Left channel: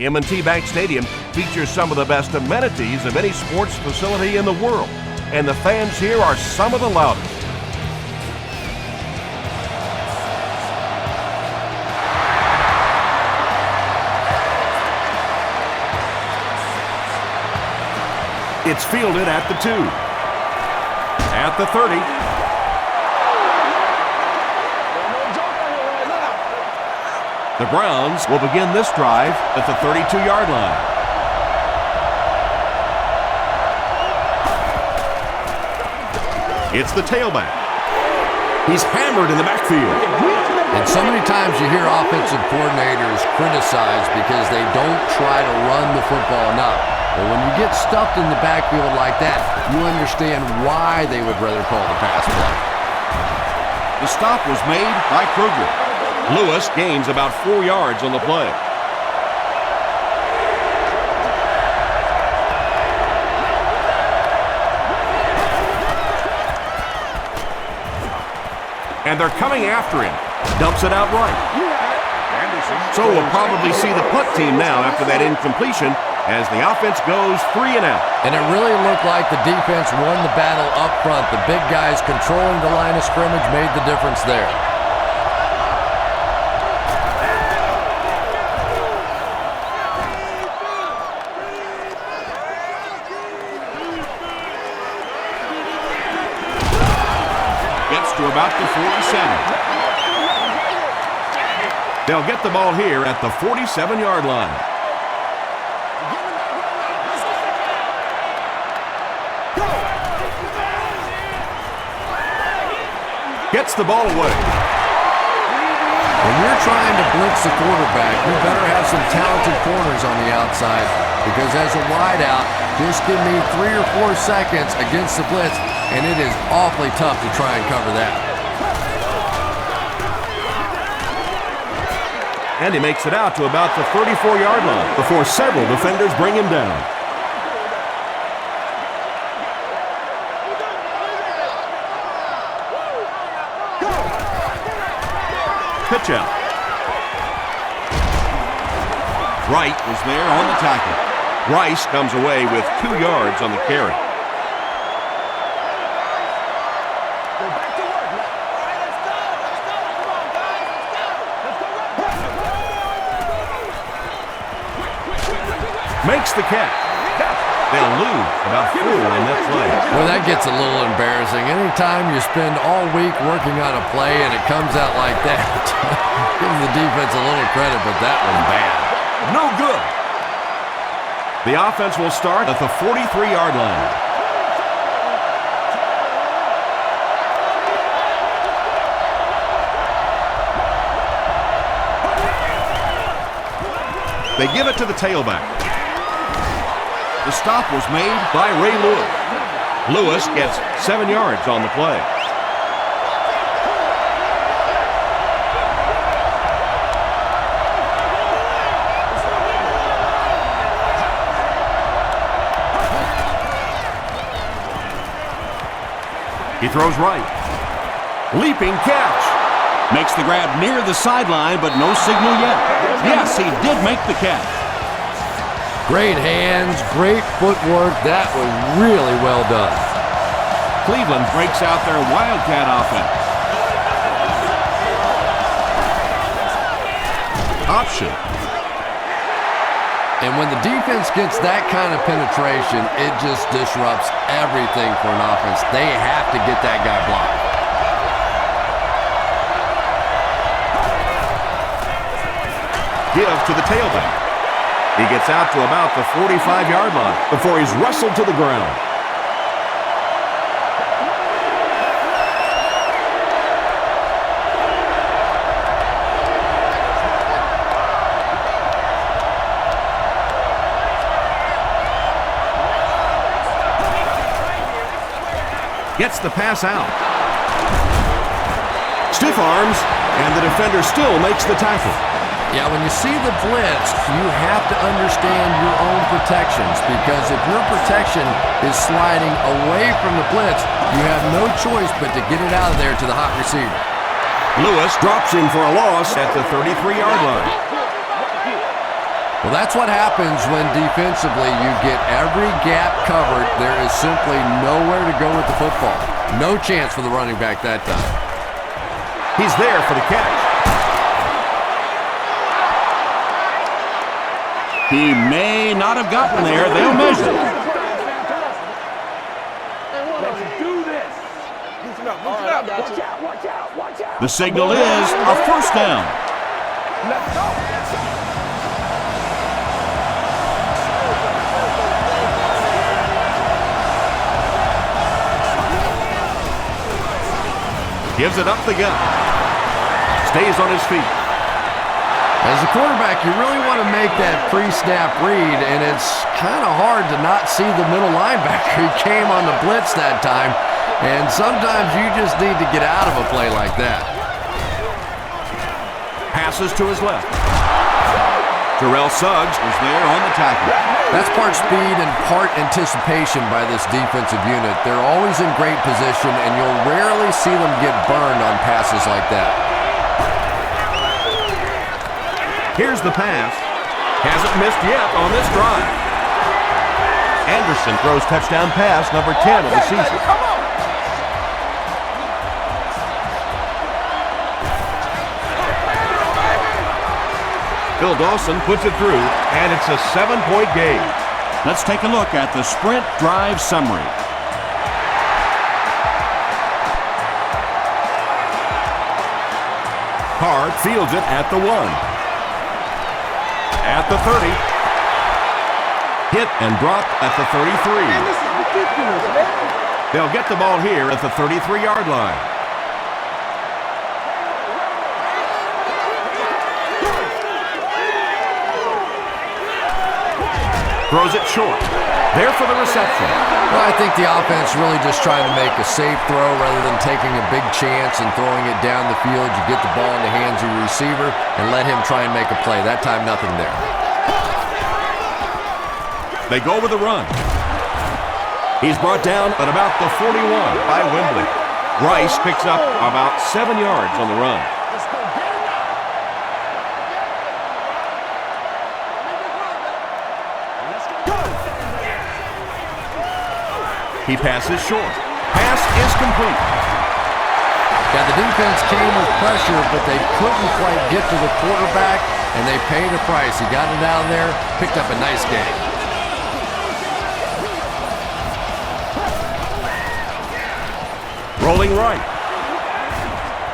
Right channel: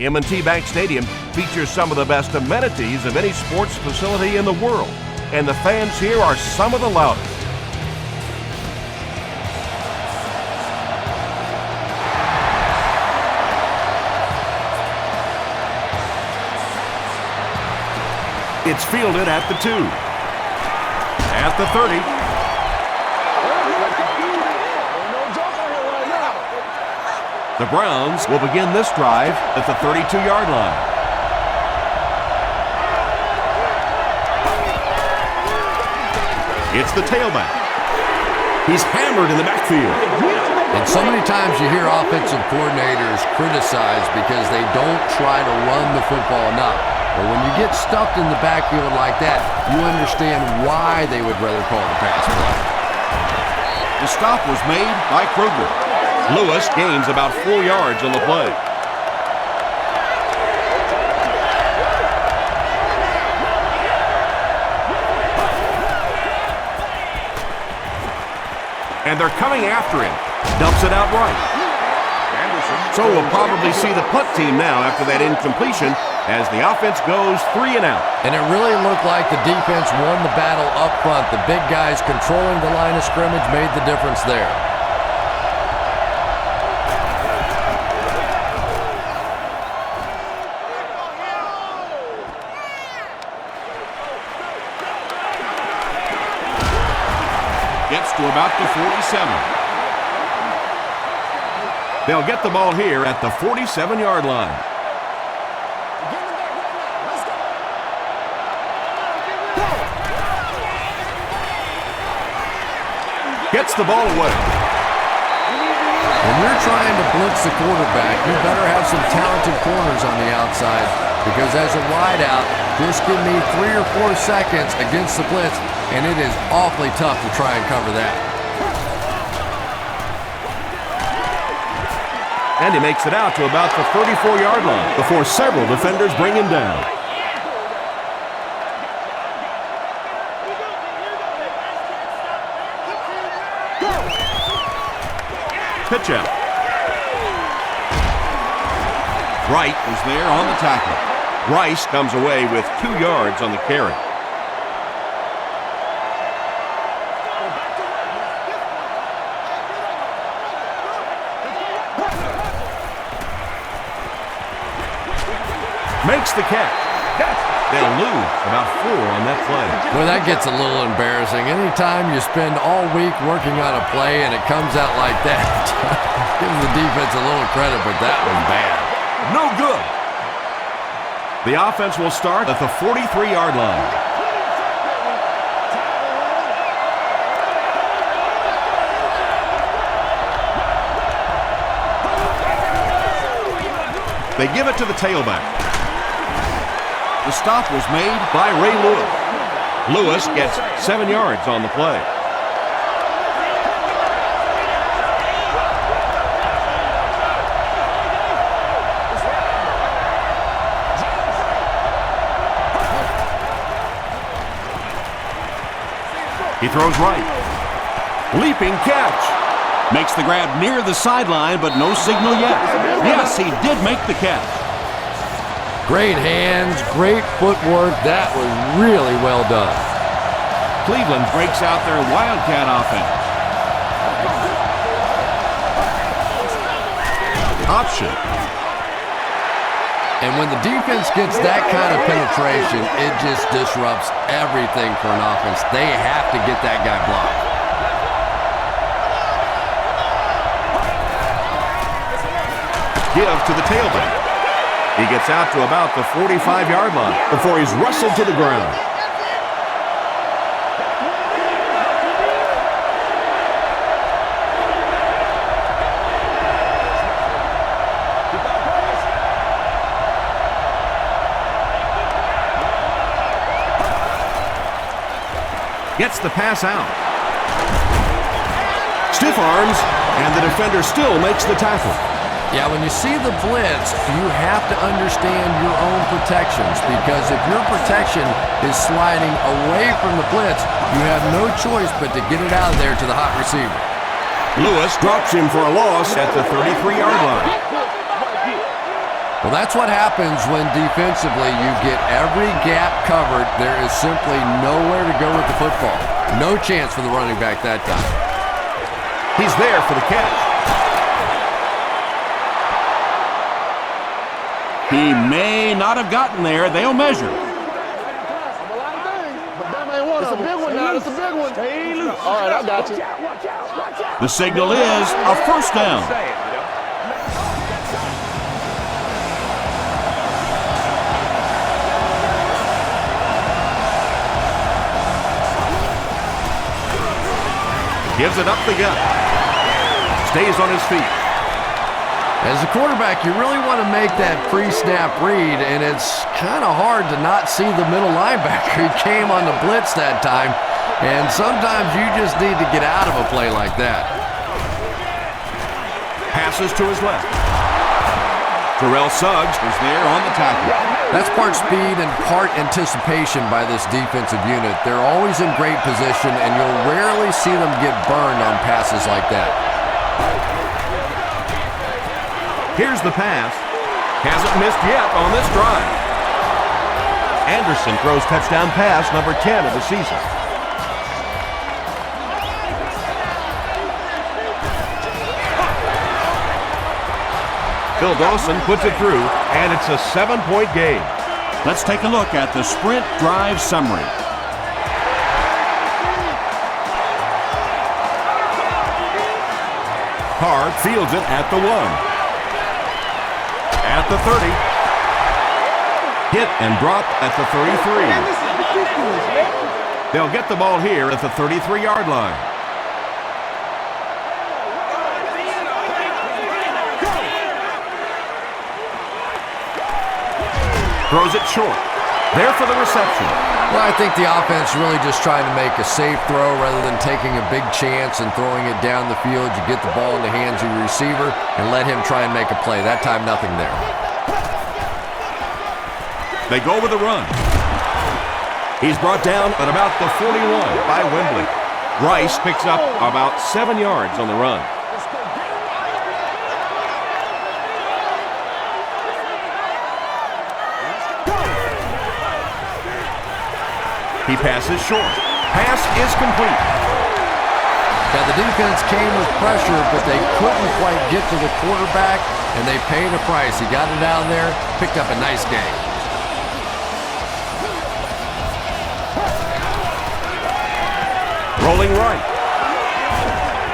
M&T Bank Stadium features some of the best amenities of any sports facility in the world, and the fans here are some of the loudest. It's fielded at the 2, at the 30. The Browns will begin this drive at the 32-yard line. It's the tailback. He's hammered in the backfield. And so many times you hear offensive coordinators criticized because they don't try to run the football enough. But when you get stuffed in the backfield like that, you understand why they would rather call the pass play. The stop was made by Kruger. Lewis gains about 4 yards on the play. And they're coming after him. Dumps it out right. So we'll probably see the punt team now after that incompletion as the offense goes 3 and out. And it really looked like the defense won the battle up front. The big guys controlling the line of scrimmage made the difference there. Gets to about the 47. They'll get the ball here at the 47-yard line. Gets the ball away. When you're trying to blitz the quarterback, you better have some talented corners on the outside, because as a wideout, just give me 3 or 4 seconds against the blitz, and it is awfully tough to try and cover that. And he makes it out to about the 34-yard line before several defenders bring him down. Pitch out. Wright was there on the tackle. Rice comes away with 2 yards on the carry. Makes the catch. They'll lose about 4 on that play. Well, that gets a little embarrassing. Anytime you spend all week working on a play and it comes out like that, give the defense a little credit, but that was bad. No good. The offense will start at the 43-yard line. They give it to the tailback. The stop was made by Ray Lewis. Lewis gets 7 yards on the play. He throws right. Leaping catch. Makes the grab near the sideline, but no signal yet. Yes, he did make the catch. Great hands, great footwork. That was really well done. Cleveland breaks out their Wildcat offense. Option. And when the defense gets that kind of penetration, it just disrupts everything for an offense. They have to get that guy blocked. Give to the tailback. He gets out to about the 45-yard line before he's wrestled to the ground. Gets the pass out. Stiff arms, and the defender still makes the tackle. Yeah, when you see the blitz, you have to understand your own protections, because if your protection is sliding away from the blitz, you have no choice but to get it out of there to the hot receiver. Lewis drops him for a loss at the 33-yard line. Well, that's what happens when defensively you get every gap covered. There is simply nowhere to go with the football. No chance for the running back that time. He's there for the catch. He may not have gotten there. They'll measure. All right, I got you. The signal is a first down. Gives it up the gut. Stays on his feet. As a quarterback, you really want to make that pre-snap read, and it's kind of hard to not see the middle linebacker. He came on the blitz that time, and sometimes you just need to get out of a play like that. Passes to his left. Terrell Suggs was there on the tackle. That's part speed and part anticipation by this defensive unit. They're always in great position, and you'll rarely see them get burned on passes like that. Here's the pass. Hasn't missed yet on this drive. Anderson throws touchdown pass number 10 of the season. Phil Dawson puts it through, and it's a 7-point game. Let's take a look at the sprint drive summary. Carr fields it at the 1. At the 30. Hit and dropped at the 33. Man, this is ridiculous, man. They'll get the ball here at the 33-yard line. Throws it short. There for the reception. Well, I think the offense really just trying to make a safe throw rather than taking a big chance and throwing it down the field. You get the ball in the hands of your receiver and let him try and make a play. That time, nothing there. They go with the run. He's brought down at about the 41 by Wembley. Rice picks up about 7 yards on the run. He passes short. Pass is complete. Yeah, the defense came with pressure, but they couldn't quite get to the quarterback, and they paid a price. He got it out there, picked up a nice gain. Rolling right.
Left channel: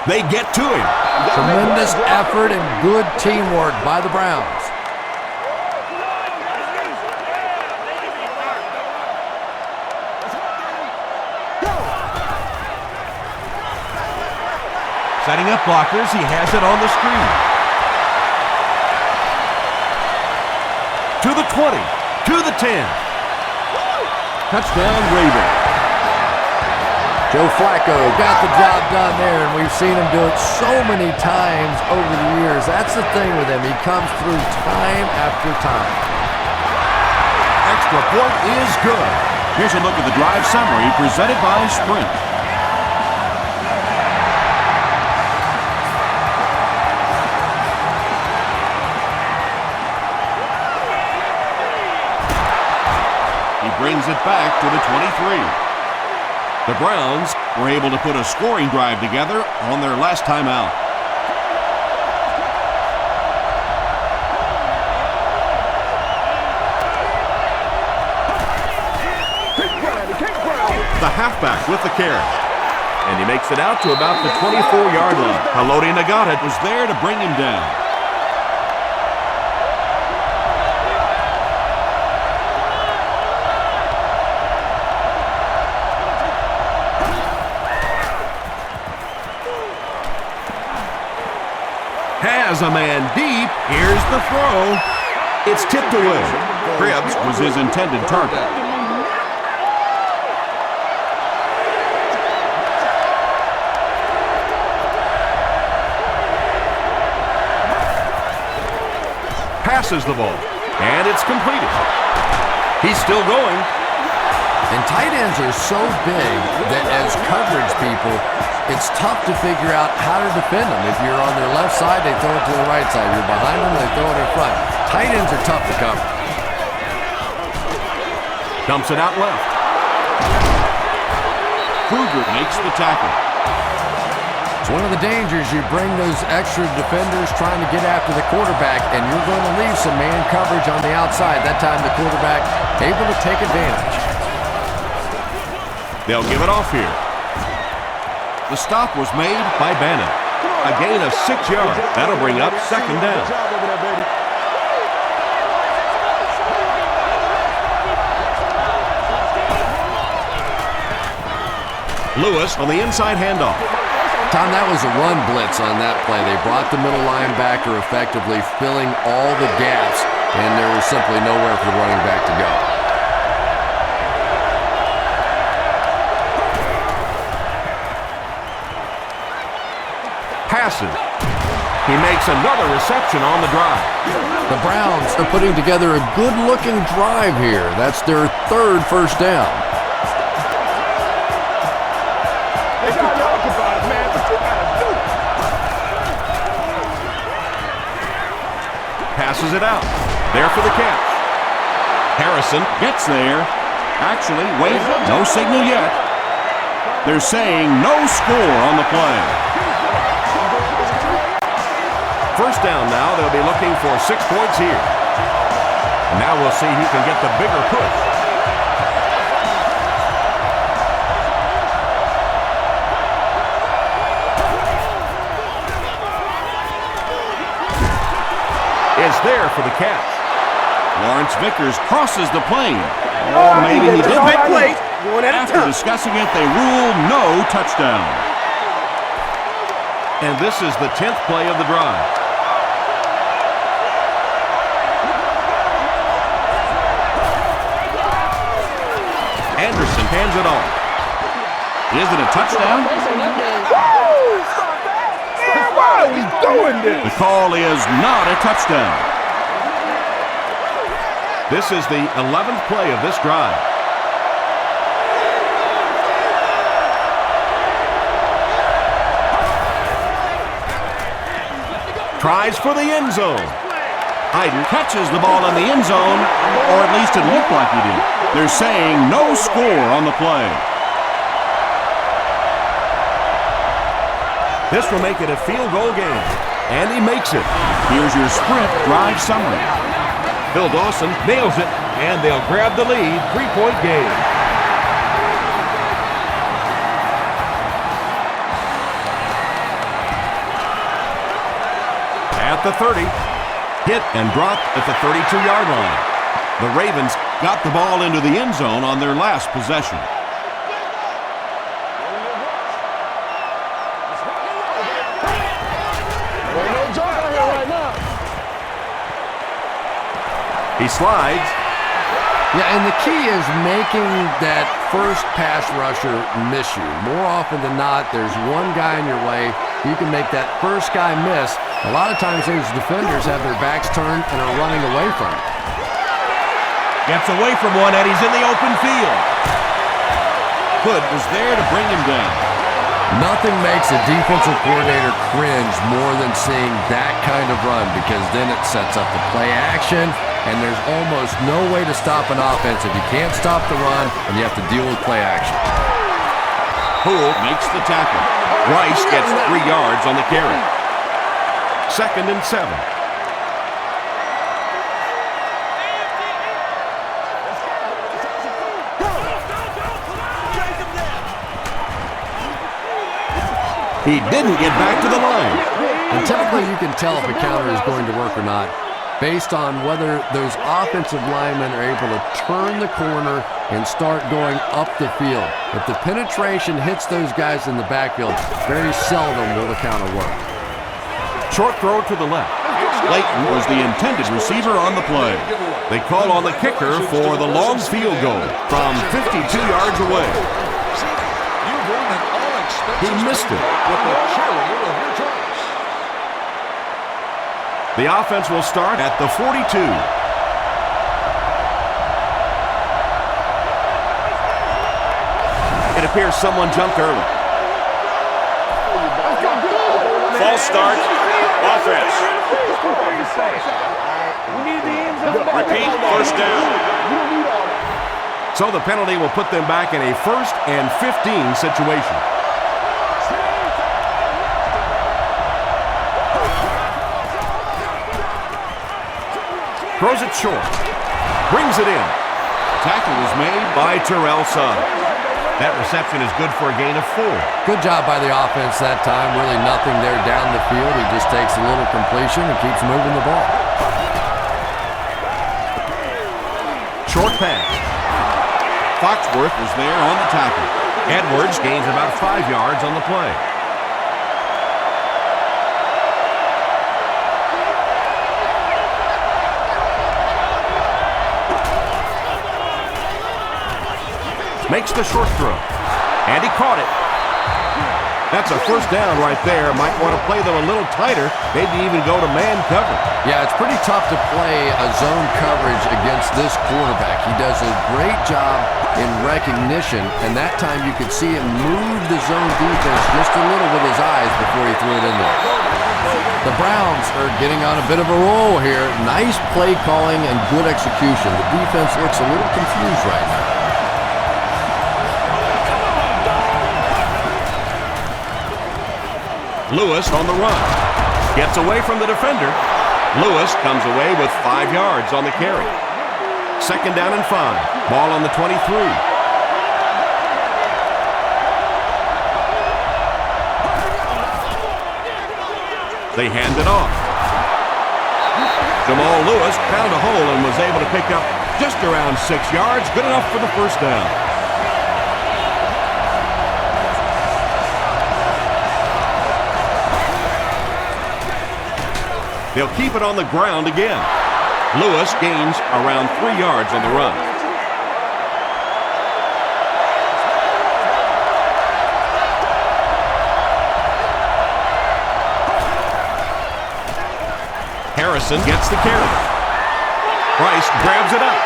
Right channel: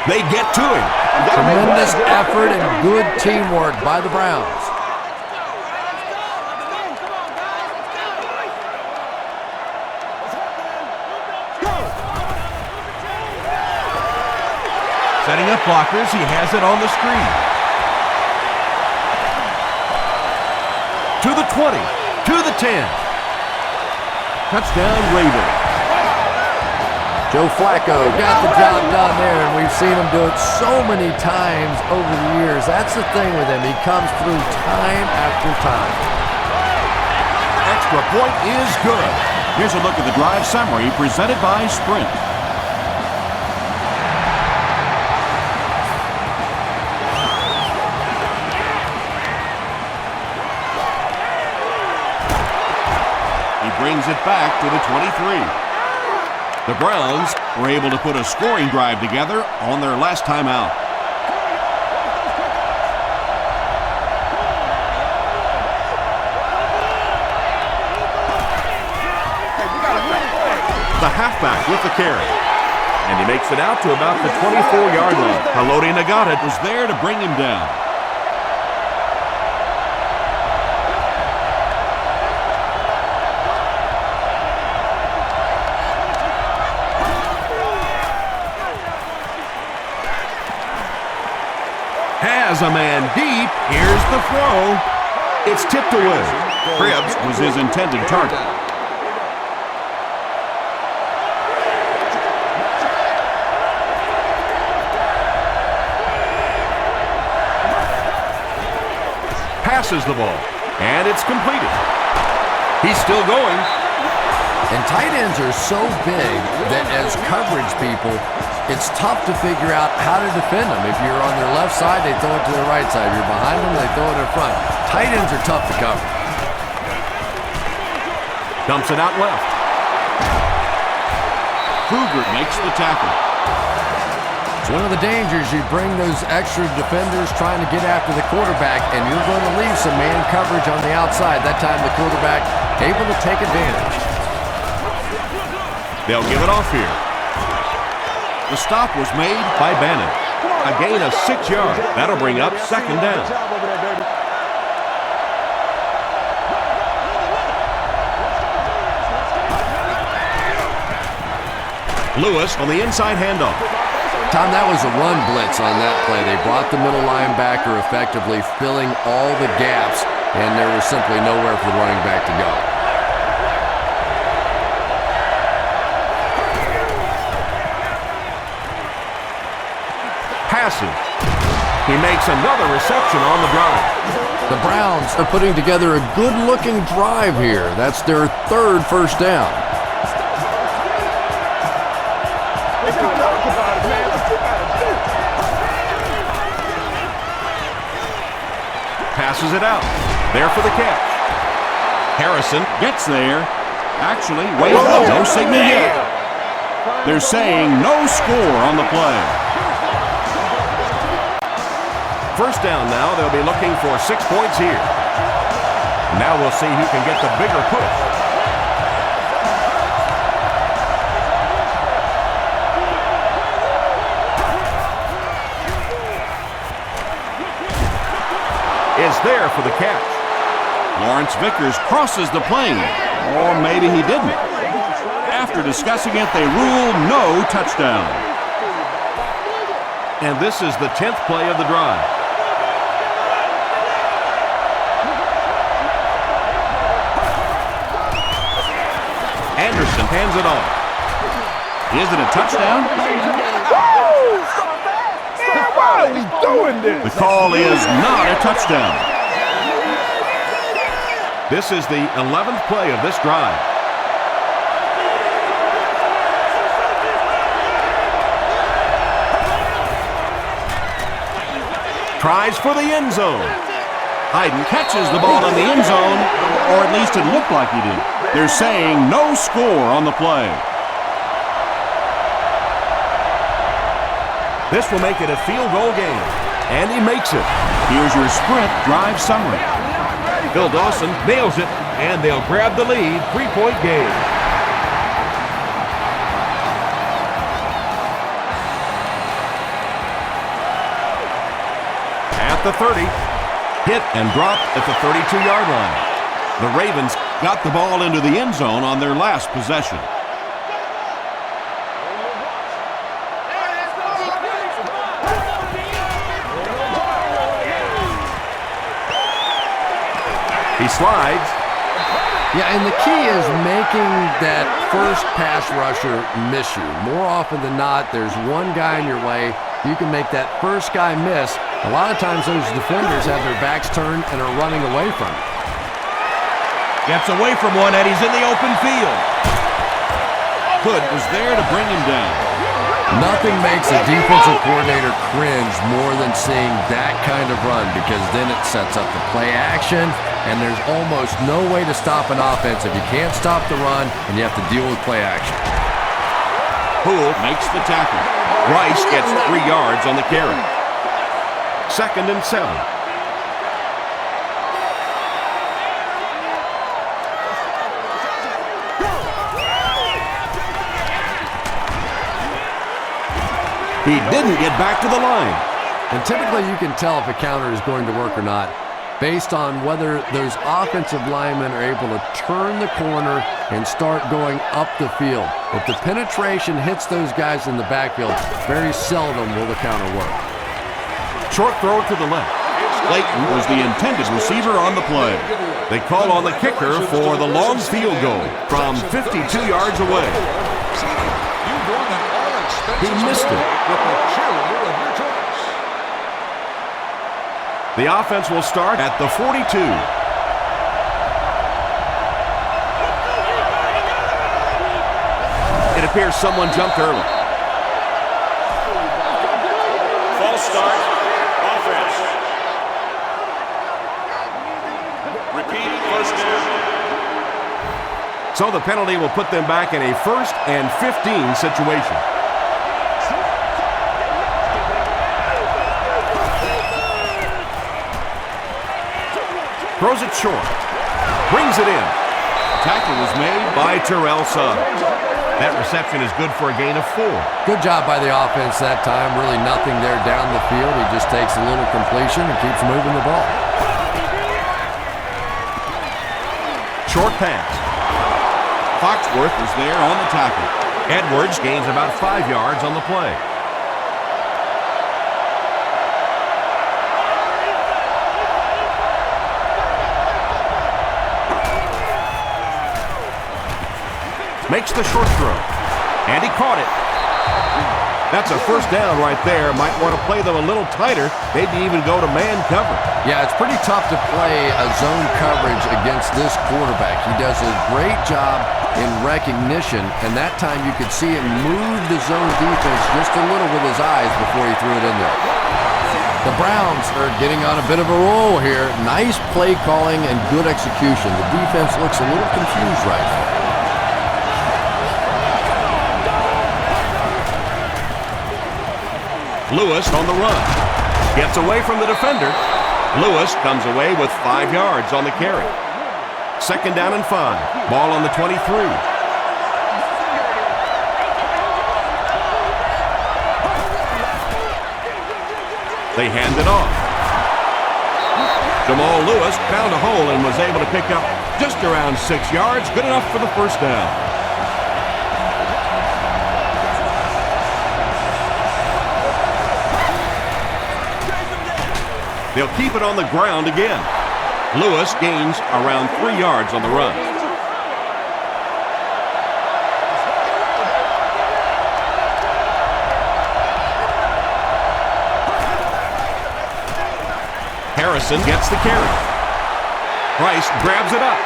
They get to him. Tremendous effort and good teamwork by the Browns. Setting up blockers, he has it on the screen. To the 20, to the 10. Touchdown, Ravens. Joe Flacco got the job done there, and we've seen him do it so many times over the years. That's the thing with him. He comes through time after time. Extra point is good. Here's a look at the drive summary presented by Sprint. Brings it back to the 23. The Browns were able to put a scoring drive together on their last time out. Come on, y'all. Watch those quick outs. Come on now, y'all. Come on, baby. The halfback with the carry. And he makes it out to about the 24-yard line. Haloti Ngata was there to bring him down. Has a man deep. Here's the throw. It's tipped away. Cribbs was his intended target. Passes the ball, and it's completed. He's still going. And tight ends are so big that as coverage people, it's tough to figure out how to defend them. If you're on their left side, they throw it to the right side. If you're behind them, they throw it in front. tight ends are tough to cover. Dumps it out left. Kruger makes the tackle. It's one of the dangers. You bring those extra defenders trying to get after the quarterback, and you're going to leave some man coverage on the outside. That time the quarterback able to take advantage. They'll give it off here. The stop was made by Bannon. A gain of 6 yards. That'll bring up second down. Lewis on the inside handoff. Tom, that was a run blitz on that play. They brought the middle linebacker effectively, filling all the gaps, and there was simply nowhere for the running back to go. Passes. He makes another reception on the drive. The Browns are putting together a good-looking drive here. That's their 3rd first down. They got talk about it, man, but you gotta do it. Passes it out. There for the catch. Harrison gets there. Actually, wait, no signal yet. They're saying no score on the play. First down now. They'll be looking for 6 points here. And now we'll see who can get the bigger push. Is there for the catch. Lawrence Vickers crosses the plane. Or maybe he didn't. After discussing it, they rule no touchdown. And this is the 10th play of the drive. Anderson hands it off. Is it a touchdown? Why are we doing this? The call is not a touchdown. This is the 11th play of this drive. Tries for the end zone. Hayden catches the ball in the end zone, or at least it looked like he did. They're saying no score on the play. This will make it a field goal game, and he makes it. Here's your sprint drive summary. Bill Dawson nails it, and they'll grab the lead. 3-point game. At the 30, hit and dropped at the 32-yard line. The Ravens got the ball into the end zone on their last possession. He slides. Yeah, and the key is making that first pass rusher miss you. More often than not, there's one guy in your way. You can make that first guy miss. A lot of times those defenders have their backs turned and are running away from it. Gets away from one, and he's in the open field. Hood was there to bring him down. Nothing makes a defensive coordinator cringe more than seeing that kind of run, because then it sets up the play action, and there's almost no way to stop an offense if you can't stop the run and you have to deal with play action. Poole makes the tackle. Rice gets 3 yards on the carry. 2nd and 7. He didn't get back to the line. And typically you can tell if a counter is going to work or not based on whether those offensive linemen are able to turn the corner and start going up the field. If the penetration hits those guys in the backfield, very seldom will the counter work. Short throw to the left. Layton was the intended receiver on the play. They call on the kicker for the long field goal from 52 yards away. He missed it. The offense will start at the 42. It appears someone jumped early. False start. Offense. We need the Repeat, first down. So the penalty will put them back in a 1st and 15 situation. Throws it short. Brings it in. Tackle was made by Terrell Suggs. That reception is good for a gain of 4. Good job by the offense that time. Really nothing there down the field. He just takes a little completion and keeps moving the ball. Short pass. Foxworth is there on the tackle. Edwards gains about 5 yards on the play. Makes the short throw. And he caught it. That's a first down right there. Might want to play them a little tighter, maybe even go to man coverage. Yeah, it's pretty tough to play a zone coverage against this quarterback. He does a great job in recognition, and that time you could see him move the zone defense just a little with his eyes before he threw it in there. The Browns are getting on a bit of a roll here. Nice play calling and good execution. The defense looks a little confused right now. Lewis on the run. Gets away from the defender. Lewis comes away with 5 yards on the carry. 2nd down and 5. Ball on the 23. They hand it off. Jamal Lewis found a hole and was able to pick up just around 6 yards. Good enough for the first down. They'll keep it on the ground again. Lewis gains around 3 yards on the run. Harrison gets the carry. Price grabs it up.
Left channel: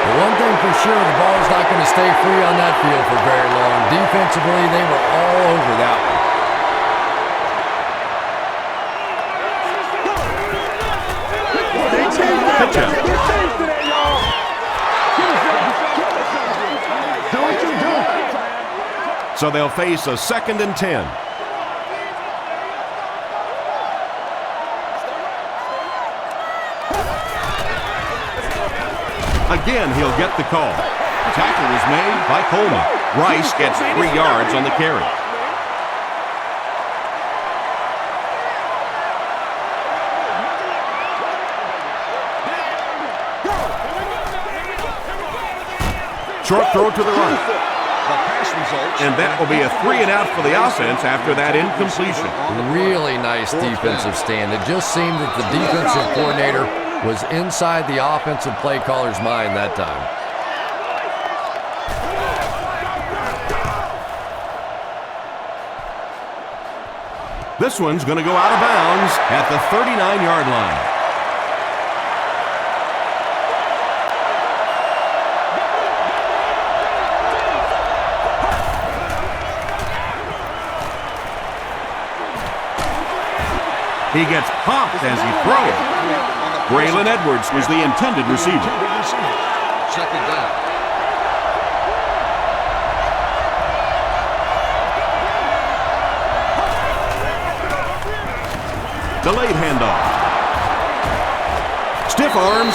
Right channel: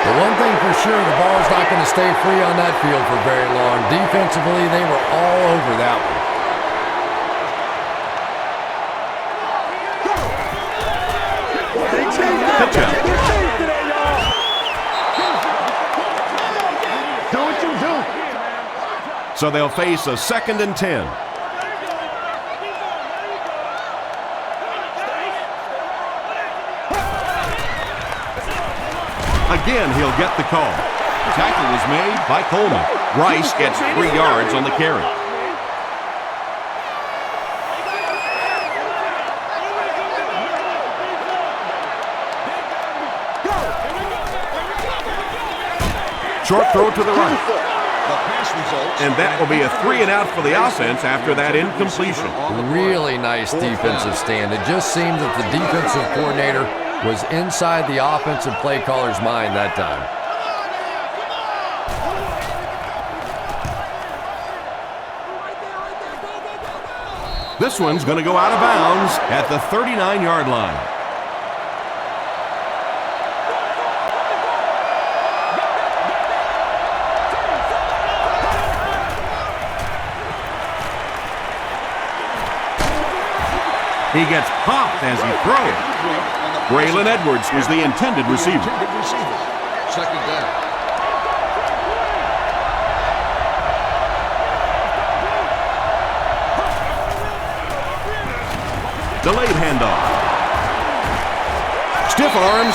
The one thing for sure, the ball is not going to stay free on that field for very long. Defensively, they were all over that one. Pitch out. Do what you do. So they'll face a 2nd and 10. Again, he'll get the call. Tackle was made by Coleman. Rice gets 3 yards on the carry. Short throw to the right. And that will be a 3 and out for the offense after that incompletion. Really nice defensive stand. It just seemed that the defensive coordinator was inside the offensive play caller's mind that time. This one's going to go out of bounds at the 39-yard line. He gets popped as he throws. Braylon Edwards was the intended receiver. 2nd down. Delayed handoff. Stiff arms,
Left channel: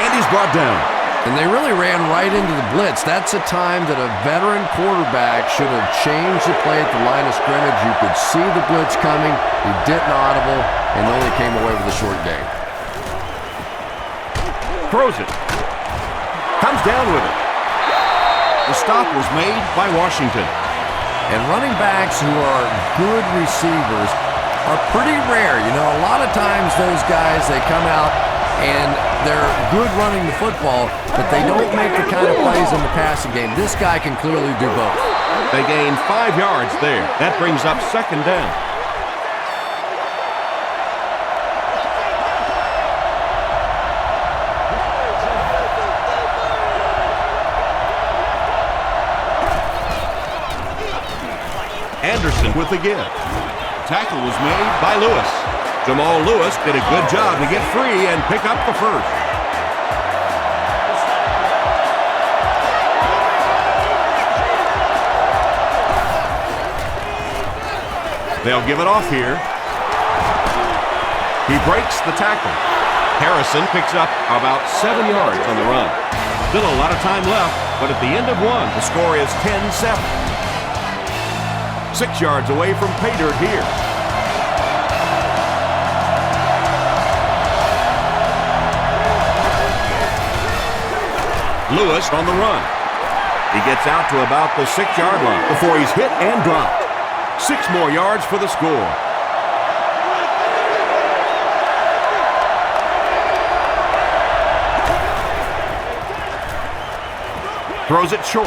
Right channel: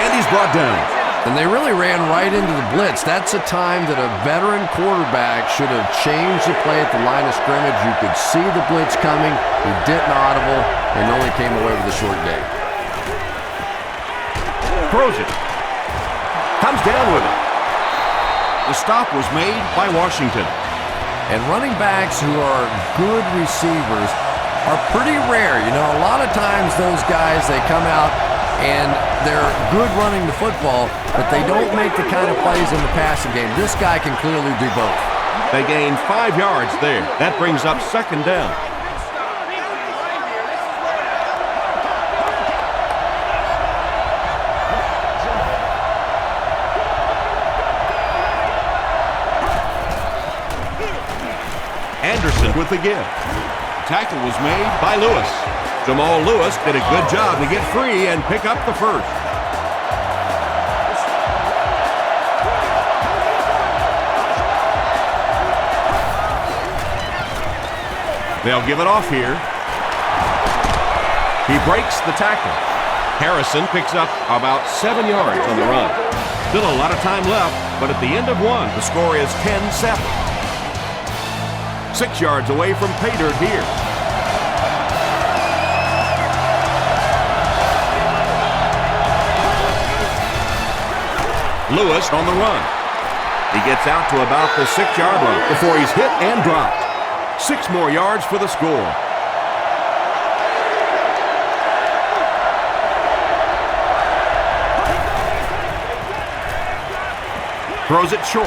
and he's brought down. And they really ran right into the blitz. That's a time that a veteran quarterback should have changed the play at the line of scrimmage. You could see the blitz coming. He didn't audible and only came away with a short gain. Throws it. Comes down with it. The stop was made by Washington. And running backs who are good receivers are pretty rare. You know, a lot of times those guys, they come out and they're good running the football, but they don't make the kind of plays in the passing game. This guy can clearly do both. They gain 5 yards there. That brings up 2nd down. Anderson with the give. Tackle was made by Lewis. Jamal Lewis did a good job to get free and pick up the first. They'll give it off here. He breaks the tackle. Harrison picks up about 7 yards on the run. Still a lot of time left, but at the end of one, the score is 10-7. 6 yards away from pay dirt here. Lewis on the run. He gets out to about the 6-yard line before he's hit and dropped. 6 more yards for the score. Throws it short.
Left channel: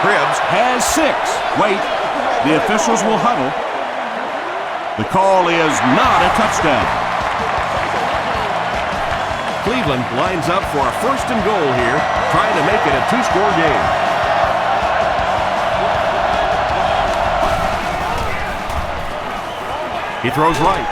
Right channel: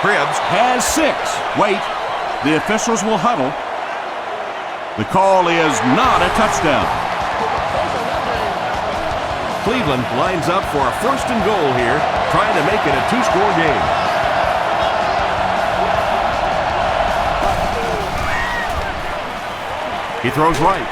Cribbs has 6. Wait, the officials will huddle. The call is not a touchdown. Cleveland lines up for a 1st and goal here, trying to make it a 2-score game. He throws right.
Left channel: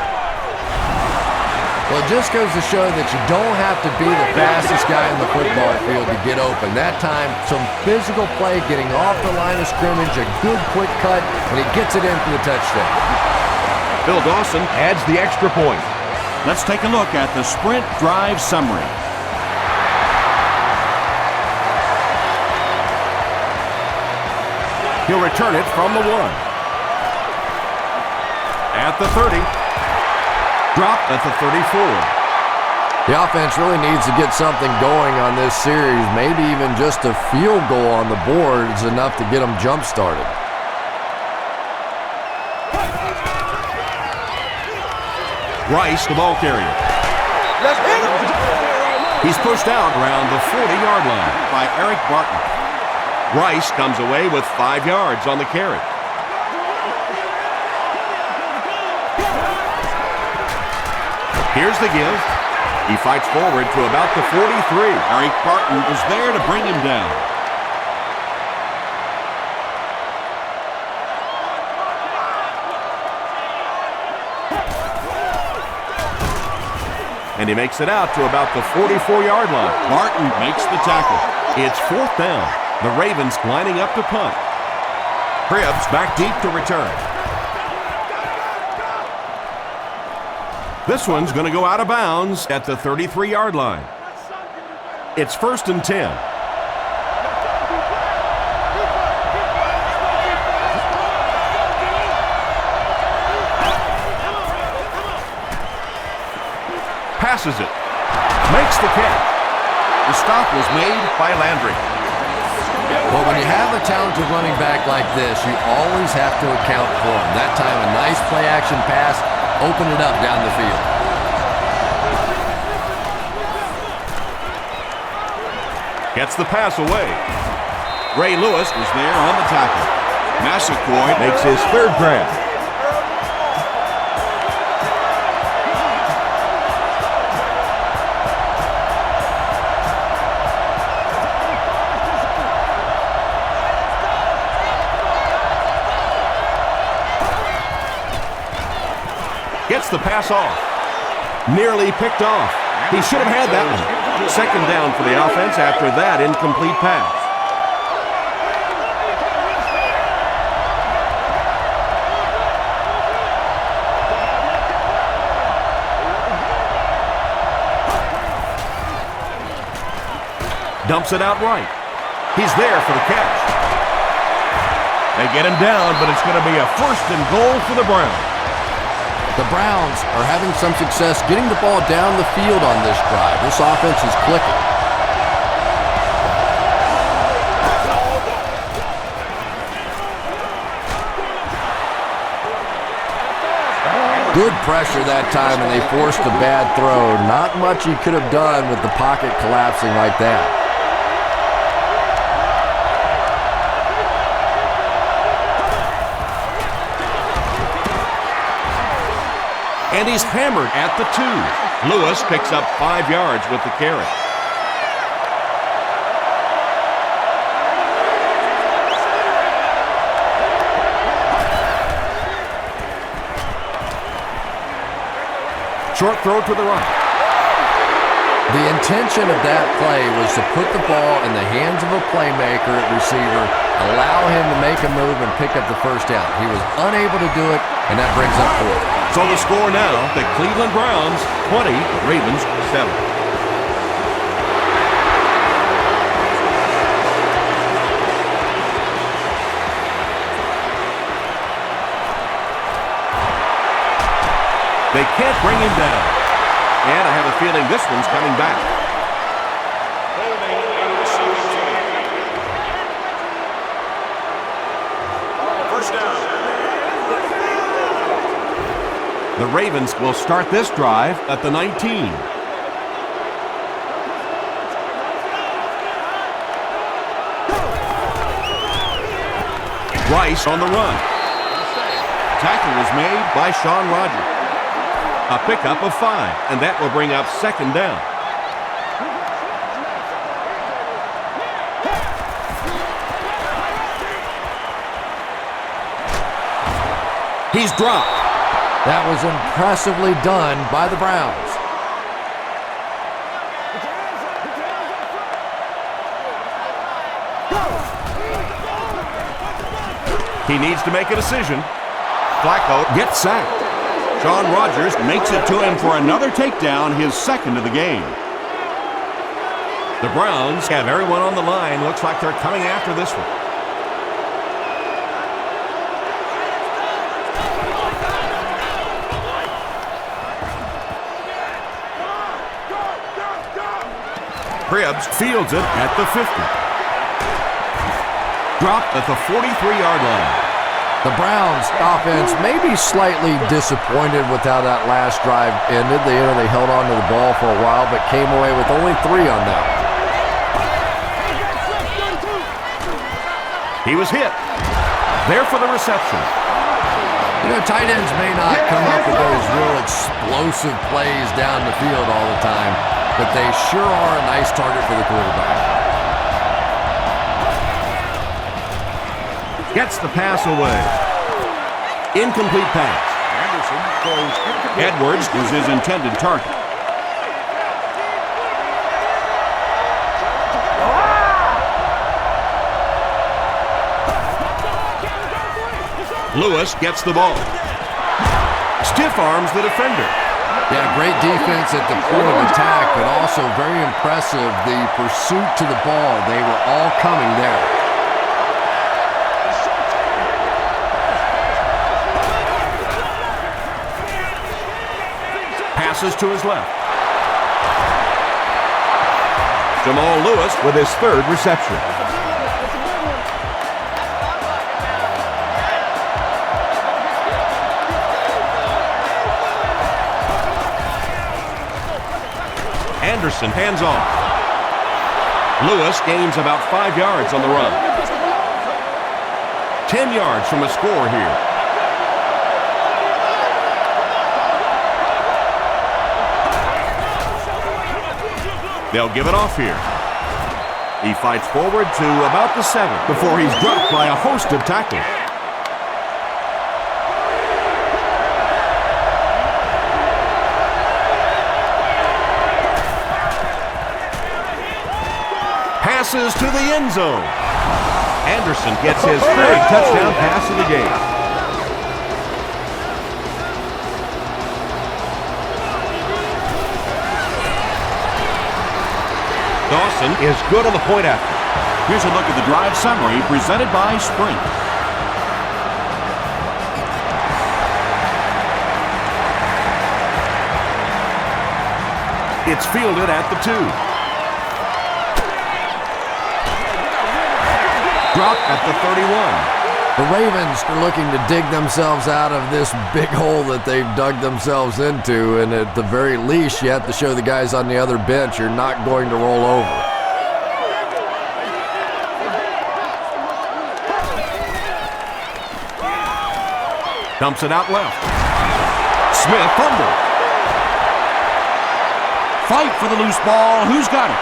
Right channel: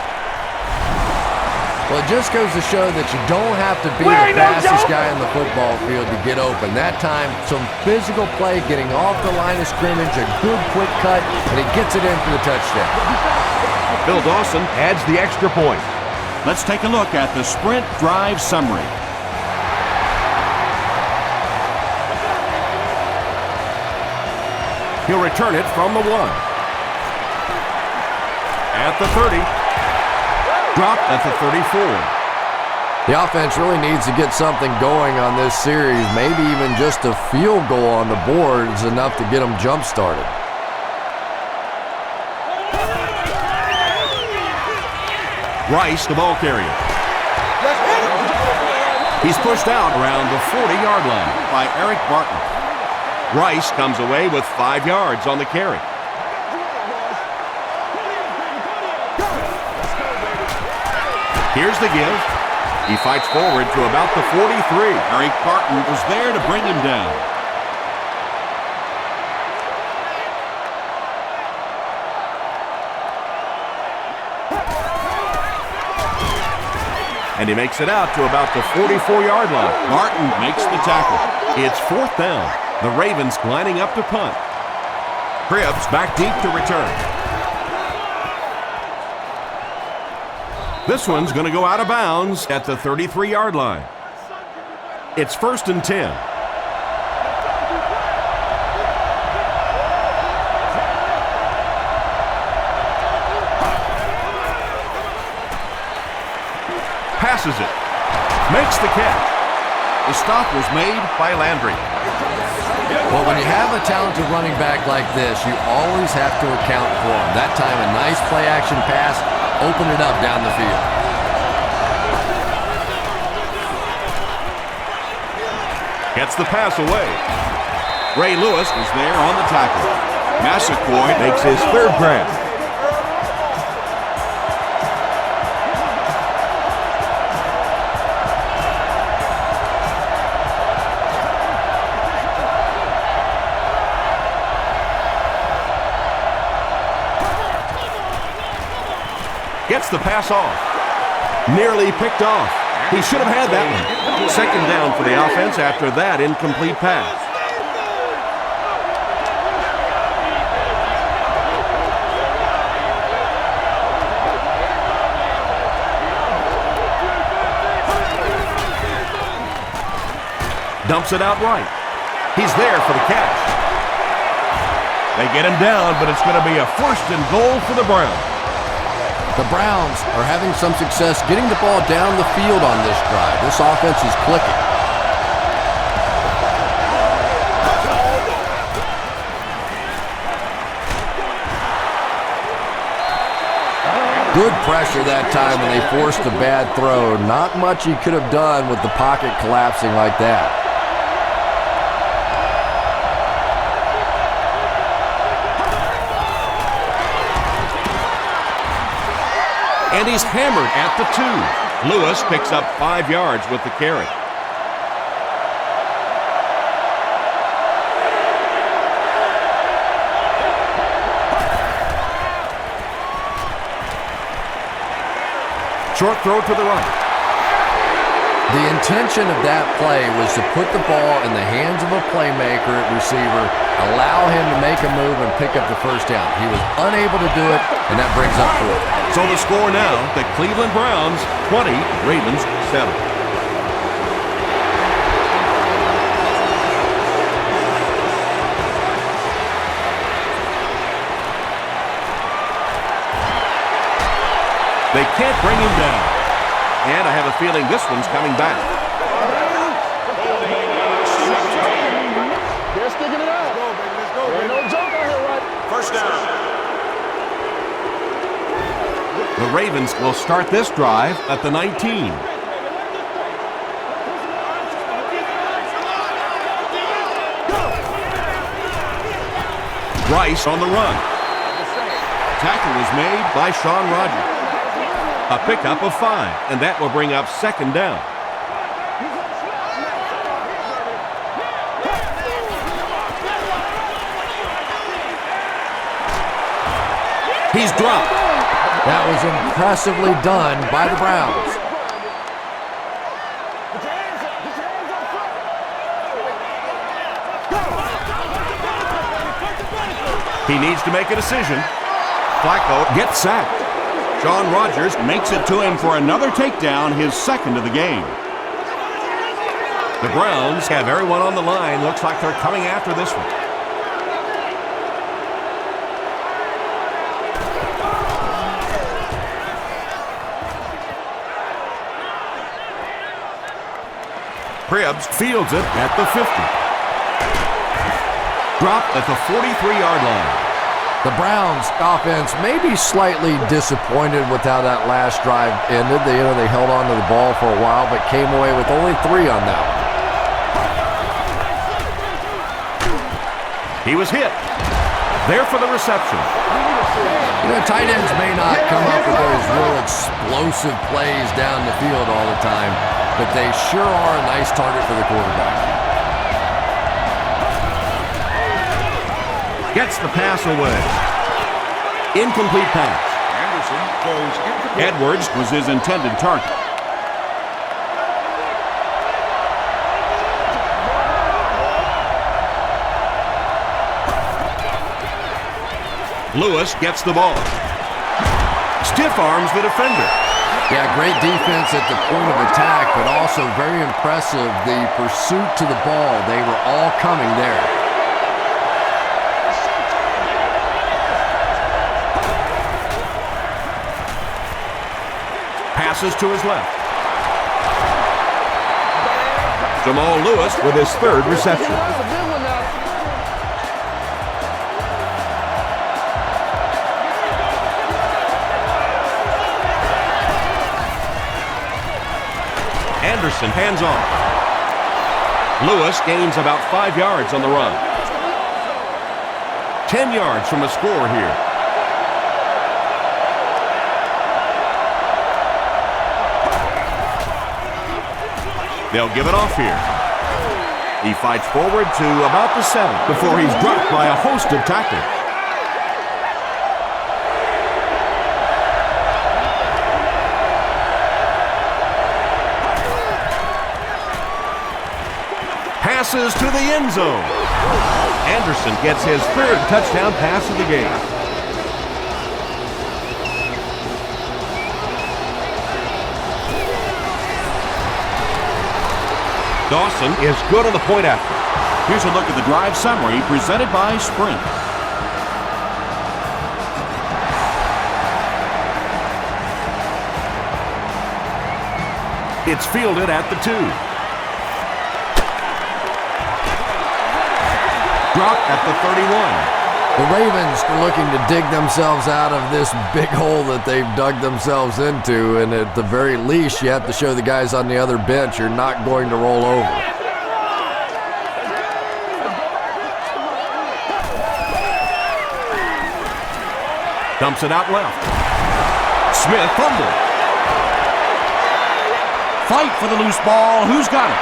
Well, it just goes to show that you don't have to be the fastest guy in the football field to get open. That time, some physical play, getting off the line of scrimmage, a good quick cut, and he gets it in for the touchdown. Phil Dawson adds the extra point. Let's take a look at the sprint drive summary. He'll return it from the 1. At the 30. Dropped at the 34. The offense really needs to get something going on this series. Maybe even just a field goal on the board is enough to get them jump-started. Rice, the ball carrier. He's pushed out around the 40-yard line by Eric Barton. Rice comes away with 5 yards on the carry. Here's the give. He fights forward to about the 43. Eric Barton was there to bring him down. And he makes it out to about the 44-yard line. Barton makes the tackle. It's 4th down. The Ravens lining up to punt. Cribbs back deep to return. This one's going to go out of bounds at the 33-yard line. It's 1st and 10. Passes it. Makes the catch. The stop was made by Landry. Well, when you have a talented running back like this, you always have to account for him. That time, a nice play-action pass, open it up down the field. Gets the pass away. Ray Lewis was there on the tackle. Massaquoi makes his 3rd grab. Gets the pass off. Nearly picked off. He should have had that one. 2nd down for the offense after that incomplete pass. Dumps it out right. He's there for the catch. They get him down, but it's going to be a 1st and goal for the Browns. The Browns are having some success getting the ball down the field on this drive. This offense is clicking. Good pressure that time, and they forced a bad throw. Not much he could have done with the pocket collapsing like that. And he's hammered at the 2. Lewis picks up 5 yards with the carry. Short throw to the right. The intention of that play was to put the ball in the hands of a playmaker at receiver, allow him to make a move and pick up the first down. He was unable to do it, and that brings up 4. So the score now, the Cleveland Browns 20, the Ravens 7. They can't bring him down. And I have a feeling this one's coming back. First down. The Ravens will start this drive at the 19. Rice on the run. Tackle was made by Shaun Rogers. A pickup of 5, and that will bring up second down. He's dropped. That was impressively done by the Browns. Put your hands up. Put your hands up front. Go. He needs to make a decision. Flacco gets sacked. Shaun Rogers makes it to him for another takedown, his second of the game. The Browns have everyone on the line. Looks like they're coming after this one. Cribbs fields it at the 50. Dropped at the 43-yard line. The Browns offense may be slightly disappointed with how that last drive ended. They held on to the ball for a while, but came away with only 3 on that one. He was hit. There for the reception. Tight ends may not come up with those real explosive plays down the field all the time, but they sure are a nice target for the quarterback. Gets the pass away. Incomplete pass. Anderson throws incomplete. Edwards was his intended target. Lewis gets the ball. Stiff arms the defender. Yeah, great defense at the point of attack, but also very impressive the pursuit to the ball. They were all coming there. Passes to his left. Jamal Lewis with his 3rd reception. It's a big one now. It's a big one. Anderson hands off. Lewis gains about 5 yards on the run. 10 yards from a score here. They'll give it off here. He fights forward to about the 7 before he's dropped by a host of tacklers. Passes to the end zone. Anderson gets his 3rd touchdown pass of the game. Dawson is good on the point after. Here's a look at the drive summary presented by Sprint. It's fielded at the 2. Dropped at the 31. The Ravens are looking to dig themselves out of this big hole that they've dug themselves into, and at the very least, you have to show the guys on the other bench you're not going to roll over. Dumps it out left. Smith fumbled. Fight for the loose ball. Who's got it?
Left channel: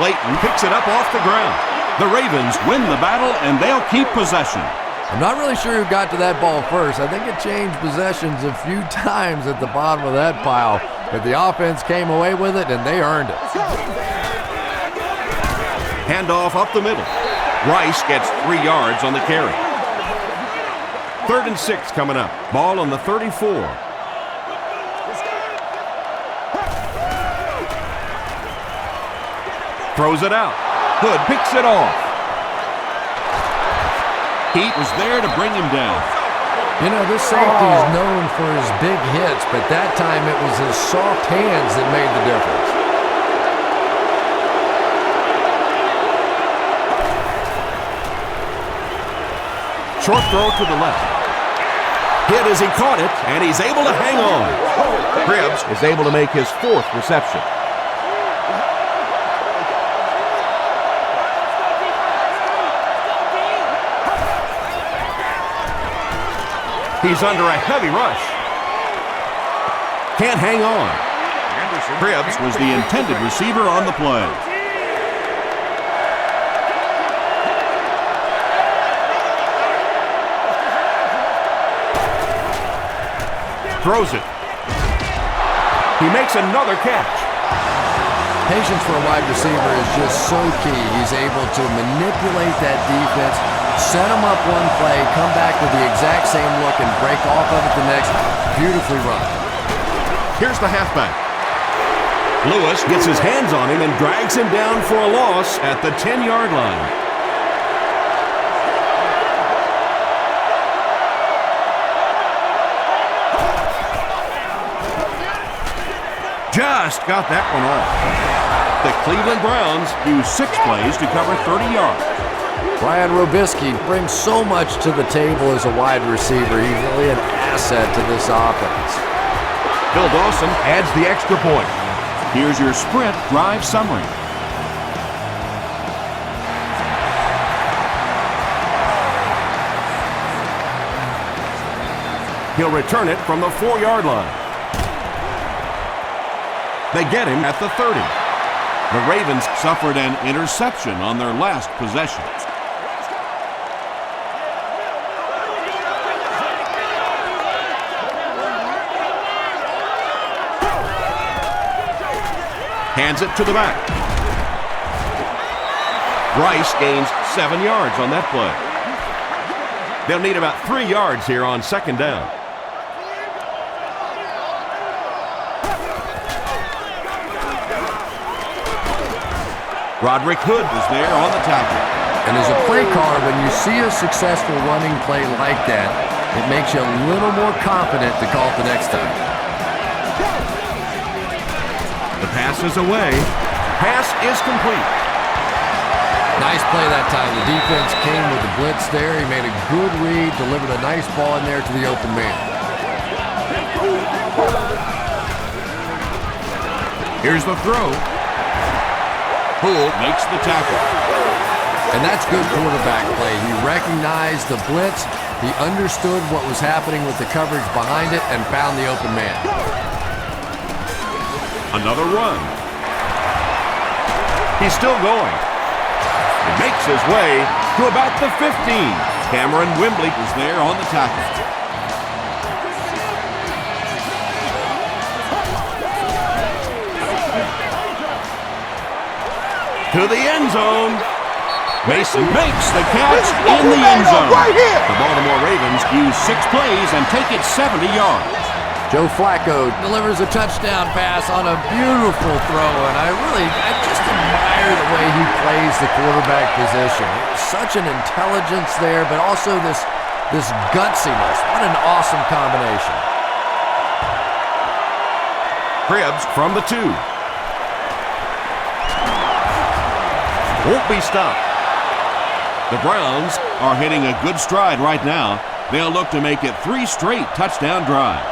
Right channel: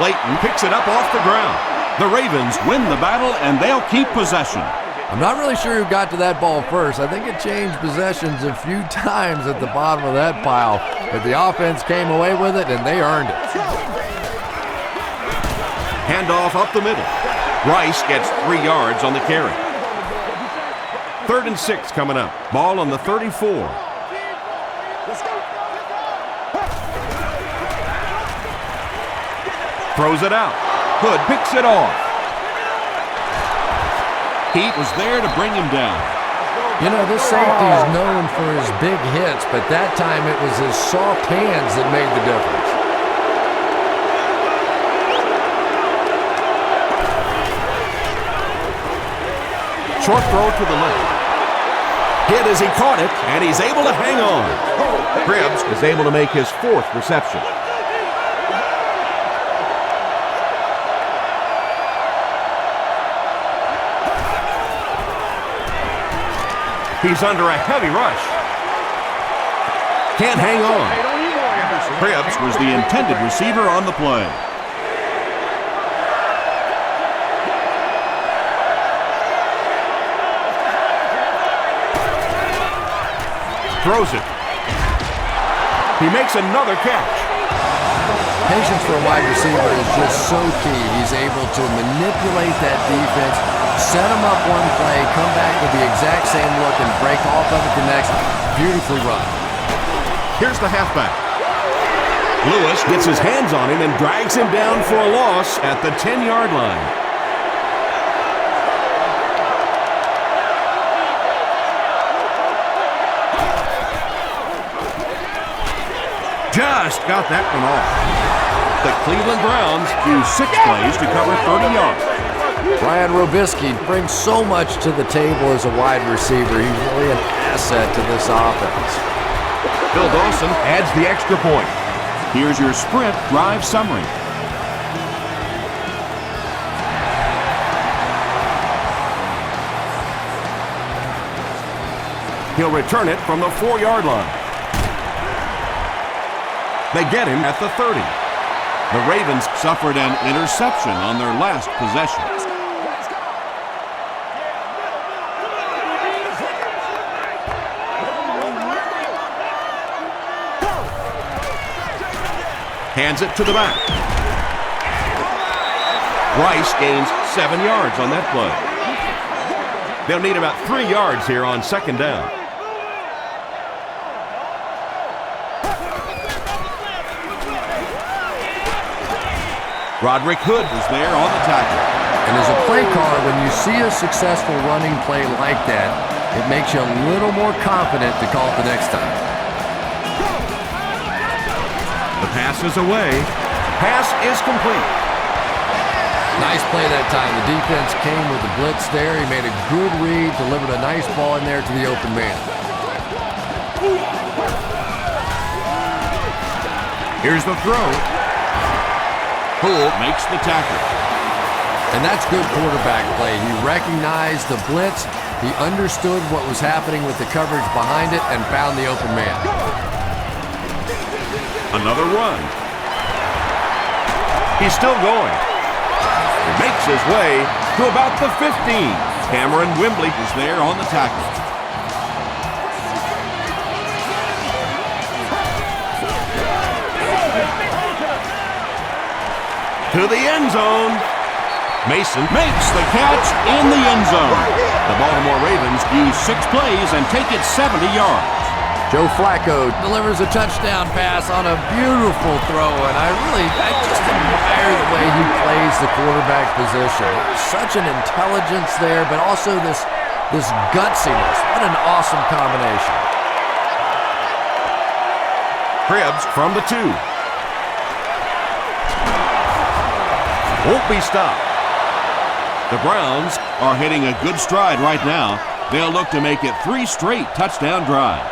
Layton picks it up off the ground. The Ravens win the battle, and they'll keep possession. I'm not really sure who got to that ball first. I think it changed possessions a few times at the bottom of that pile, but the offense came away with it, and they earned it. Handoff up the middle. Rice gets 3 yards on the carry. 3rd and 6 coming up. Ball on the 34. Throws it out. Hood picks it off. Heat was there to bring him down. You know, this safety is known for his big hits, but that time it was his soft hands that made the difference. Short throw to the left. Hit as he caught it, and he's able to hang on. Cribbs is able to make his 4th reception. He's under a heavy rush. Can't hang on. Cribbs was the intended receiver on the play. Throws it. He makes another catch. Patience for a wide receiver is just so key. He's able to manipulate that defense, set them up one play, come back to the exact same look, and break off of it the next. Beautifully run. Here's the halfback. Lewis gets his hands on him and drags him down for a loss at the 10-yard line. Just got that one off. The Cleveland Browns use 6 plays to cover 30 yards. Brian Robisky brings so much to the table as a wide receiver. He's really an asset to this offense. Bill Dawson adds the extra point. Here's your sprint drive summary. He'll return it from the 4-yard line. They get him at the 30. The Ravens suffered an interception on their last possession. Hands it to the back. Rice gains 7 yards on that play. They'll need about 3 yards here on 2nd down. Roderick Hood was there on the tackle. And as a play caller, when you see a successful running play like that, it makes you a little more confident to call it the next time. The pass is away. Pass is complete. Nice play that time. The defense came with the blitz there. He made a good read, delivered a nice ball in there to the open man. Here's the throw. Poole makes the tackle. And that's good quarterback play. He recognized the blitz, he understood what was happening with the coverage behind it, and found the open man. Another run. He's still going. He makes his way to about the 15. Cameron Wembley was there on the tackle. To the end zone. Mason makes the catch in the end zone. The Baltimore Ravens use 6 plays and take it 70 yards. Joe Flacco delivers a touchdown pass on a beautiful throw, and I just admire the way he plays the quarterback position. Such an intelligence there, but also this gutsiness. What an awesome combination. Cribbs from the 2. Won't be stopped. The Browns are hitting a good stride right now. They'll look to make it 3 straight touchdown drives.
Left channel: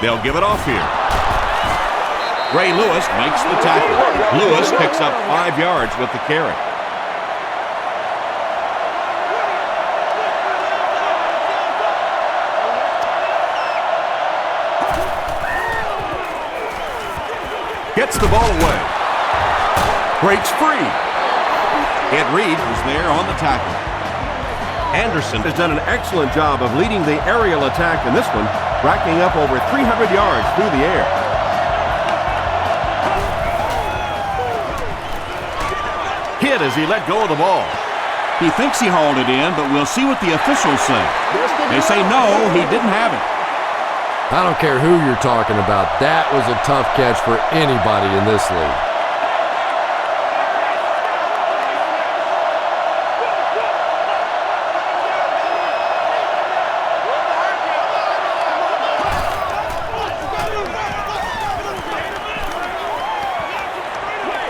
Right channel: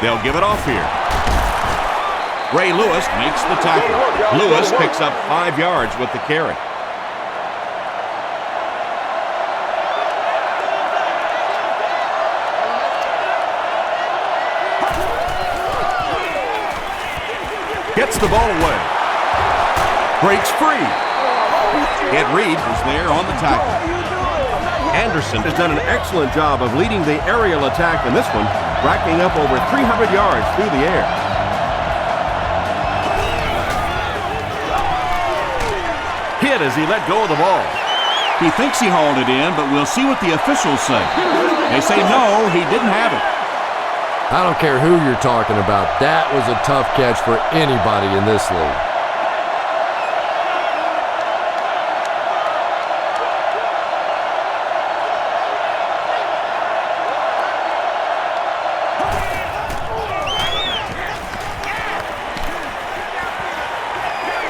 They'll give it off here. Ray Lewis makes the tackle. Lewis picks up 5 yards with the carry. Gets the ball away. Breaks free. Ed Reed was there on the tackle. Anderson has done an excellent job of leading the aerial attack in this one, racking up over 300 yards through the air. Hit as he let go of the ball. He thinks he hauled it in, but we'll see what the officials say. They say no, he didn't have it. I don't care who you're talking about. That was a tough catch for anybody in this league.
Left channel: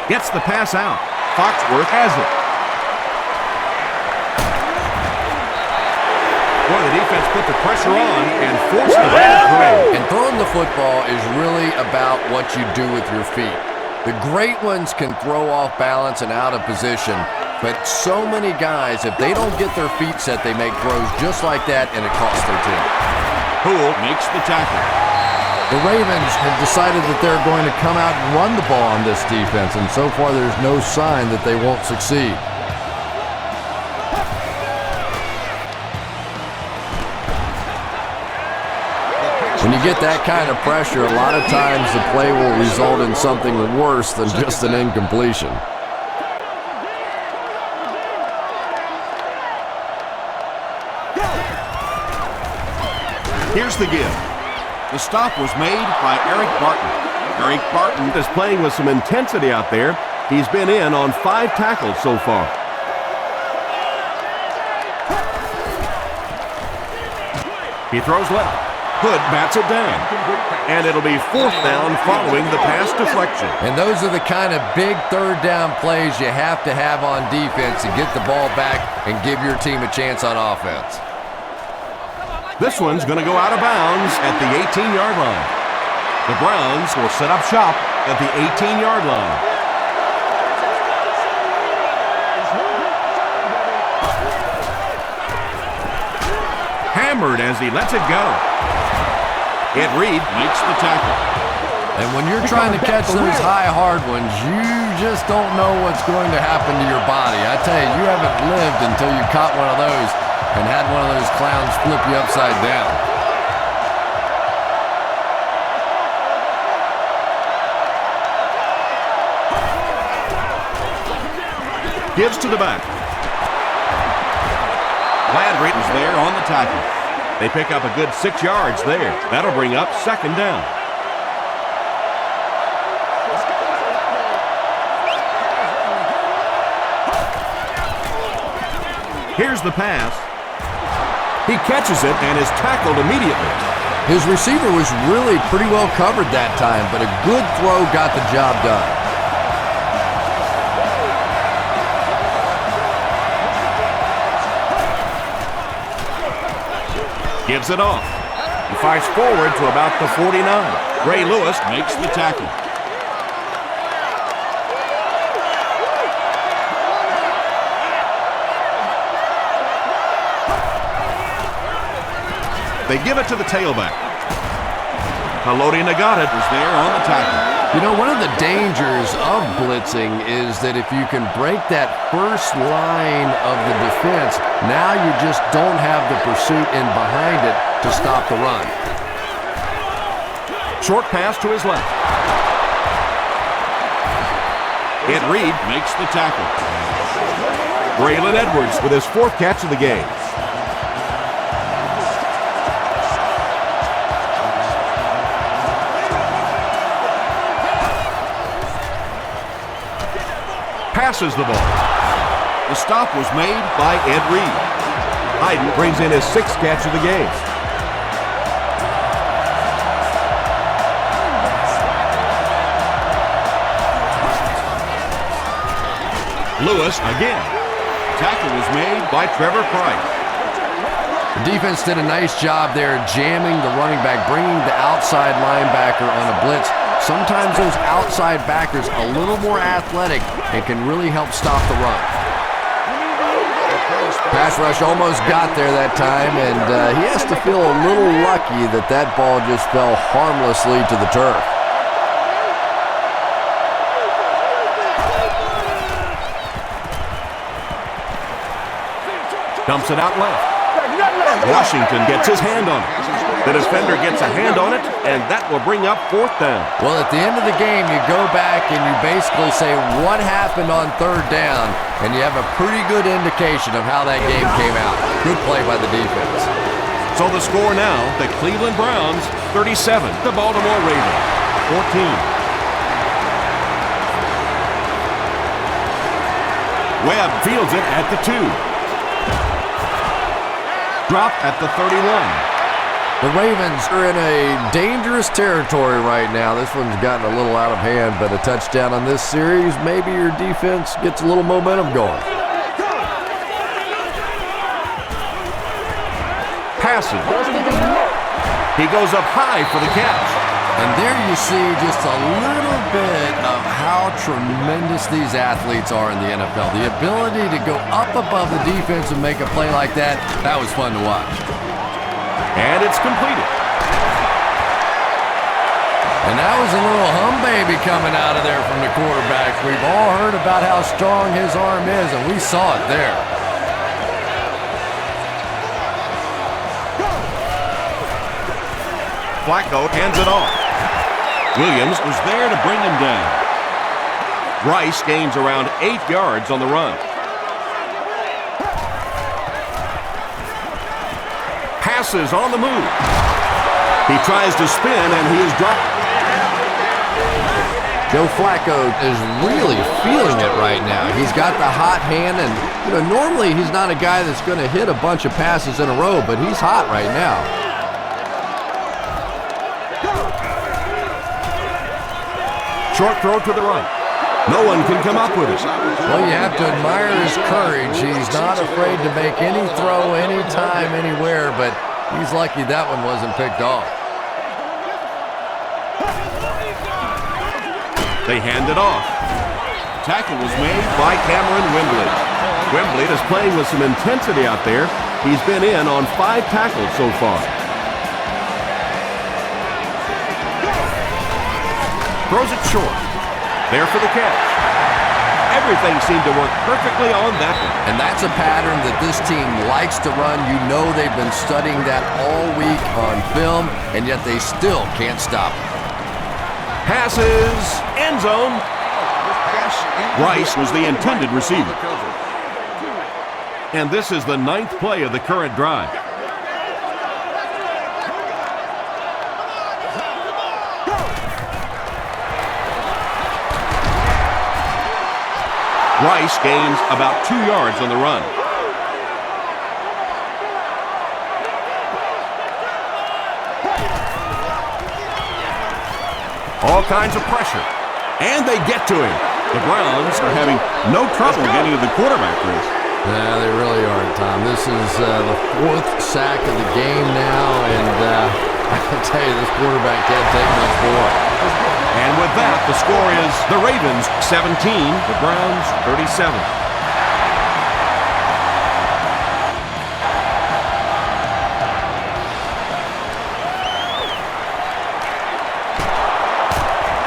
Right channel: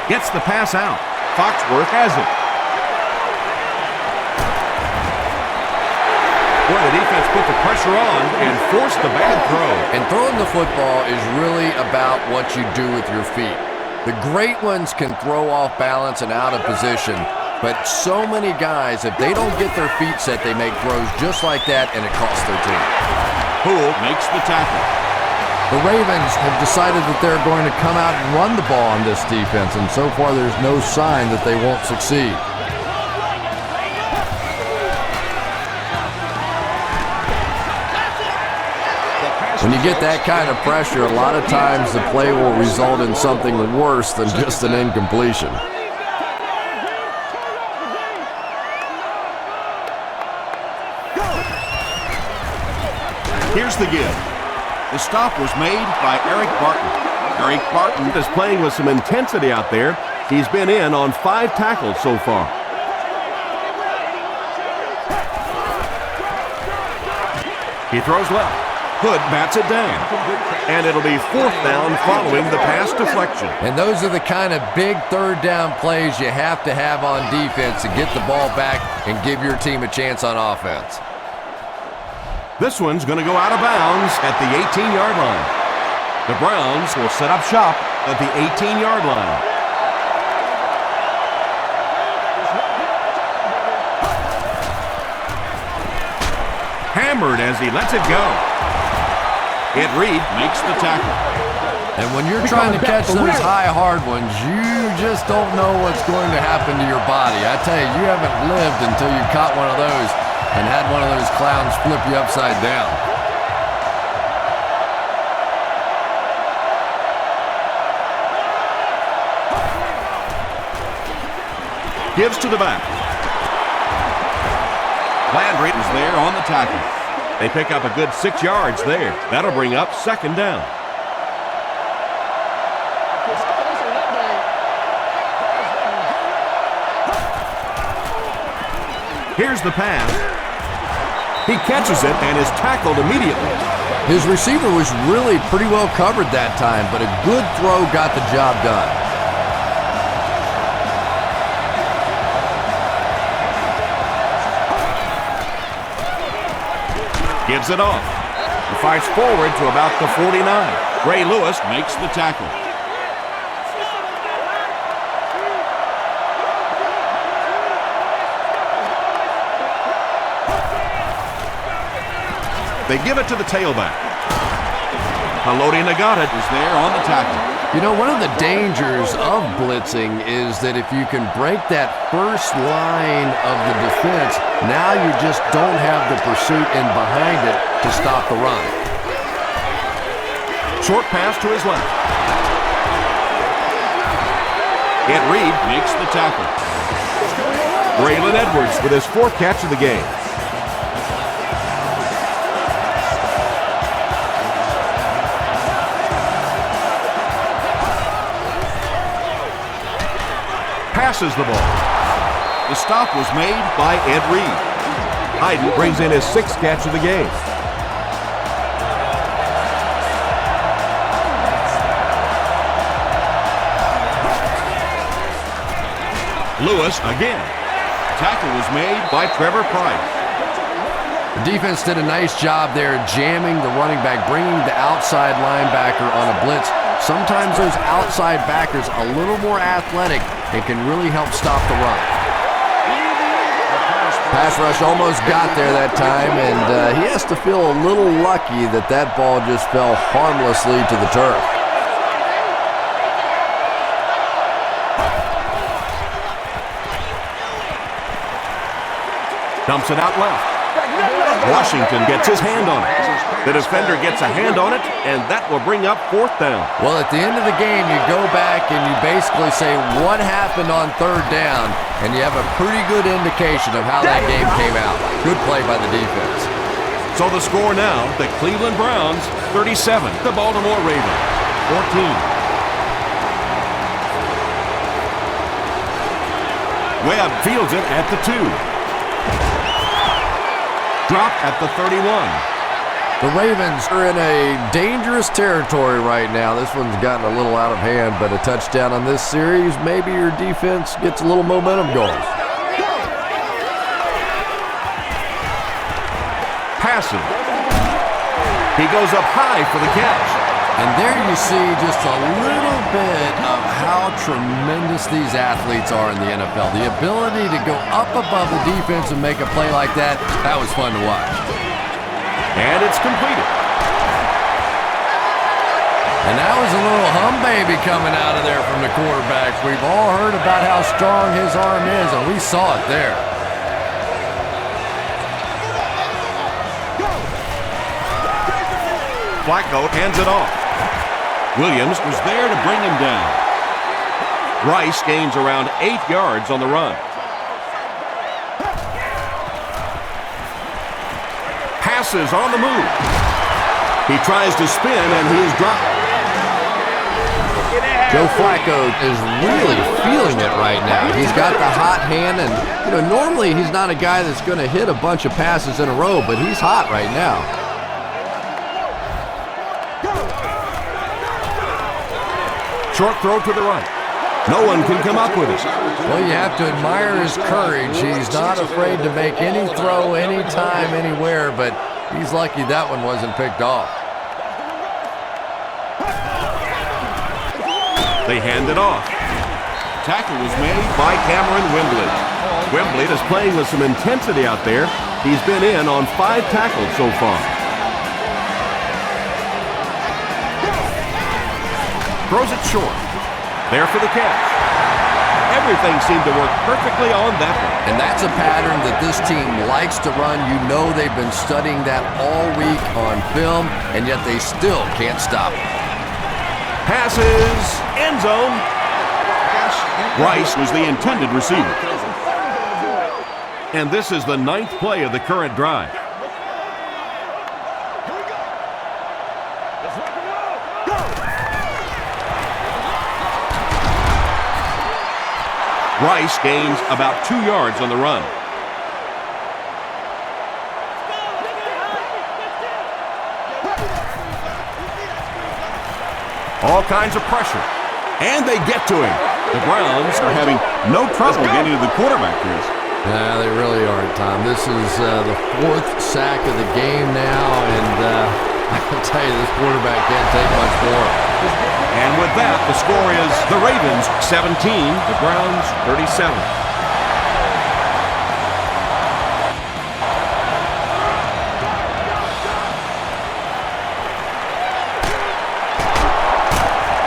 Gets the pass out. Foxworth has it. Boy, the defense put the pressure on and forced the bad throw. And throwing the football is really about what you do with your feet. The great ones can throw off balance and out of position, but so many guys, if they don't get their feet set, they make throws just like that, and it costs their team. Poole makes the tackle. The Ravens have decided that they're going to come out and run the ball on this defense, and so far there's no sign that they won't succeed. When you get that kind of pressure, a lot of times the play will result in something worse than just an incompletion. Here's the give. The stop was made by Eric Barton. Eric Barton is playing with some intensity out there. He's been in on 5 tackles so far. He throws left. Hood bats it down. And it'll be 4th down following the pass deflection. And those are the kind of big 3rd down plays you have to have on defense to get the ball back and give your team a chance on offense. This one's going to go out of bounds at the 18-yard line. The Browns will set up shop at the 18-yard line. Hammered as he lets it go. Ed Reed makes the tackle. And when you're trying to catch those high, hard ones, you just don't know what's going to happen to your body. I tell you, you haven't lived until you caught one of those and had one of those clowns flip you upside down. Gives to the back. Landry is there on the tackle. They pick up a good 6 yards there. That'll bring up 2nd down. Here's the pass. He catches it and is tackled immediately. His receiver was really pretty well covered that time, but a good throw got the job done. Gives it off. He fights forward to about the 49. Ray Lewis makes the tackle. They give it to the tailback. Haloti Nagata is there on the tackle. You know, one of the dangers of blitzing is that if you can break that first line of the defense, now you just don't have the pursuit in behind it to stop the run. Short pass to his left. Ed Reed makes the tackle. Braylon Edwards with his 4th catch of the game. Passes the ball. The stop was made by Ed Reed. Hyden brings in his 6th catch of the game. Lewis again. Tackle was made by Trevor Price. The defense did a nice job there jamming the running back, bringing the outside linebacker on a blitz. Sometimes those outside backers a little more athletic and can really help stop the run. Pass rush almost got there that time, and he has to feel a little lucky that that ball just fell harmlessly to the turf. Dumps it out left. Washington gets his hand on it. The defender gets a hand on it, and that will bring up 4th down. Well, at the end of the game, you go back and you basically say what happened on 3rd down, and you have a pretty good indication of how that game came out. Good play by the defense. So the score now, the Cleveland Browns 37, the Baltimore Ravens 14. Webb fields it at the 2. Dropped at the 31. The Ravens are in a dangerous territory right now. This one's gotten a little out of hand, but a touchdown on this series, maybe your defense gets a little momentum going. Passes. He goes up high for the catch. And there you see just a little bit of how tremendous these athletes are in the NFL. The ability to go up above the defense and make a play like that, that was fun to watch. And it's completed. And that was a little hum baby coming out of there from the quarterback. We've all heard about how strong his arm is, and we saw it there. Flacco hands it off. Williams was there to bring him down. Rice gains around 8 yards on the run. Passes on the move. He tries to spin, and he is dropped. Joe Flacco is really feeling it right now. He's got the hot hand, and normally he's not a guy that's going to hit a bunch of passes in a row, but he's hot right now. Short throw to the right. No one can come up with it. Well, you have to admire his courage. He's not afraid to make any throw, anytime, anywhere, but he's lucky that one wasn't picked off. They hand it off. Tackle was made by Cameron Wembley. Wembley is playing with some intensity out there. He's been in on 5 tackles so far. Throws it short. There for the catch. Everything seemed to work perfectly on that one. And that's a pattern that this team likes to run. You know they've been studying that all week on film, and yet they still can't stop it. Passes, end zone. Rice was the intended receiver. And this is the 9th play of the current drive. Rice gains about 2 yards on the run. All kinds of pressure. And they get to him. The Browns are having no trouble getting to the quarterback, Chris. No, they really aren't, Tom. This is the 4th sack of the game now, and I'll tell you, this quarterback can't take much more. And with that, the score is the Ravens 17, the Browns 37.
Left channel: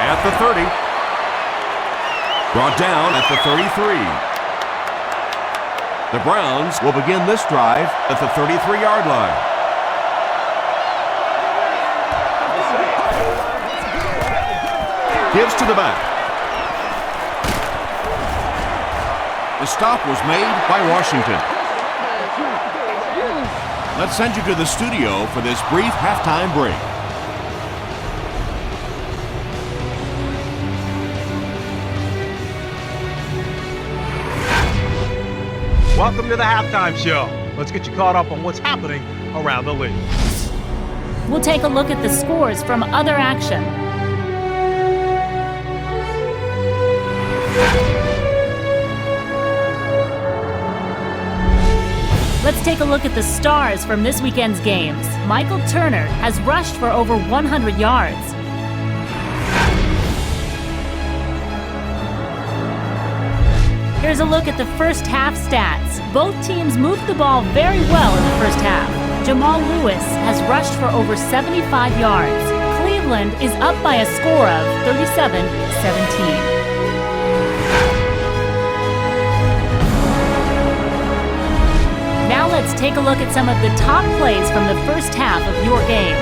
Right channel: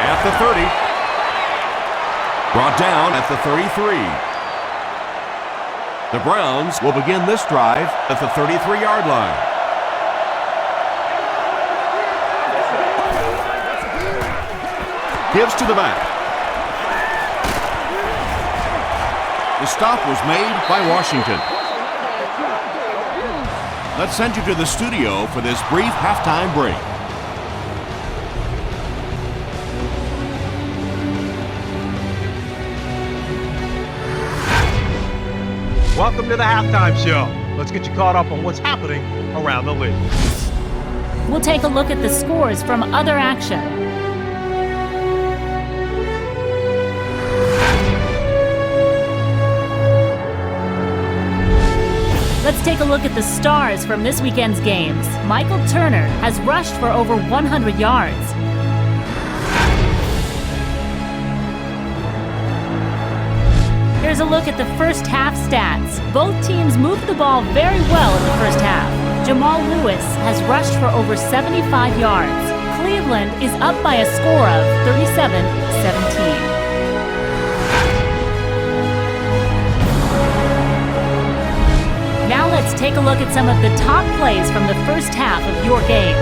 At the 30. Brought down at the 33. The Browns will begin this drive at the 33-yard line. Gives to the back. The stop was made by Washington. Let's send you to the studio for this brief halftime break. Welcome to the halftime show. Let's get you caught up on what's happening around the league. We'll take a look at the scores from other action. Let's take a look at the stars from this weekend's games. Michael Turner has rushed for over 100 yards. Here's a look at the first half stats. Both teams moved the ball very well in the first half. Jamal Lewis has rushed for over 75 yards. Cleveland is up by a score of 37-17. Now let's take a look at some of the top plays from the first half of your game.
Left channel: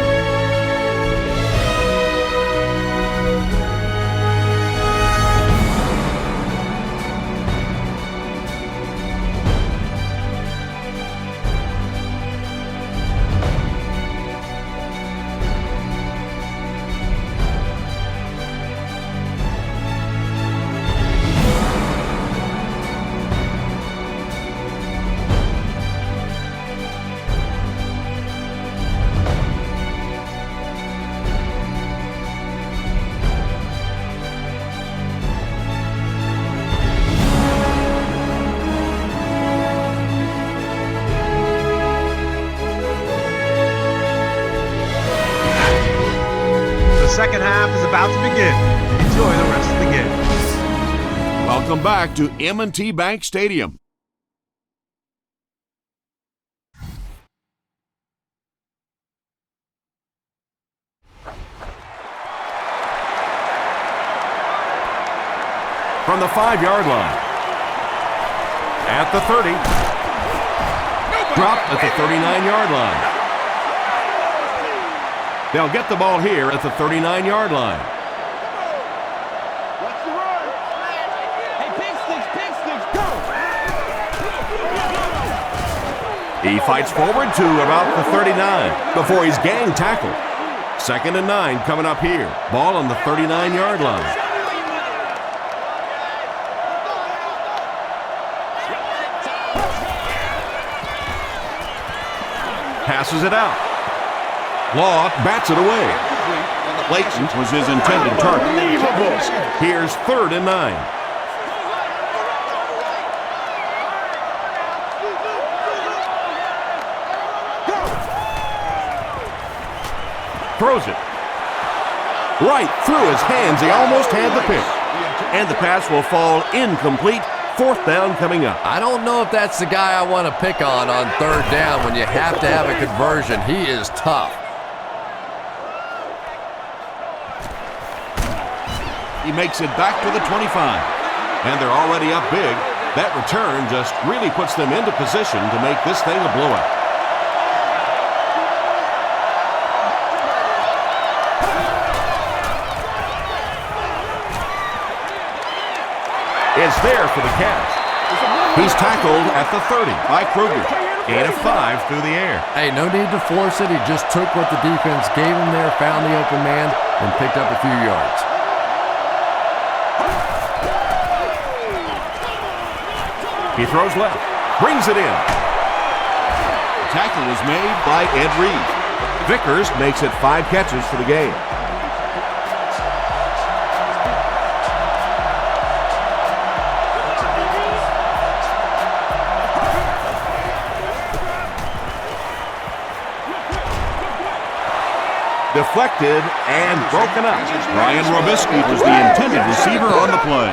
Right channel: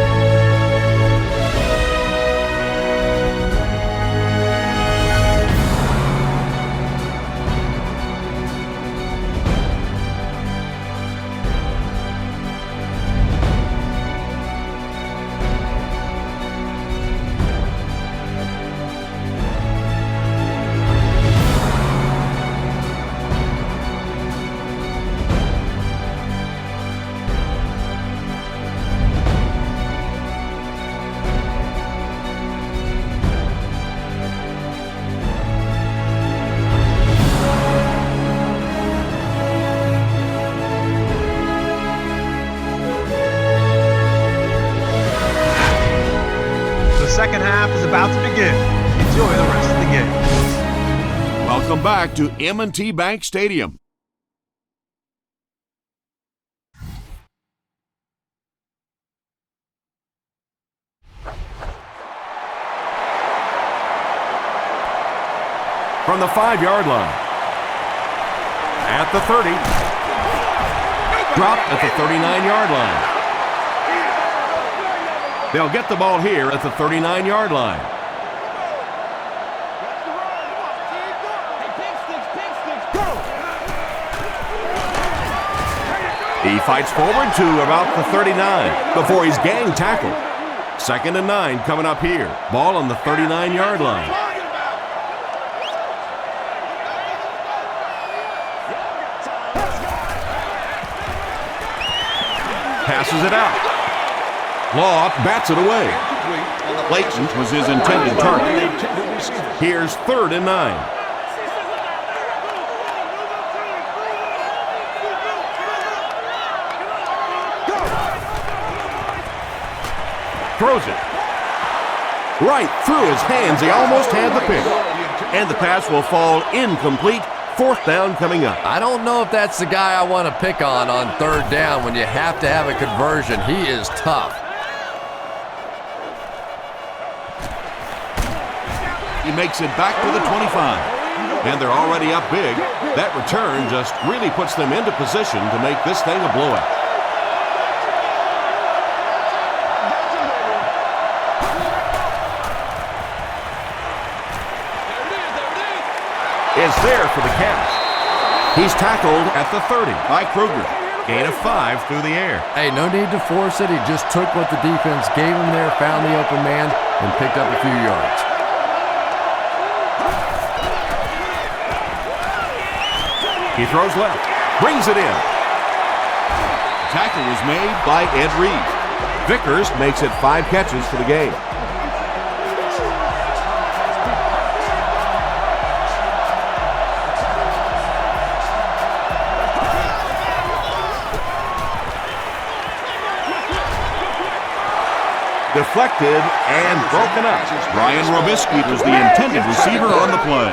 The second half is about to begin. Enjoy the rest of the game. Welcome back to M&T Bank Stadium. From the 5-yard line. At the 30. Dropped at the 39-yard line. They'll get the ball here at the 39-yard line. Watch the run. Hey, pig sticks, go! He fights forward to about the 39 before he's gang tackled. 2nd and 9 coming up here. Ball on the 39-yard line. Passes it out. Law bats it away. Blatant was his intended target. Here's 3rd and 9. Throws it. Right through his hands. He almost had the pick. And the pass will fall incomplete. 4th down coming up. I don't know if that's the guy I want to pick on 3rd down when you have to have a conversion. He is tough. He makes it back to the 25. And they're already up big. That return just really puts them into position to make this thing a blowout. Is there for the catch. He's tackled at the 30 by Kruger. Gain of 5 through the air. Hey, no need to force it. He just took what the defense gave him there, found the open man, and picked up a few yards. He throws left, brings it in. The tackle was made by Ed Reed. Vickers makes it 5 catches for the game. Deflected and broken up. Brian Robisky was the intended receiver on the play.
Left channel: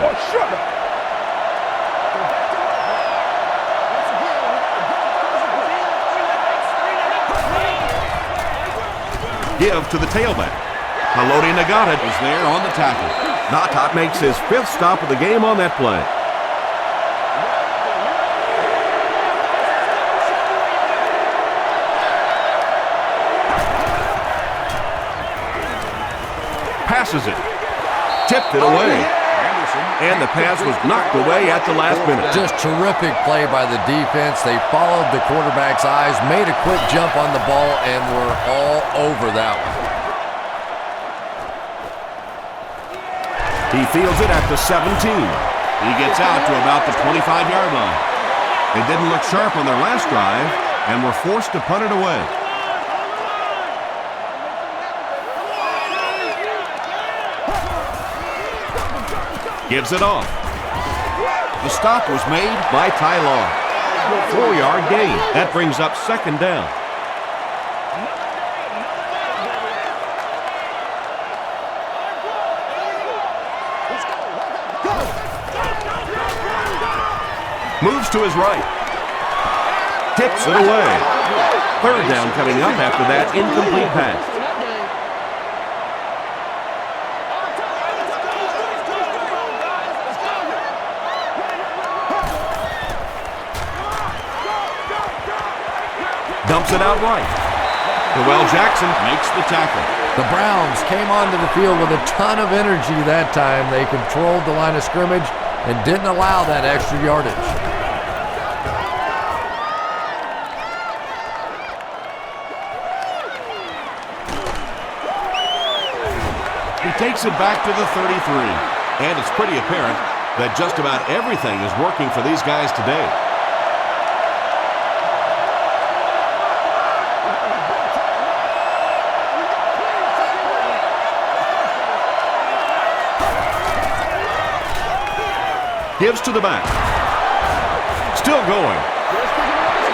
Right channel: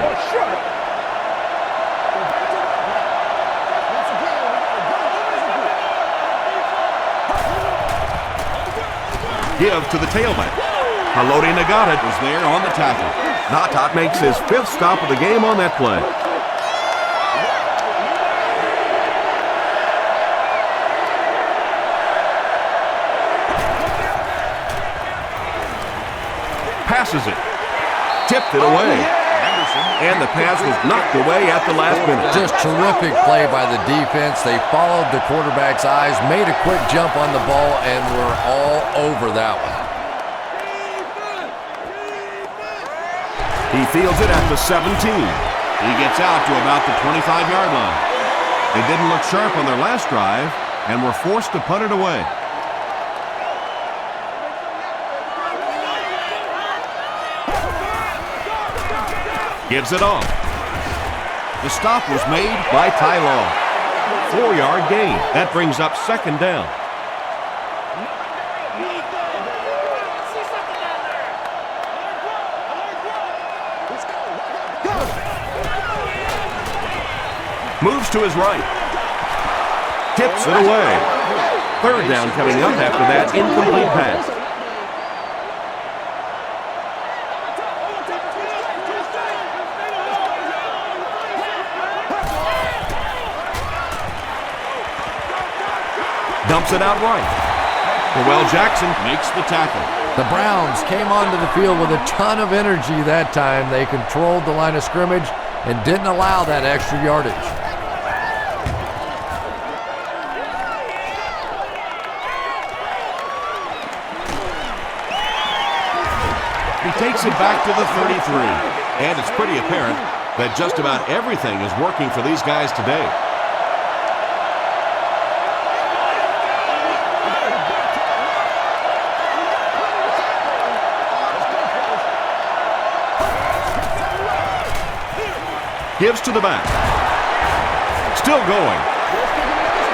Give to the tailback. Haloti Nagata is there on the tackle. Natat makes his 5th stop of the game on that play. Passes it. Tipped it away. And the pass was knocked away at the last minute. Just terrific play by the defense. They followed the quarterback's eyes, made a quick jump on the ball, and were all over that one. He fields it at the 17. He gets out to about the 25-yard line. They didn't look sharp on their last drive and were forced to punt it away. Gives it off. The stop was made by Ty Law. 4-yard gain. That brings up 2nd down. Moves to his right. Tips it away. 3rd down coming up after that incomplete pass. Dumps it out right. Noel Jackson makes the tackle. The Browns came onto the field with a ton of energy that time. They controlled the line of scrimmage and didn't allow that extra yardage. He takes it back to the 33. And it's pretty apparent that just about everything is working for these guys today. Gives to the back. Still going.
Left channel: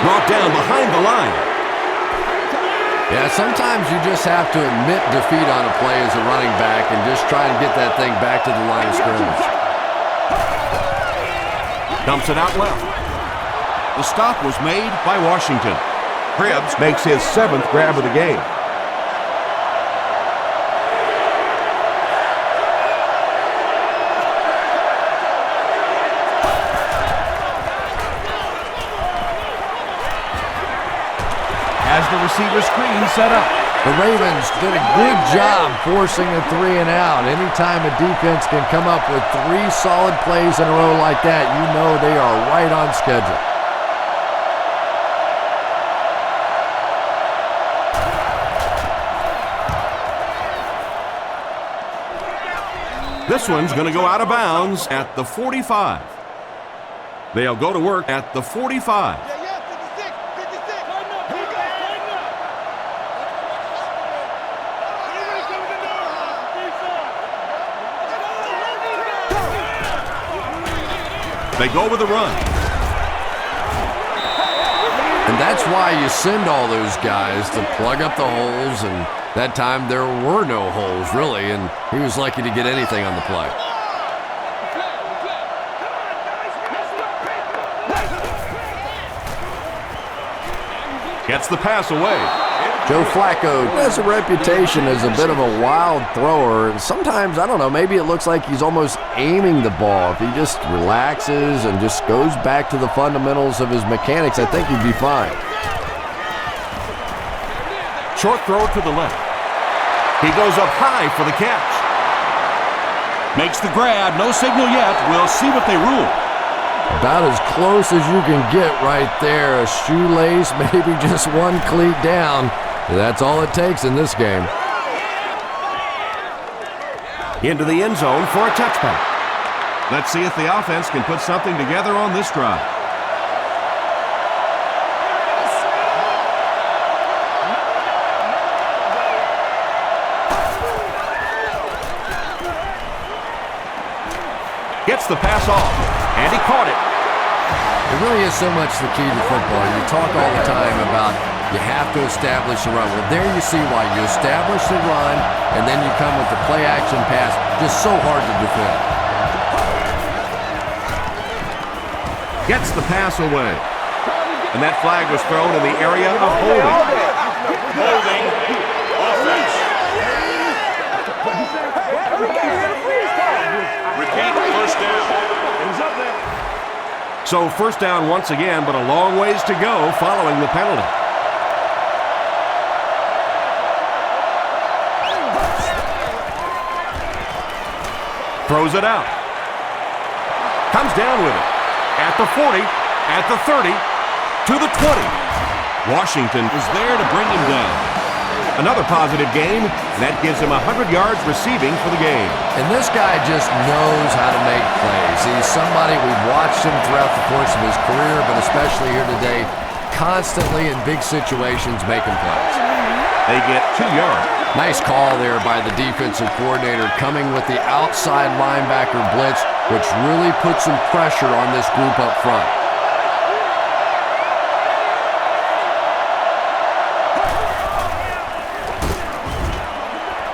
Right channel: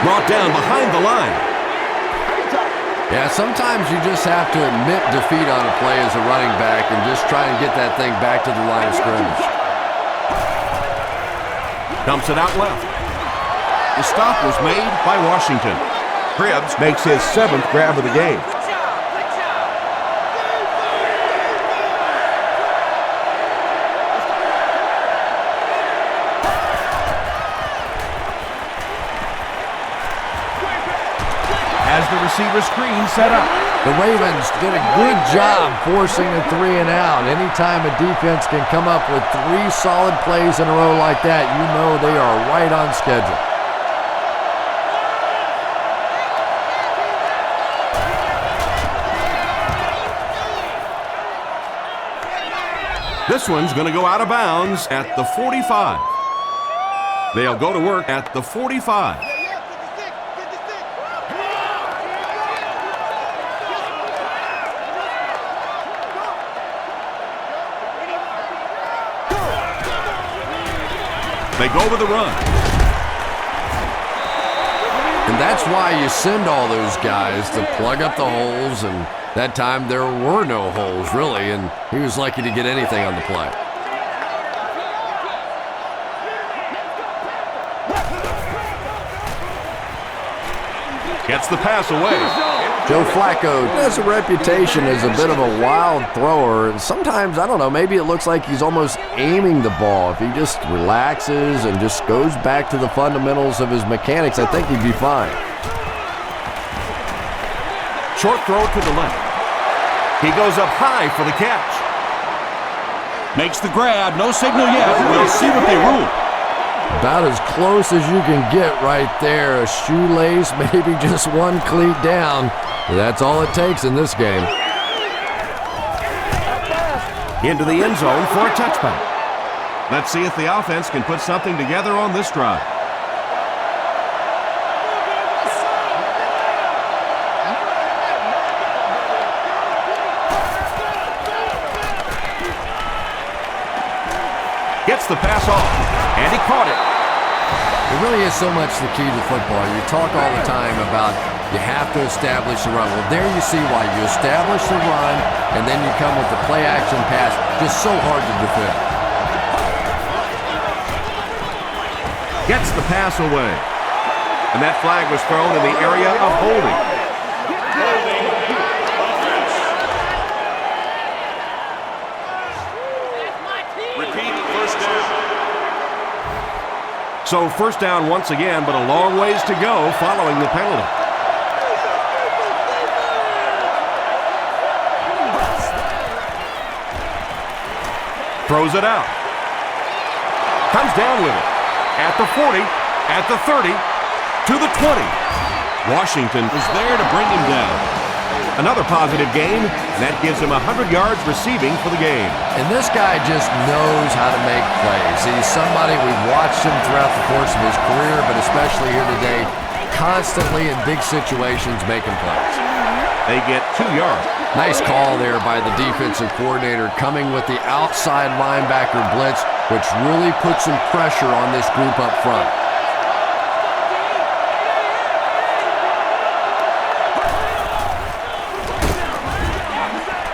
Brought down behind the line. Yeah, sometimes you just have to admit defeat on a play as a running back and just try and get that thing back to the line of scrimmage. Dumps it out left. The stop was made by Washington. Cribbs makes his 7th grab of the game. Has the receiver screen set up. The Ravens did a good job forcing a 3 and out. Anytime a defense can come up with 3 solid plays in a row like that, you know they are right on schedule. This one's going to go out of bounds at the 45. They'll go to work at the 45. Yeah, 56, 56. Here we go. They go with the run. And that's why you send all those guys to plug up the holes, and that time there were no holes, really, and he was lucky to get anything on the play. Gets the pass away. Joe Flacco has a reputation as a bit of a wild thrower, and sometimes, I don't know, maybe it looks like he's almost aiming the ball. If he just relaxes and just goes back to the fundamentals of his mechanics, I think he'd be fine. Short throw to the left. He goes up high for the catch. Makes the grab. No signal yet. We'll see what they rule. About as close as you can get right there. A shoelace, maybe just one cleat down. That's all it takes in this game. Into the end zone for a touchback. Let's see if the offense can put something together on this drive. Gets the pass off, and he caught it. It really is so much the key to football. You talk all the time about you have to establish the run. Well, there you see why. You establish the run, and then you come with the play-action pass. Just so hard to defend. Gets the pass away. And that flag was thrown in the area of holding. Holding offense. Repeat, first down. So first down once again, but a long ways to go following the penalty. Throws it out. Comes down with it. At the 40, at the 30, to the 20. Washington is there to bring him down. Another positive game, and that gives him 100 yards receiving for the game. And this guy just knows how to make plays. He's somebody, we've watched him throughout the course of his career, but especially here today, constantly in big situations making plays. They get 2 yards. Nice call there by the defensive coordinator, coming with the outside linebacker blitz, which really puts some pressure on this group up front.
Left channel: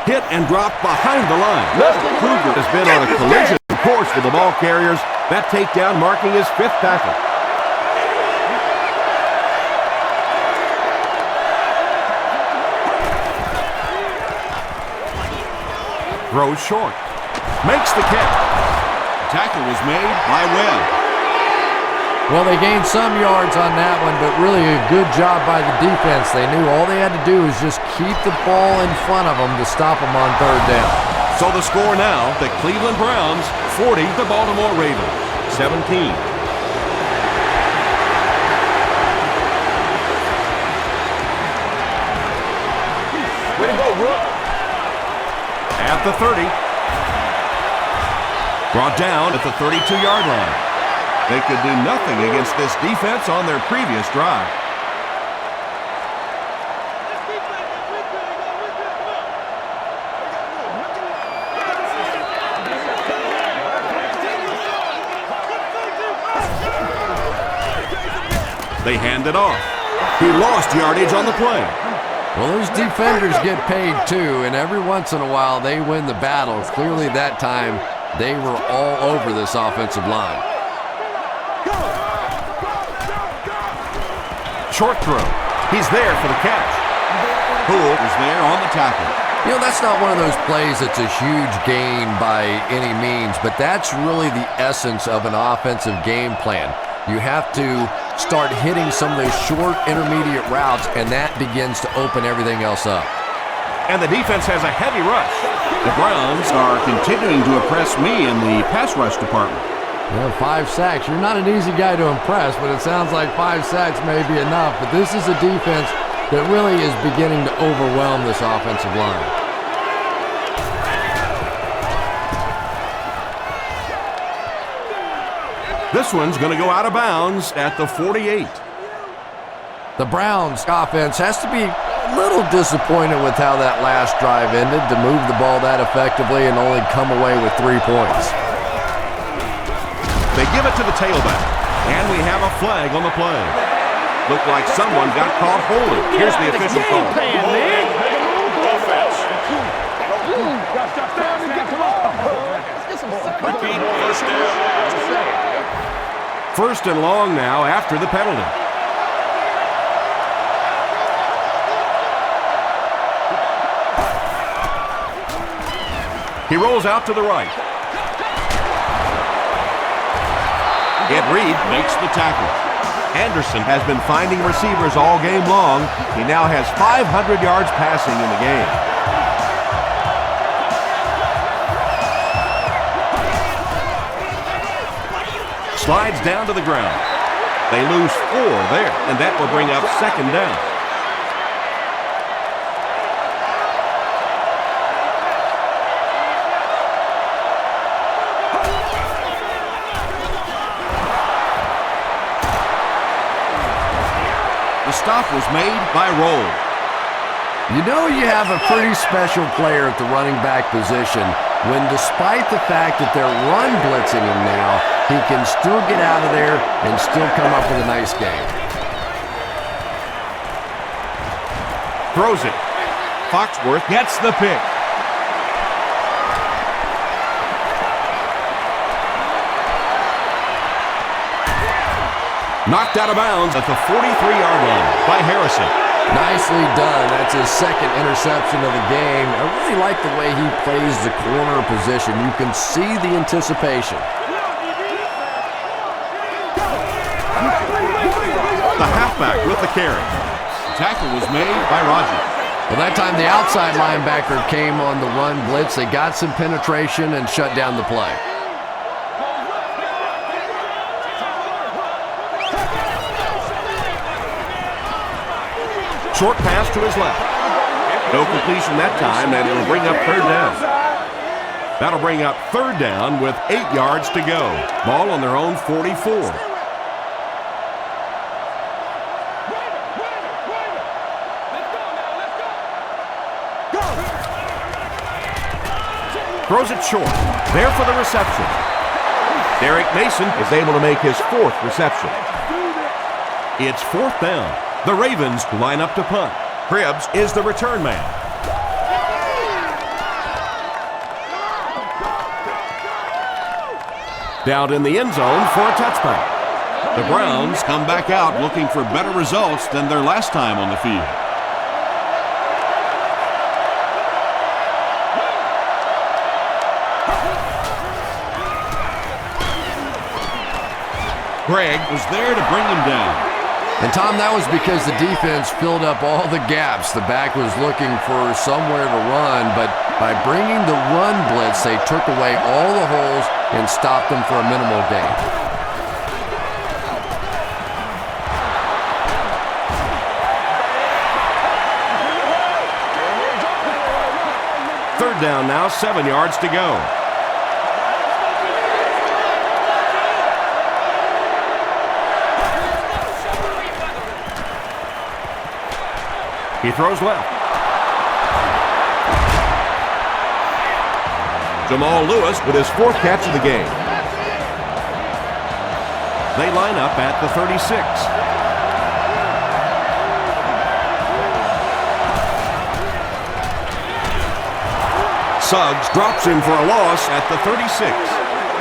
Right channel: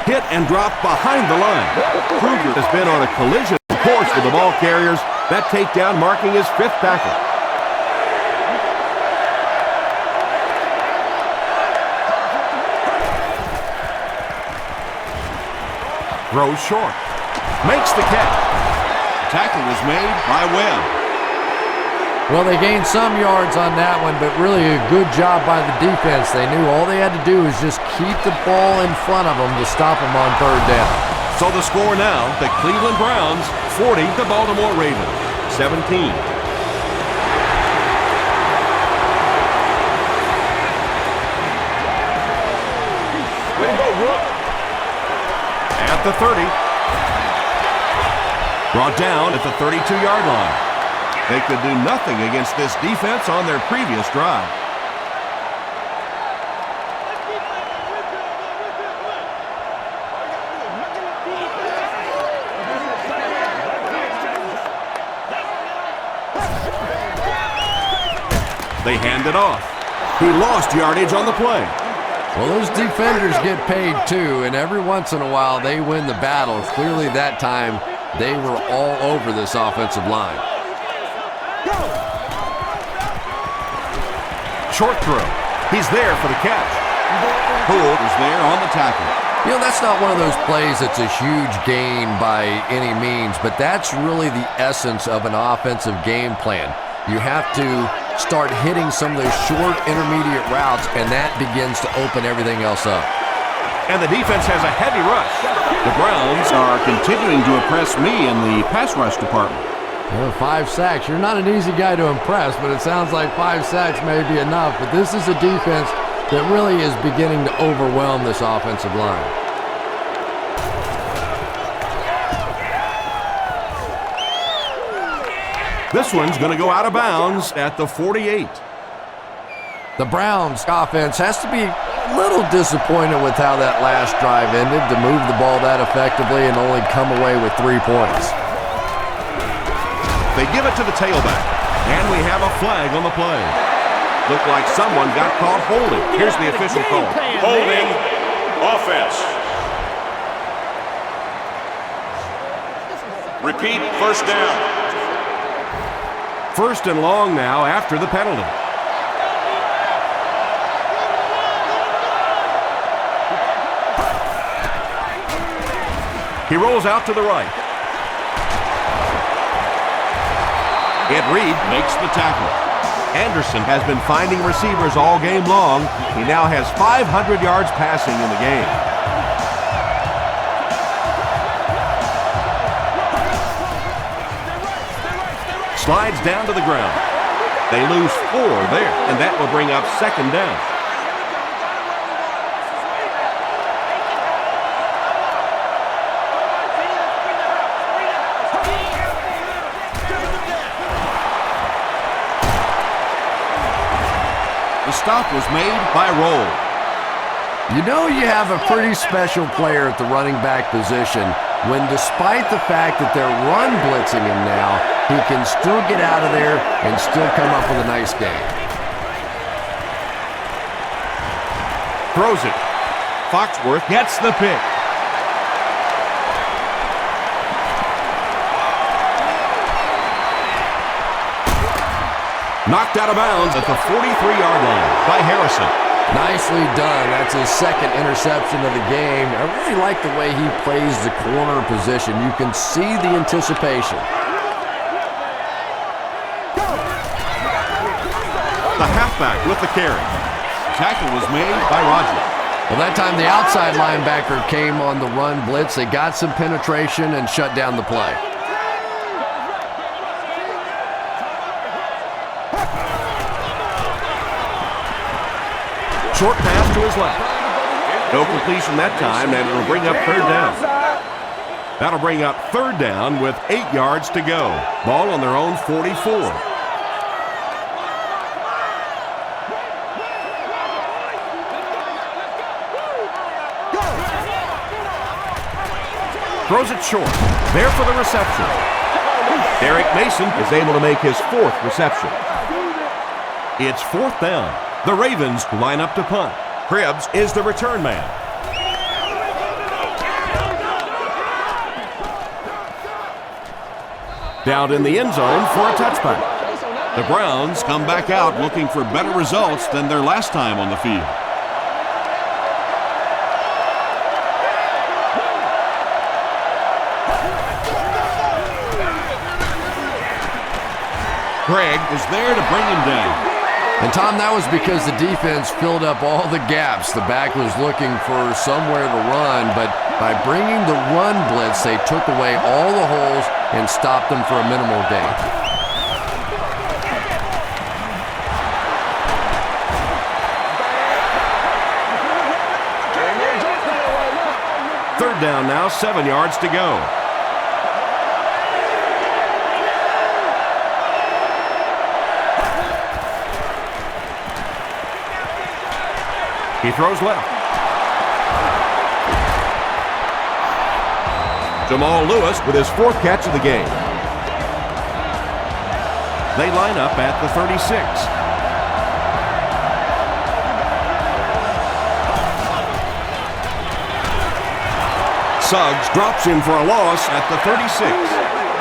Hit and dropped behind the line. Kruger has been on a collision course with the ball carriers. That takedown marking his 5th tackle. Throws short. Makes the catch. The tackle was made by Webb. Well, they gained some yards on that one, but really a good job by the defense. They knew all they had to do was just keep the ball in front of them to stop them on third down. So the score now, the Cleveland Browns 40, the Baltimore Ravens 17. Way to go, Rook. At the 30. Brought down at the 32-yard line. They could do nothing against this defense on their previous drive. Let's keep playing, man. We're good, yo. We're good. Come on. All you got to do is look in line. They hand it off. He lost yardage on the play. Well, those defenders get paid too, and every once in a while they win the battle. Clearly that time they were all over this offensive line. Short throw. He's there for the catch. Poole was there on the tackle. You know, that's not one of those plays that's a huge gain by any means, but that's really the essence of an offensive game plan. You have to start hitting some of those short intermediate routes, and that begins to open everything else up. And the defense has a heavy rush. The Browns are continuing to impress me in the pass rush department. You know, 5 sacks. You're not an easy guy to impress, but it sounds like 5 sacks may be enough. But this is a defense that really is beginning to overwhelm this offensive line. This one's going to go out of bounds at the 48. The Browns offense has to be a little disappointed with how that last drive ended, to move the ball that effectively and only come away with 3 points. They give it to the tailback, and we have a flag on the play. Looked like someone got caught holding. Here's the official call. Holding. Offense. Repeat, first down. First and long now after the penalty. He rolls out to the right. Ed Reed makes the tackle. Anderson has been finding receivers all game long. He now has 500 yards passing in the game. Slides down to the ground. They lose 4 there, and that will bring up second down. The stop was made by Roll. You know you have a pretty special player at the running back position when, despite the fact that they're run blitzing him now, he can still get out of there and still come up with a nice game. Throws it. Foxworth gets the pick. Knocked out of bounds at the 43-yard line by Harrison. Nicely done. That's his second interception of the game. I really like the way he plays the corner position. You can see the anticipation. The halfback with the carry. Tackle was made by Rogers. Well, that time the outside linebacker came on the run blitz. They got some penetration and shut down the play. Short pass to his left. No completion that time, and it'll bring up third down. That'll bring up third down with 8 yards to go. Ball on their own 44. Throws it short. There for the reception. Derek Mason is able to make his 4th reception. It's 4th down. The Ravens line up to punt. Cribbs is the return man. Down in the end zone for a touchback. The Browns come back out looking for better results than their last time on the field. Greg was there to bring him down. And Tom, that was because the defense filled up all the gaps. The back was looking for somewhere to run, but by bringing the run blitz, they took away all the holes and stopped them for a minimal gain. Third down now, 7 yards to go. He throws left. Jamal Lewis with his 4th catch of the game. They line up at the 36. Suggs drops him for a loss at the 36.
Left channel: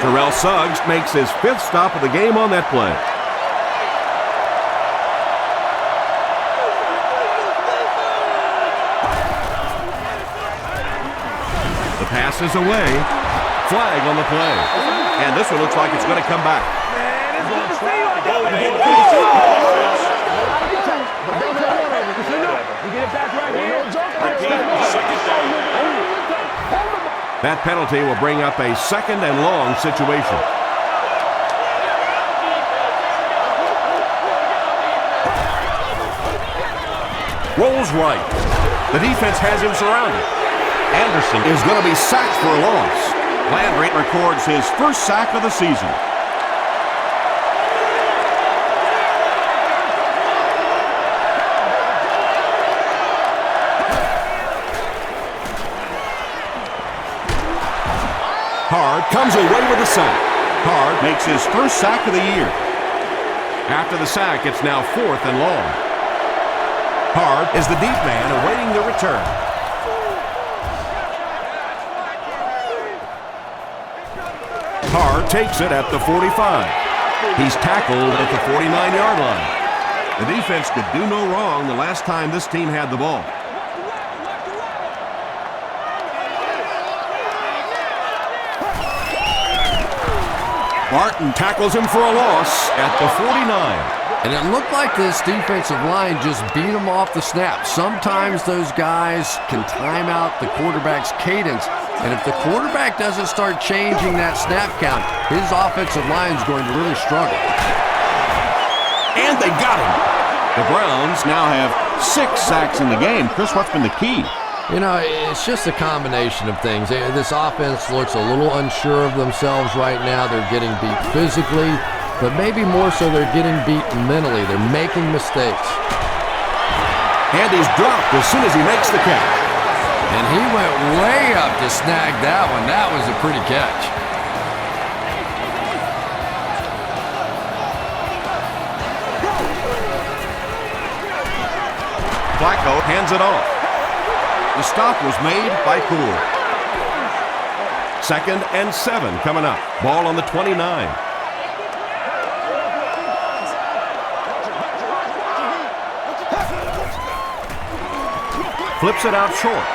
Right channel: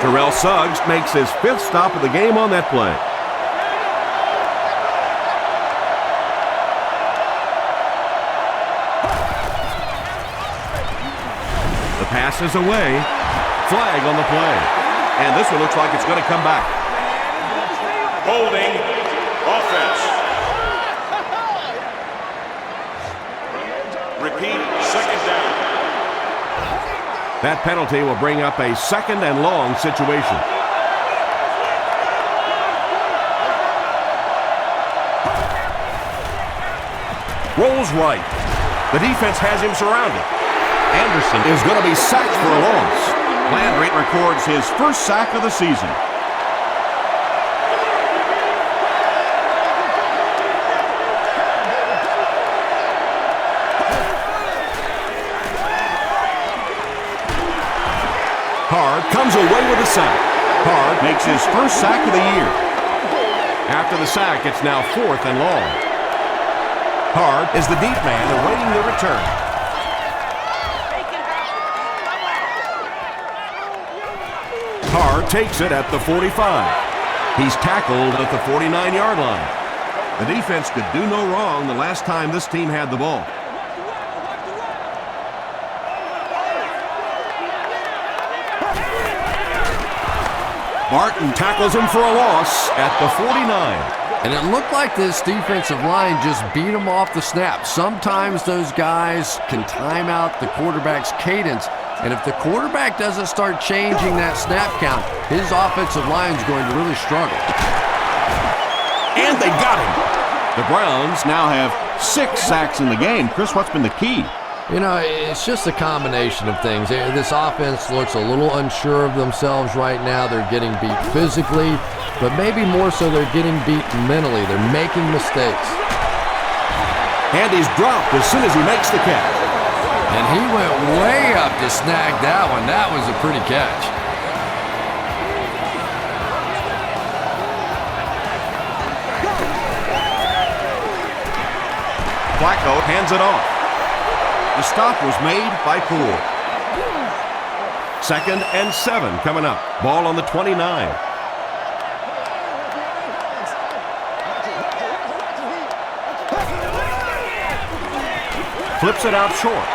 Terrell Suggs makes his 5th stop of the game on that play. The pass is away. Flag on the play. And this one looks like it's going to come back. Holding offense. Repeat, second down. That penalty will bring up a 2nd and long situation. Rolls right. The defense has him surrounded. Anderson is going to be sacked for a loss. Landry records his 1st sack of the season. Hard comes away with a sack. Hard makes his 1st sack of the year. After the sack, it's now 4th and long. Hard is the deep man awaiting the return. Hard takes it at the 45. He's tackled at the 49-yard line. The defense could do no wrong the last time this team had the ball. Martin tackles him for a loss at the 49. And it looked like this defensive line just beat them off the snap. Sometimes those guys can time out the quarterback's cadence, and if the quarterback doesn't start changing that snap count, his offensive line is going to really struggle. And they got him. The Browns now have 6 sacks in the game. Chris, what's been the key? You know, it's just a combination of things. This offense looks a little unsure of themselves right now. They're getting beat physically, but maybe more so they're getting beat mentally. They're making mistakes. And he's dropped as soon as he makes the catch. And he went way up to snag that one. That was a pretty catch. Flacco hands it off. The stop was made by Poole. 2nd and 7 coming up. Ball on the 29. Flips it out short.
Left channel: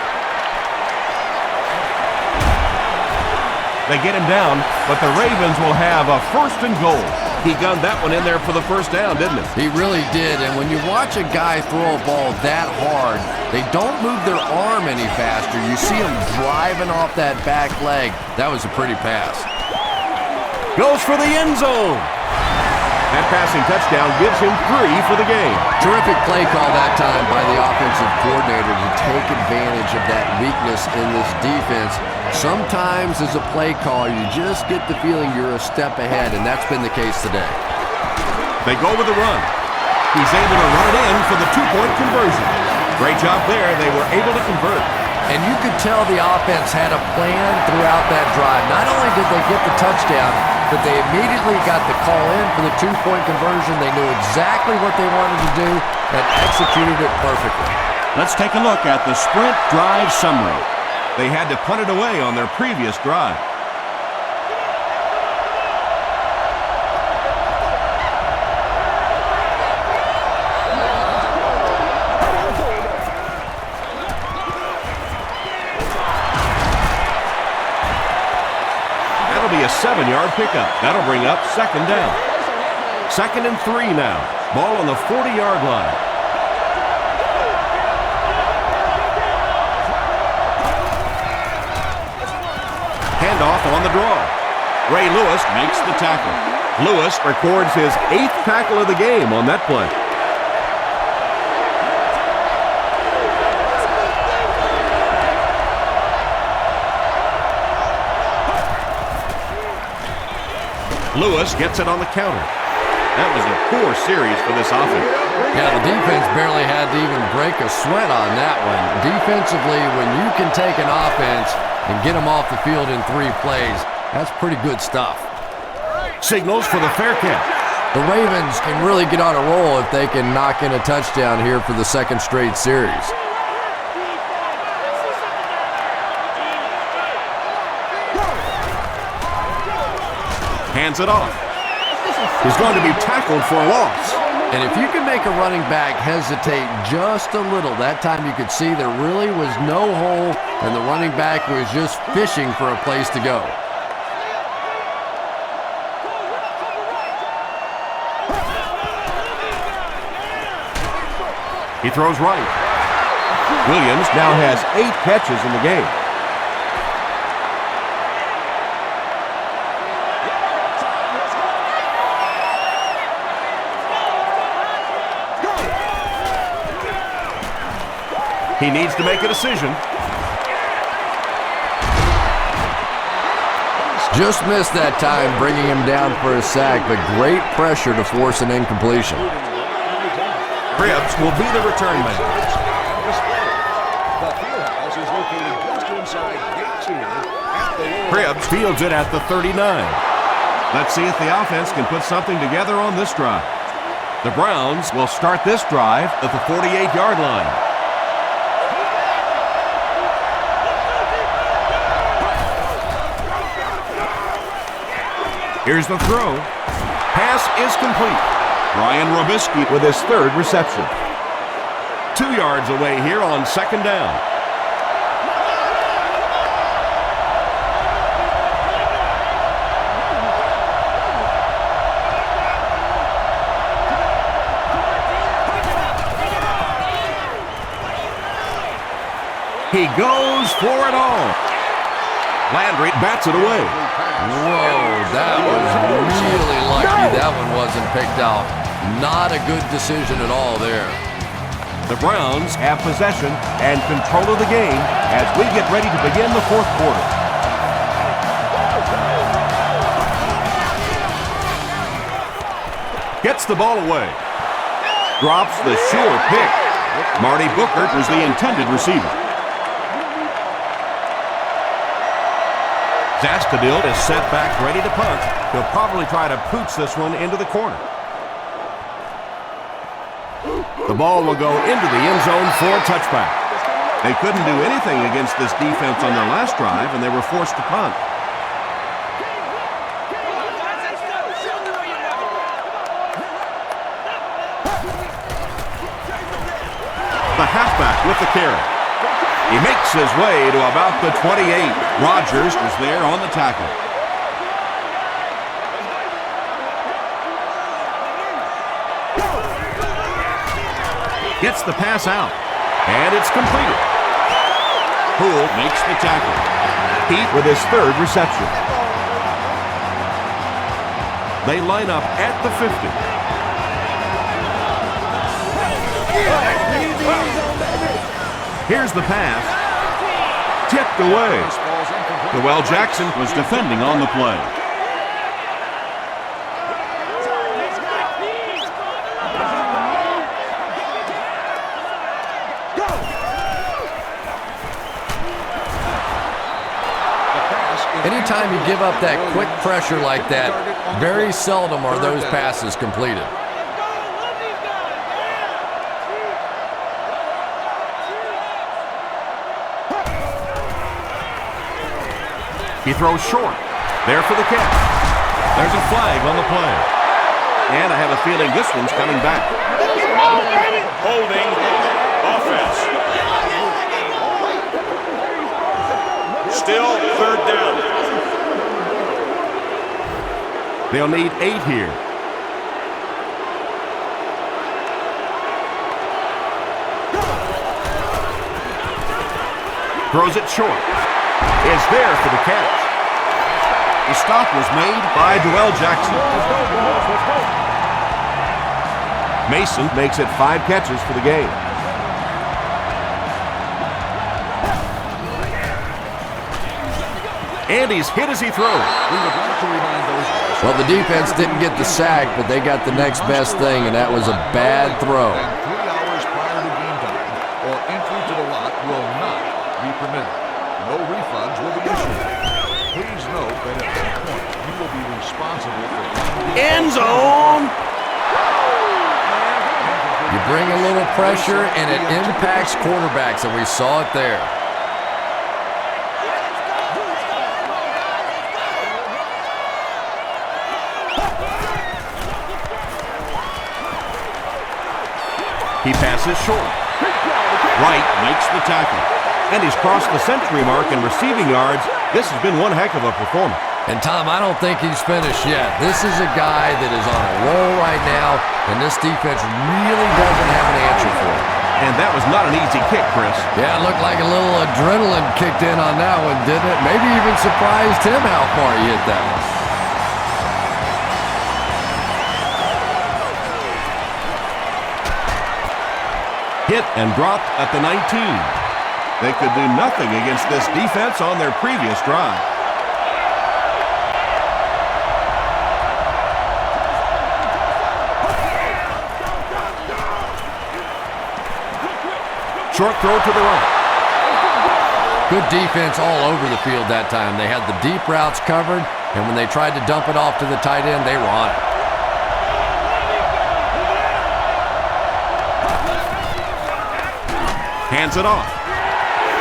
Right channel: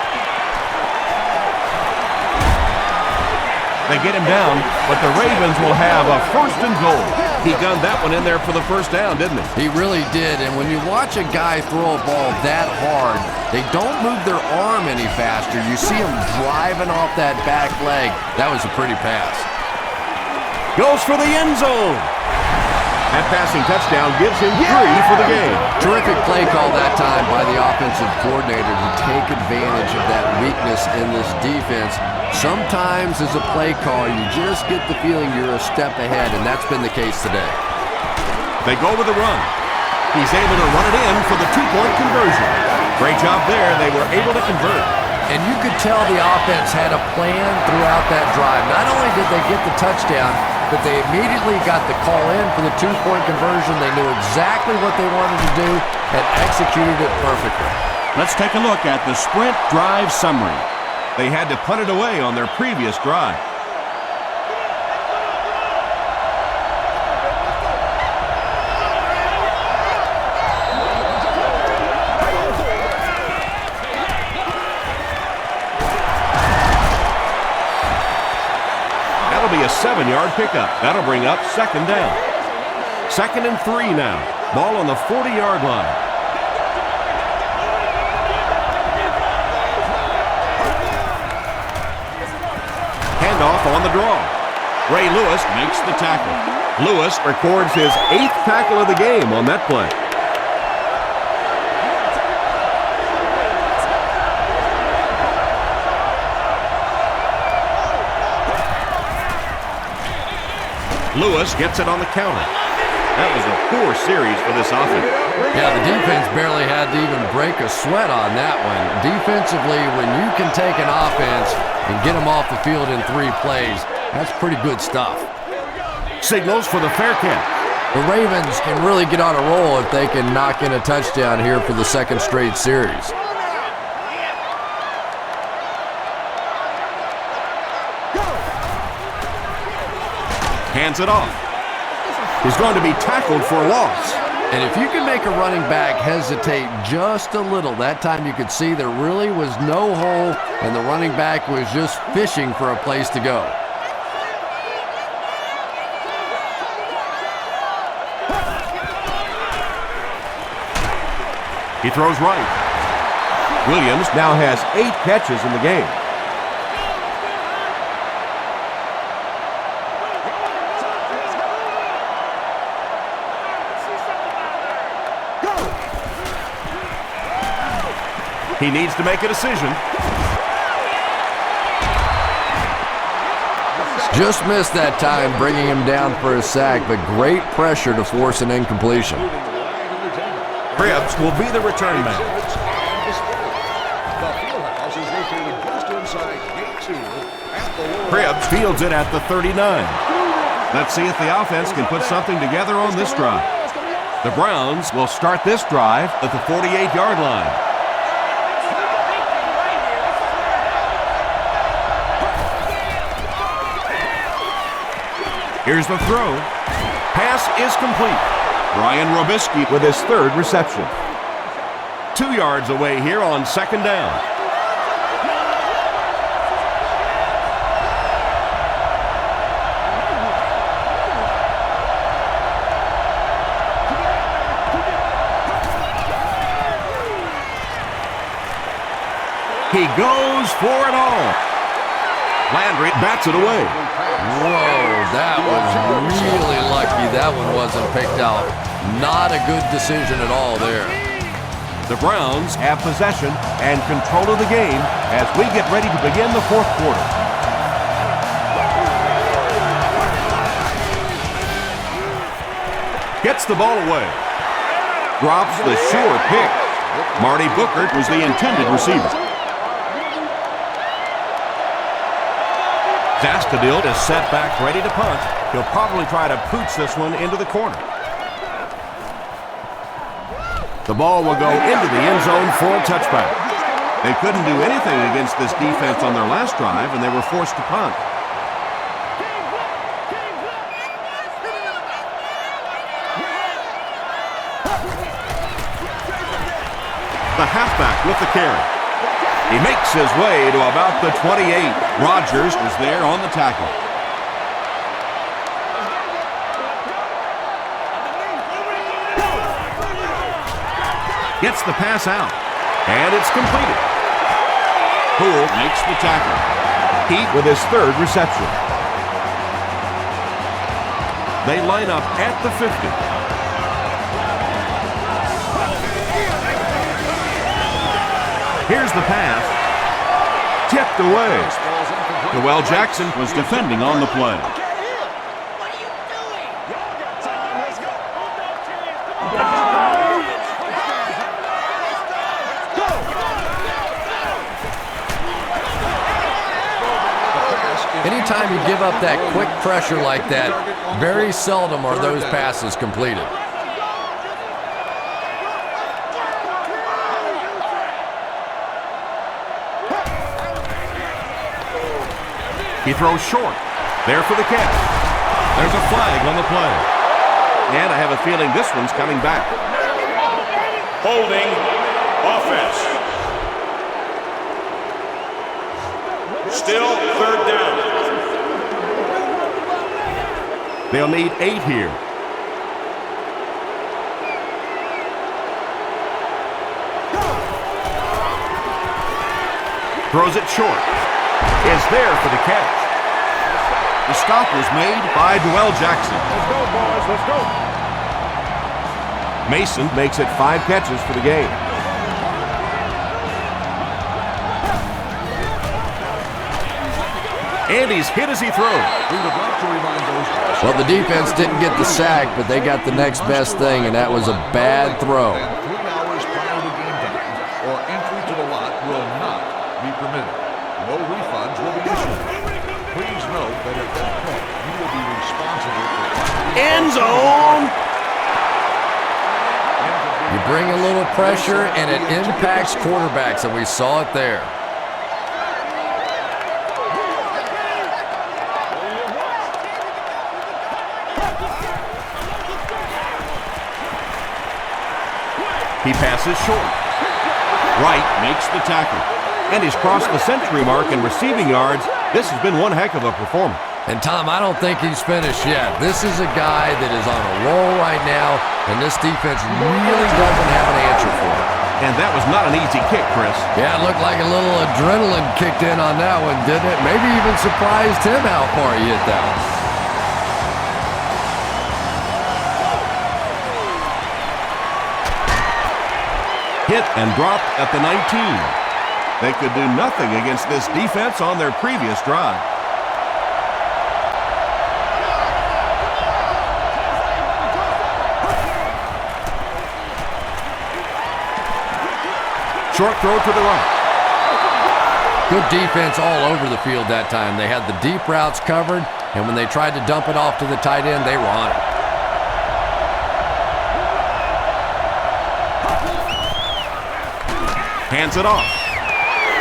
They get him down, but the Ravens will have a 1st and goal. He gunned that one in there for the 1st down, didn't he? He really did, and when you watch a guy throw a ball that hard, they don't move their arm any faster. You see him driving off that back leg. That was a pretty pass. Goes for the end zone. That passing touchdown gives him 3 for the game. Terrific play call that time by the offensive coordinator to take advantage of that weakness in this defense. Sometimes as a play call, you just get the feeling you're a step ahead, and that's been the case today. They go with the run. He's able to run it in for the 2-point conversion. Great job there. They were able to convert. And you could tell the offense had a plan throughout that drive. Not only did they get the touchdown, but they immediately got the call in for the 2-point conversion. They knew exactly what they wanted to do and executed it perfectly. Let's take a look at the sprint drive summary. They had to punt it away on their previous drive. That'll be a 7-yard pickup. That'll bring up 2nd down. 2nd and 3 now. Ball on the 40-yard line. Handoff on the draw. Ray Lewis makes the tackle. Lewis records his 8th tackle of the game on that play. Lewis gets it on the counter. That was a poor series for this offense. Yeah, the defense barely had to even break a sweat on that one. Defensively, when you can take an offense and get them off the field in 3 plays, that's pretty good stuff. Signals for the fair catch. The Ravens can really get on a roll if they can knock in a touchdown here for the 2nd straight series. Hands it off. He's going to be tackled for a loss. And if you can make a running back hesitate just a little, that time you could see there really was no hole and the running back was just fishing for a place to go. He throws right. Williams now has 8 catches in the game. He needs to make a decision. Just missed that time, bringing him down for a sack, but great pressure to force an incompletion. Cribbs will be the return man. The field house is located just inside gate 2 at the lower. Cribbs fields it at the 39. Let's see if the offense can put something together on this drive. The Browns will start this drive at the 48-yard line. Here's the throw. Pass is complete. Brian Robisky with his 3rd reception. 2 yards away here on 2nd down. He goes for it all. Landry bats it away. Whoa, that was really lucky that one wasn't picked out. Not a good decision at all there. The Browns have possession and control of the game as we get ready to begin the 4th quarter. Gets the ball away. Drops the sure pick. Marty Booker was the intended receiver. Zastadil is set back ready to punt. He'll probably try to pooch this one into the corner. The ball will go into the end zone for a touchback. They couldn't do anything against this defense on their last drive, and they were forced to punt. The halfback with the carry. He makes his way to about the 28. Rodgers is there on the tackle. Gets the pass out, and it's completed. Poole makes the tackle. Heat with his 3rd reception. They line up at the 50. Here's the pass. Tipped away. Noel Jackson was defending on the play. Anytime you give up that quick pressure like that, very seldom are those passes completed. He throws short. There for the catch. There's a flag on the play. And I have a feeling this one's coming back. Holding. Offense. Still 3rd down. They'll need 8 here. Throws it short. Is there for the catch. The stop was made by Joel Jackson. Let's go, boys. Let's go. Mason makes it 5 catches for the game. And he's hit as he throws. We would like to remind those guys. Well, the defense didn't get the sack, but they got the next best thing, and that was a bad throw. And 3 hours prior to game time, or entry to the lot will not be permitted. No refunds will be issued. Please note that at that point, you will be responsible for End zone. You bring a little pressure, and it impacts quarterbacks, and we saw it there. He passes short. Wright makes the tackle. And he's crossed the century mark in receiving yards. This has been one heck of a performance. And Tom, I don't think he's finished yet. This is a guy that is on a roll right now, and this defense really doesn't have an answer for it. And that was not an easy kick, Chris. Yeah, it looked like a little adrenaline kicked in on that one, didn't it? Maybe even surprised him how far he hit that one. Hit and dropped at the 19. They could do nothing against this defense on their previous drive. Short throw to the right. Good defense all over the field that time. They had the deep routes covered, and when they tried to dump it off to the tight end, they were on it. Hands it off.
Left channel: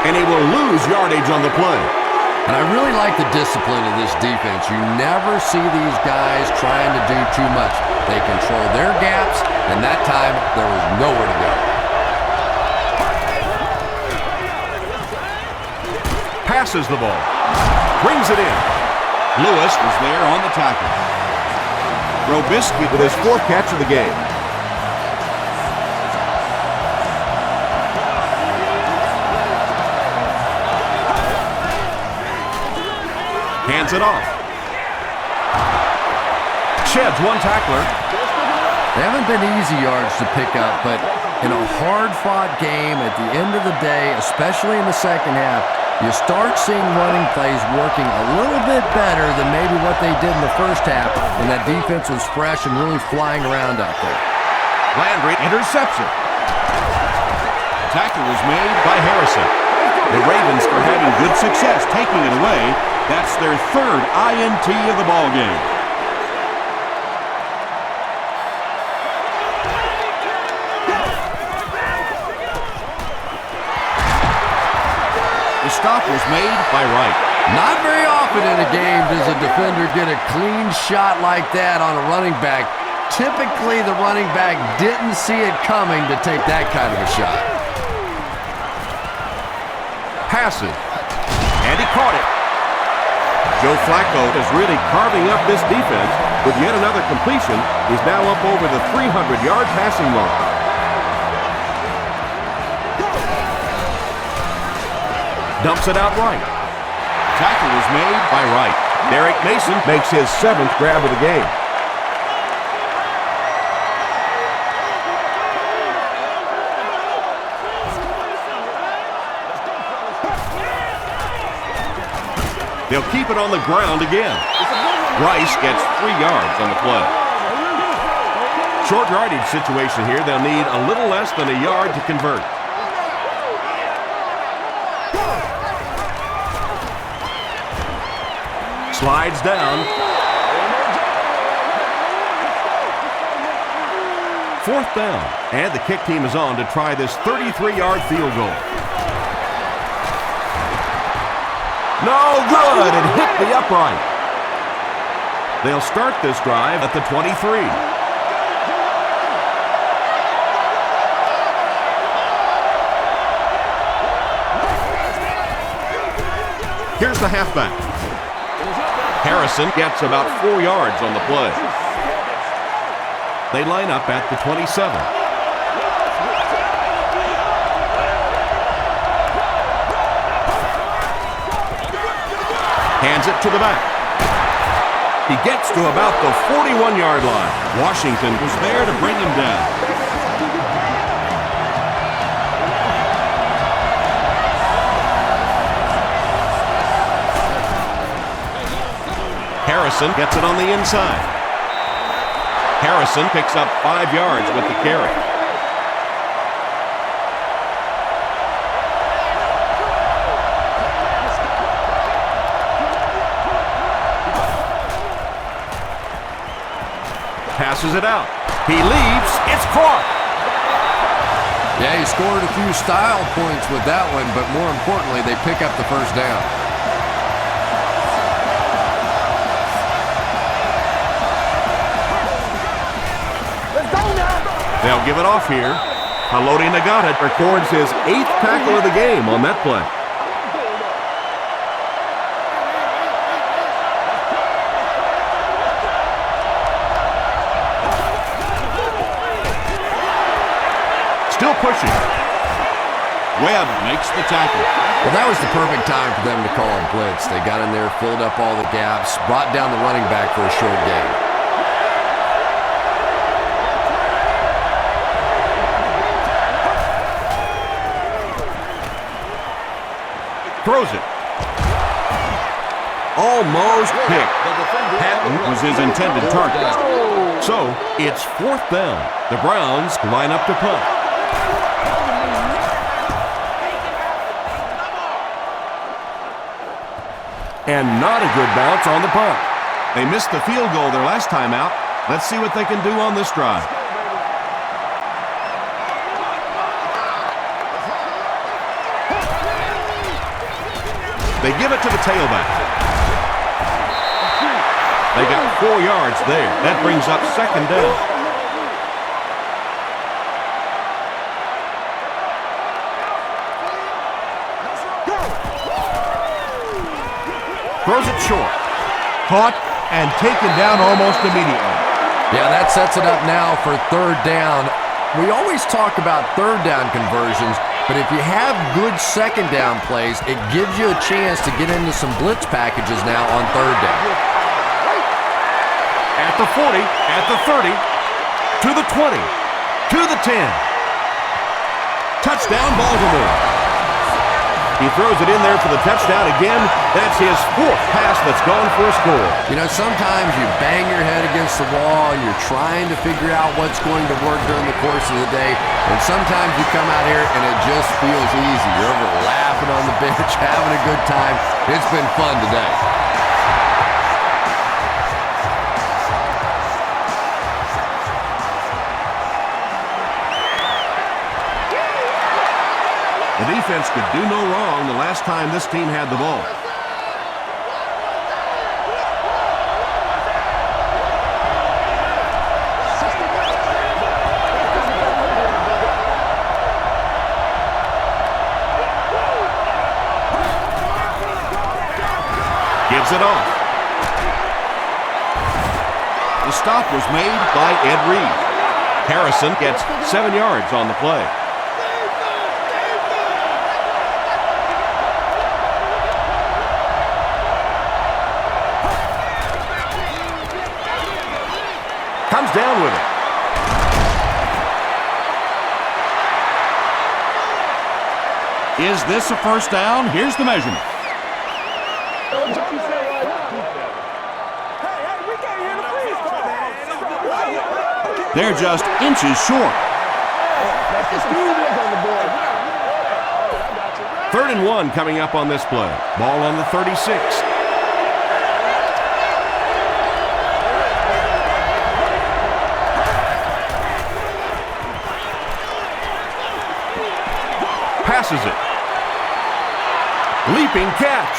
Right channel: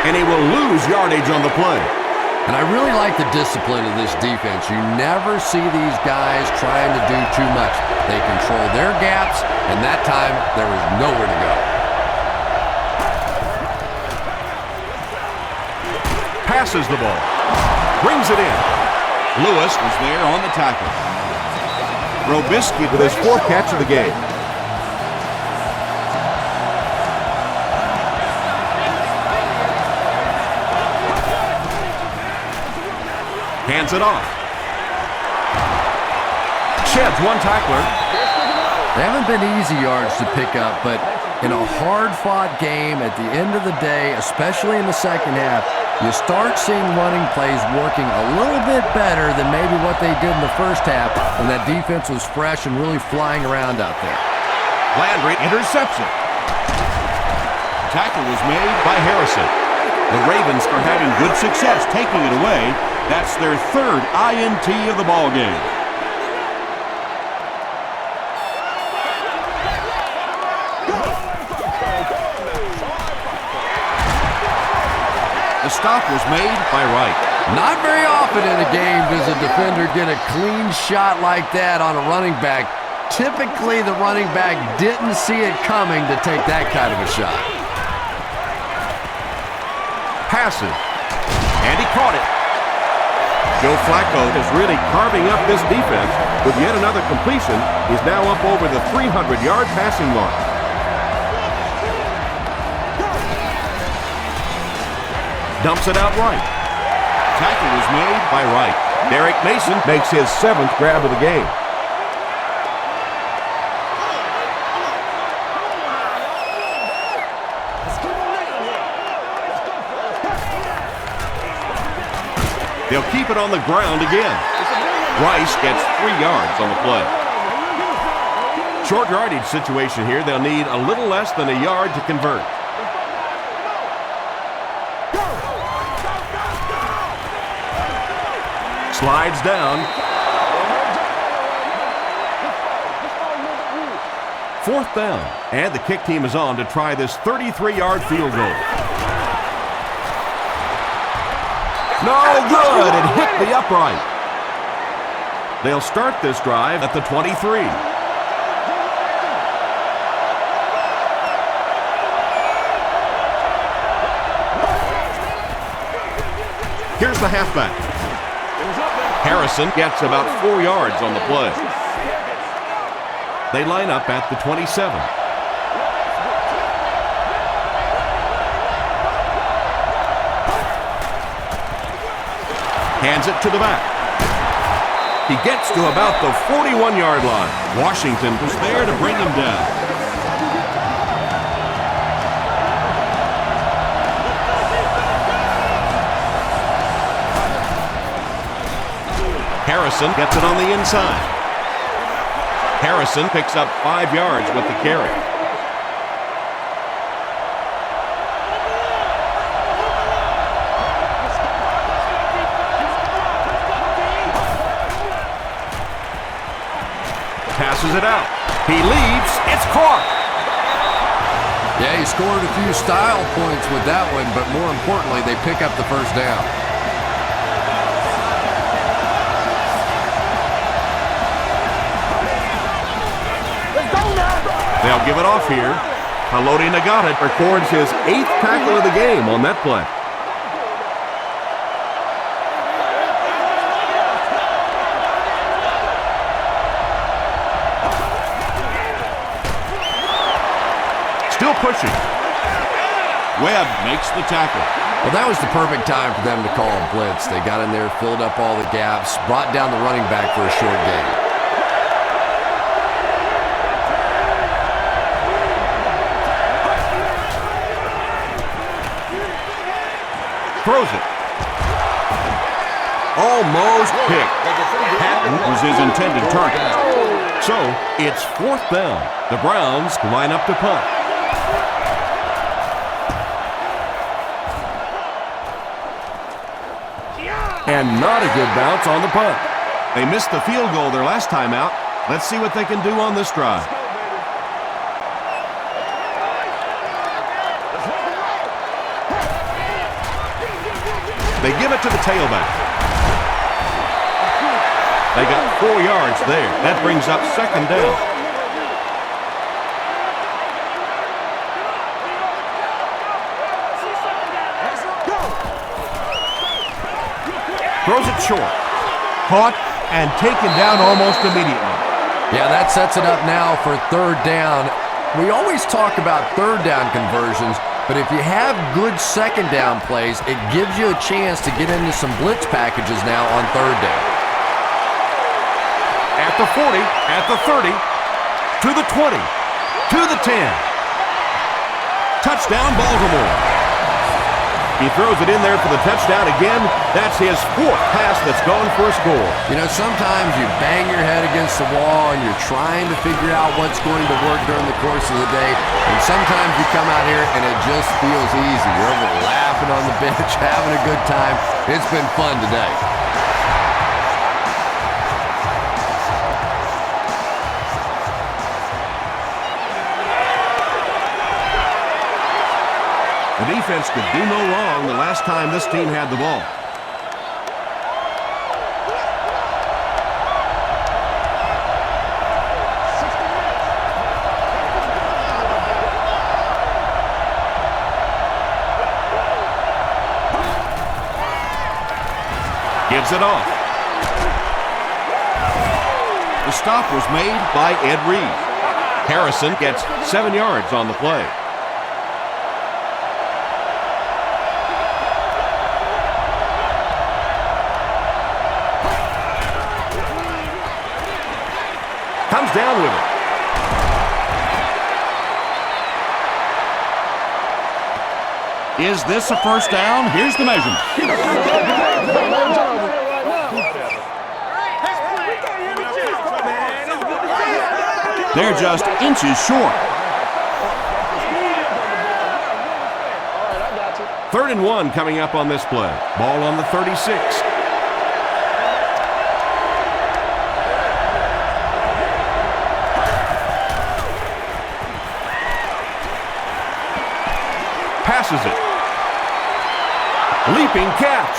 And he will lose yardage on the play. And I really like the discipline of this defense. You never see these guys trying to do too much. They control their gaps, and that time there was nowhere to go. Passes the ball. Brings it in. Lewis was there on the tackle. Robisky with his 4th catch of the game. Hands it off. Sheds one tackler. They haven't been easy yards to pick up, but in a hard-fought game at the end of the day, especially in the second half, you start seeing running plays working a little bit better than maybe what they did in the first half when that defense was fresh and really flying around out there. Landry intercepts it. Tackle was made by Harrison. The Ravens are having good success taking it away. That's their 3rd INT of the ball game. The stop was made by Wright. Not very often in a game does a defender get a clean shot like that on a running back. Typically, the running back didn't see it coming to take that kind of a shot. Passes. And he caught it. Joe Flacco is really carving up this defense with yet another completion. He's now up over the 300-yard passing mark. Dumps it out right. Tackle was made by Wright. Derek Mason makes his 7th grab of the game. They'll keep it on the ground again. Rice gets 3 yards on the play. Short yardage situation here. They'll need a little less than a yard to convert. Slides down. 4th down. And the kick team is on to try this 33-yard field goal. No good. It hit the upright. They'll start this drive at the 23. Here's the halfback. Harrison gets about 4 yards on the play. They line up at the 27. Hands it to the back. He gets to about the 41-yard line. Washington was there to bring him down. Harrison gets it on the inside. Harrison picks up 5 yards with the carry. Passes it out. He leaps. It's caught. Yeah, he scored a few style points with that one, but more importantly, they pick up the first down. They'll give it off here. Haloti Nagata records his 8th tackle of the game on that play. Still pushing. Webb makes the tackle. Well, that was the perfect time for them to call a blitz. They got in there, filled up all the gaps, brought down the running back for a short gain. Throws it. Almost picked. Patton was his intended target. So, it's 4th down. The Browns line up to punt. And not a good bounce on the punt. They missed the field goal their last time out. Let's see what they can do on this drive. They give it to the tailback. They got 4 yards there. That brings up 2nd down. Throws it short. Caught and taken down almost immediately. Yeah, that sets it up now for 3rd down. We always talk about 3rd down conversions, but if you have good 2nd down plays, it gives you a chance to get into some blitz packages now on 3rd down. At the 40, at the 30, to the 20, to the 10. Touchdown, Baltimore. He throws it in there for the touchdown again. That's his 4th pass that's gone for a score. You know, sometimes you bang your head against the wall and you're trying to figure out what's going to work during the course of the day. And sometimes you come out here and it just feels easy. You're over laughing on the bench, having a good time. It's been fun today. The defense could do no wrong the last time this team had the ball. Gives it off. The stop was made by Ed Reed. Harrison gets 7 yards on the play. Comes down with it. Is this a first down? Here's the measurement. They're just inches short. 3rd and 1 coming up on this play. Ball on the 36. Passes it. Leaping catch.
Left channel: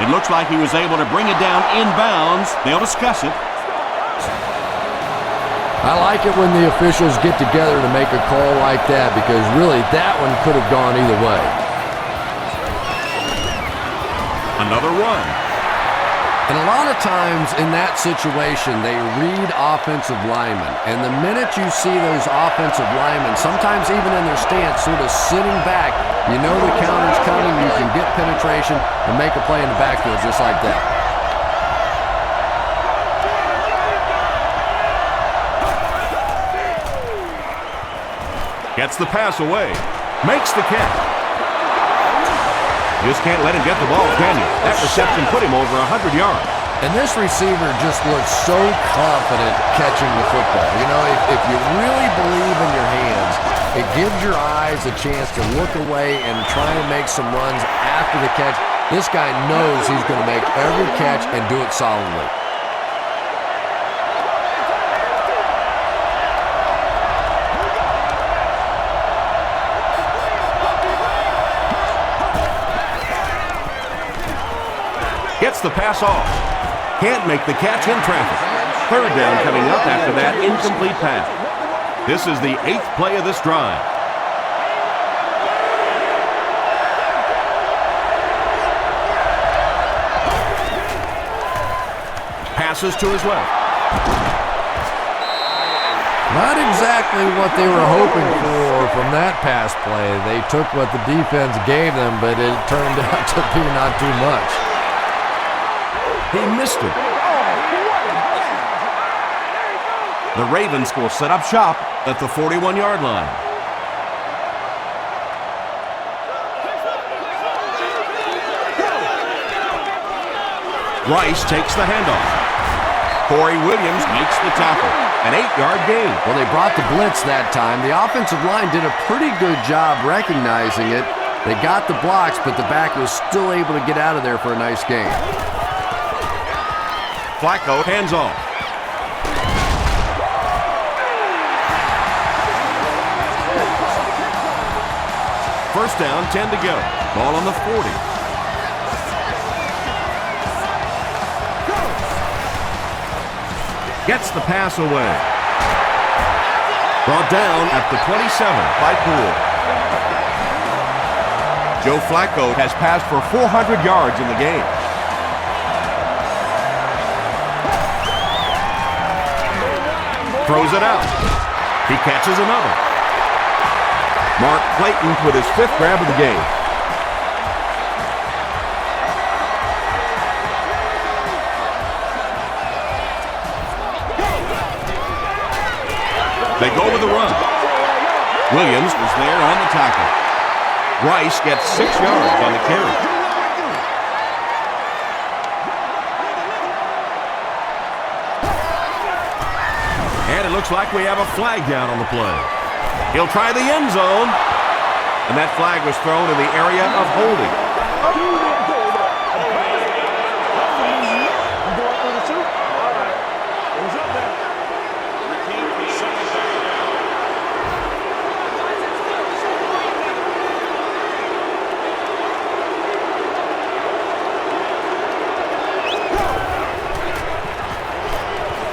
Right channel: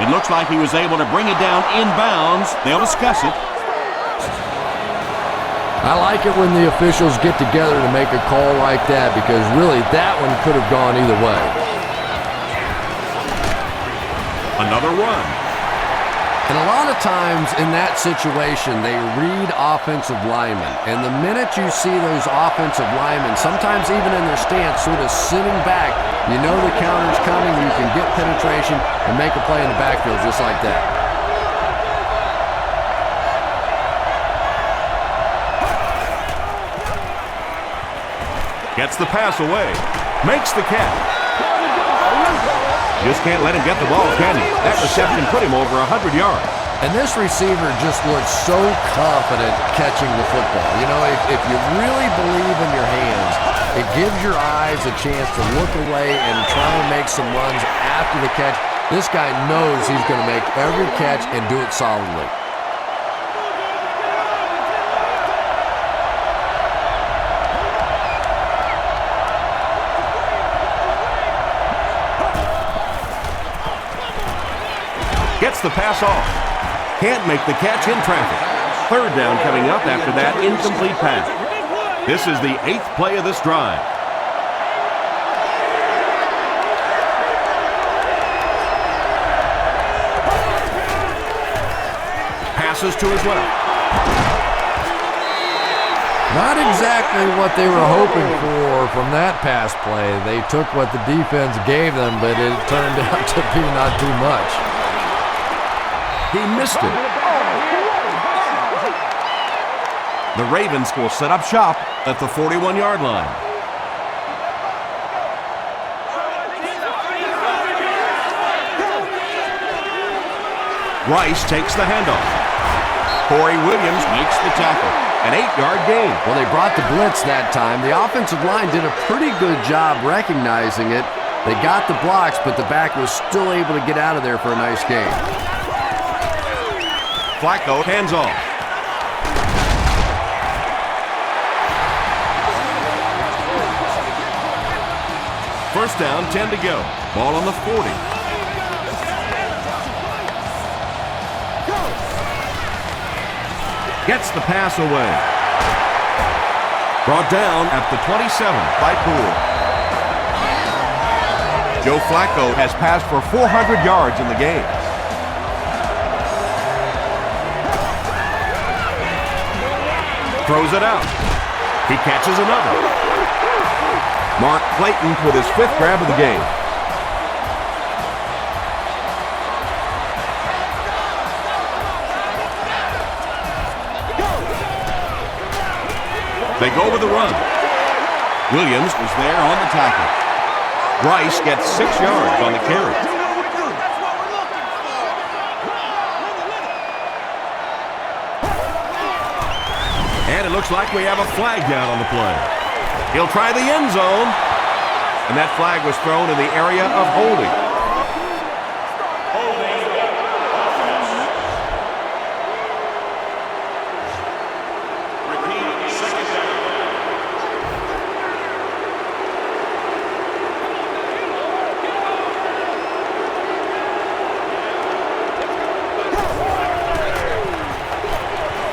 It looks like he was able to bring it down inbounds. They'll discuss it. I like it when the officials get together to make a call like that because really that one could have gone either way. Another run. And a lot of times in that situation, they read offensive linemen. And the minute you see those offensive linemen, sometimes even in their stance, sort of sitting back, you know the counter's coming, you can get penetration and make a play in the backfield just like that. Gets the pass away. Makes the catch. Just can't let him get the ball, can you? That reception put him over 100 yards. And this receiver just looks so confident catching the football. You know, if you really believe in your hands, it gives your eyes a chance to look away and try and make some runs after the catch. This guy knows he's going to make every catch and do it solidly. Gets the pass off. Can't make the catch in traffic. Third down coming up after that incomplete pass. This is the 8th play of this drive. Passes to his left. Not exactly what they were hoping for from that pass play. They took what the defense gave them, but it turned out to be not too much. He missed it. The Ravens will set up shop at the 41-yard line. Rice takes the handoff. Corey Williams makes the tackle. An 8-yard gain. Well, they brought the blitz that time. The offensive line did a pretty good job recognizing it. They got the blocks, but the back was still able to get out of there for a nice gain. Flacco hands off. First down, 10 to go. Ball on the 40. Gets the pass away. Brought down at the 27 by Poole. Joe Flacco has passed for 400 yards in the game. Throws it out. He catches another. Mark Clayton with his 5th grab of the game. They go with the run. Williams was there on the tackle. Rice gets 6 yards on the carry. And it looks like we have a flag down on the play. He'll try the end zone. And that flag was thrown in the area of holding. Repeat, second down.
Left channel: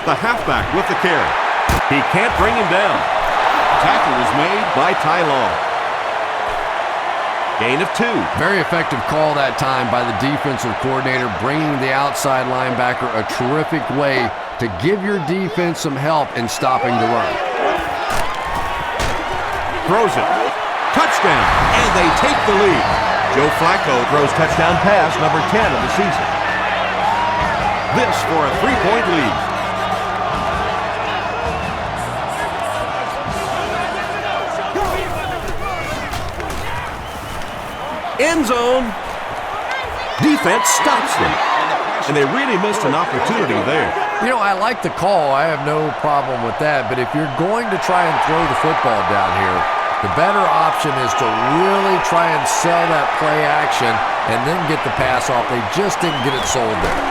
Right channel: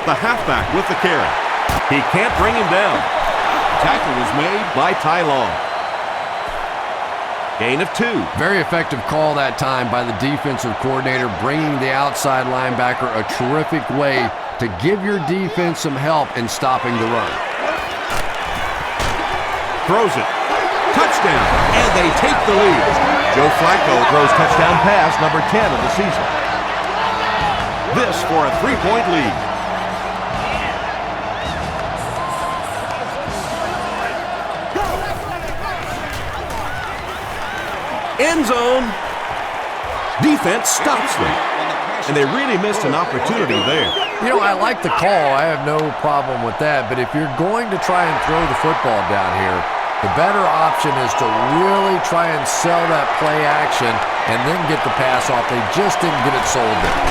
The halfback with the carry. He can't bring him down. Tackle was made by Ty Law. Gain of 2. Very effective call that time by the defensive coordinator, bringing the outside linebacker a terrific way to give your defense some help in stopping the run. Throws it. Touchdown. And they take the lead. Joe Flacco throws touchdown pass number 10 of the season. This for a 3-point lead. End zone. Defense stops them. And they really missed an opportunity there. You know, I like the call. I have no problem with that. But if you're going to try and throw the football down here, the better option is to really try and sell that play action and then get the pass off. They just didn't get it sold there.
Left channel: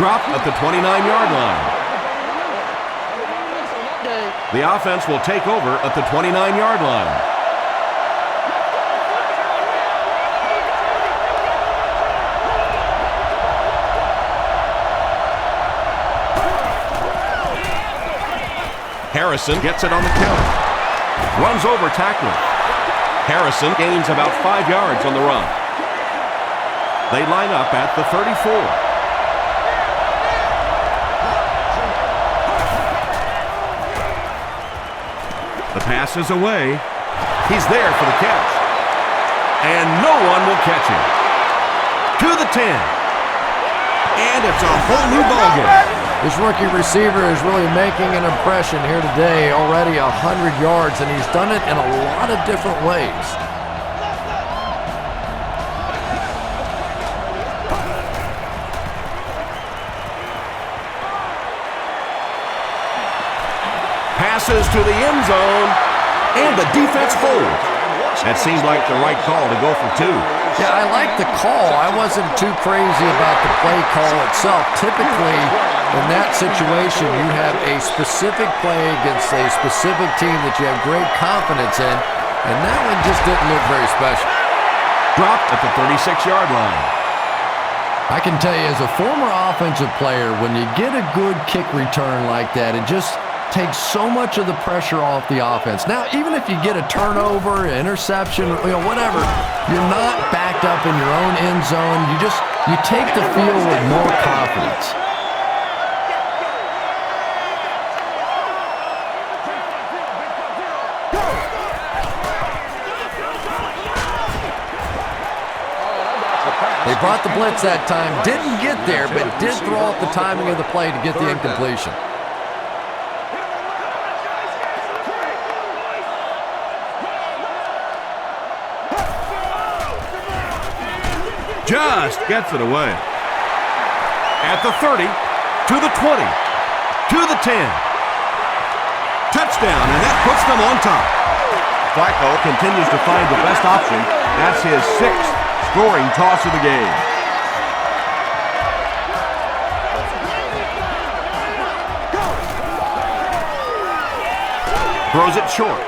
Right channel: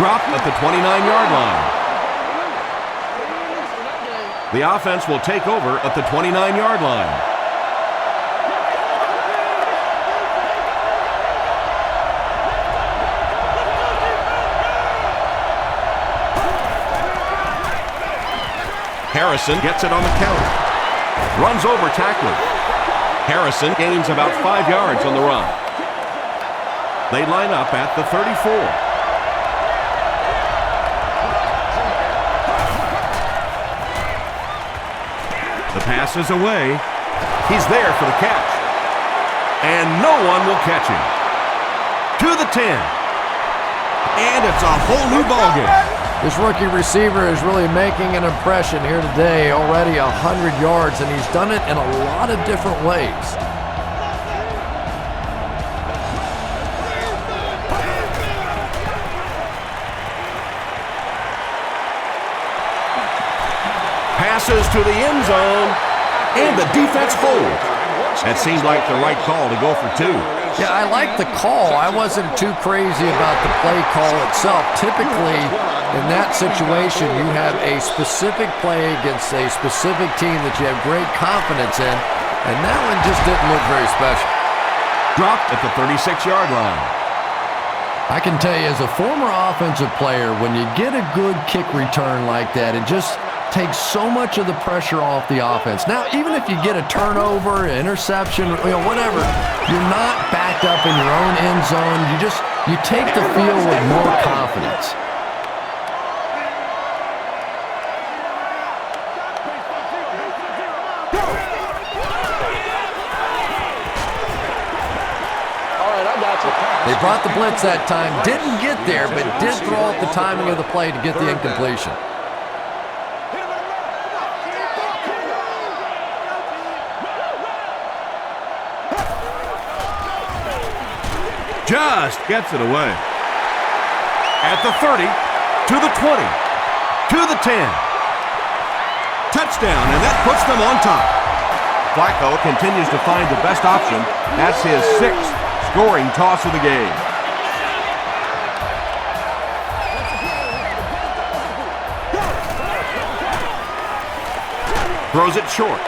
Dropped at the 29-yard line. The offense will take over at the 29-yard line. Harrison gets it on the counter. Runs over tackler. Harrison gains about 5 yards on the run. They line up at the 34. The pass is away. He's there for the catch. And no one will catch him. To the 10. And it's a whole new ballgame. This rookie receiver is really making an impression here today. Already 100 yards, and he's done it in a lot of different ways. Passes to the end zone, and the defense holds. That seemed like the right call to go for 2. Yeah, I like the call. I wasn't too crazy about the play call itself. Typically, in that situation, you have a specific play against a specific team that you have great confidence in, and that one just didn't look very special. Dropped at the 36-yard line. I can tell you, as a former offensive player, when you get a good kick return like that, it just takes so much of the pressure off the offense. Now, even if you get a turnover, an interception, whatever, you're not backed up in your own end zone. You take the field with more confidence. They brought the blitz that time, didn't get there, but did throw off the timing of the play to get the incompletion. Just gets it away. At the 30, to the 20, to the 10. Touchdown, and that puts them on top. Flacco continues to find the best option. That's his 6th scoring toss of the game. Throws it short.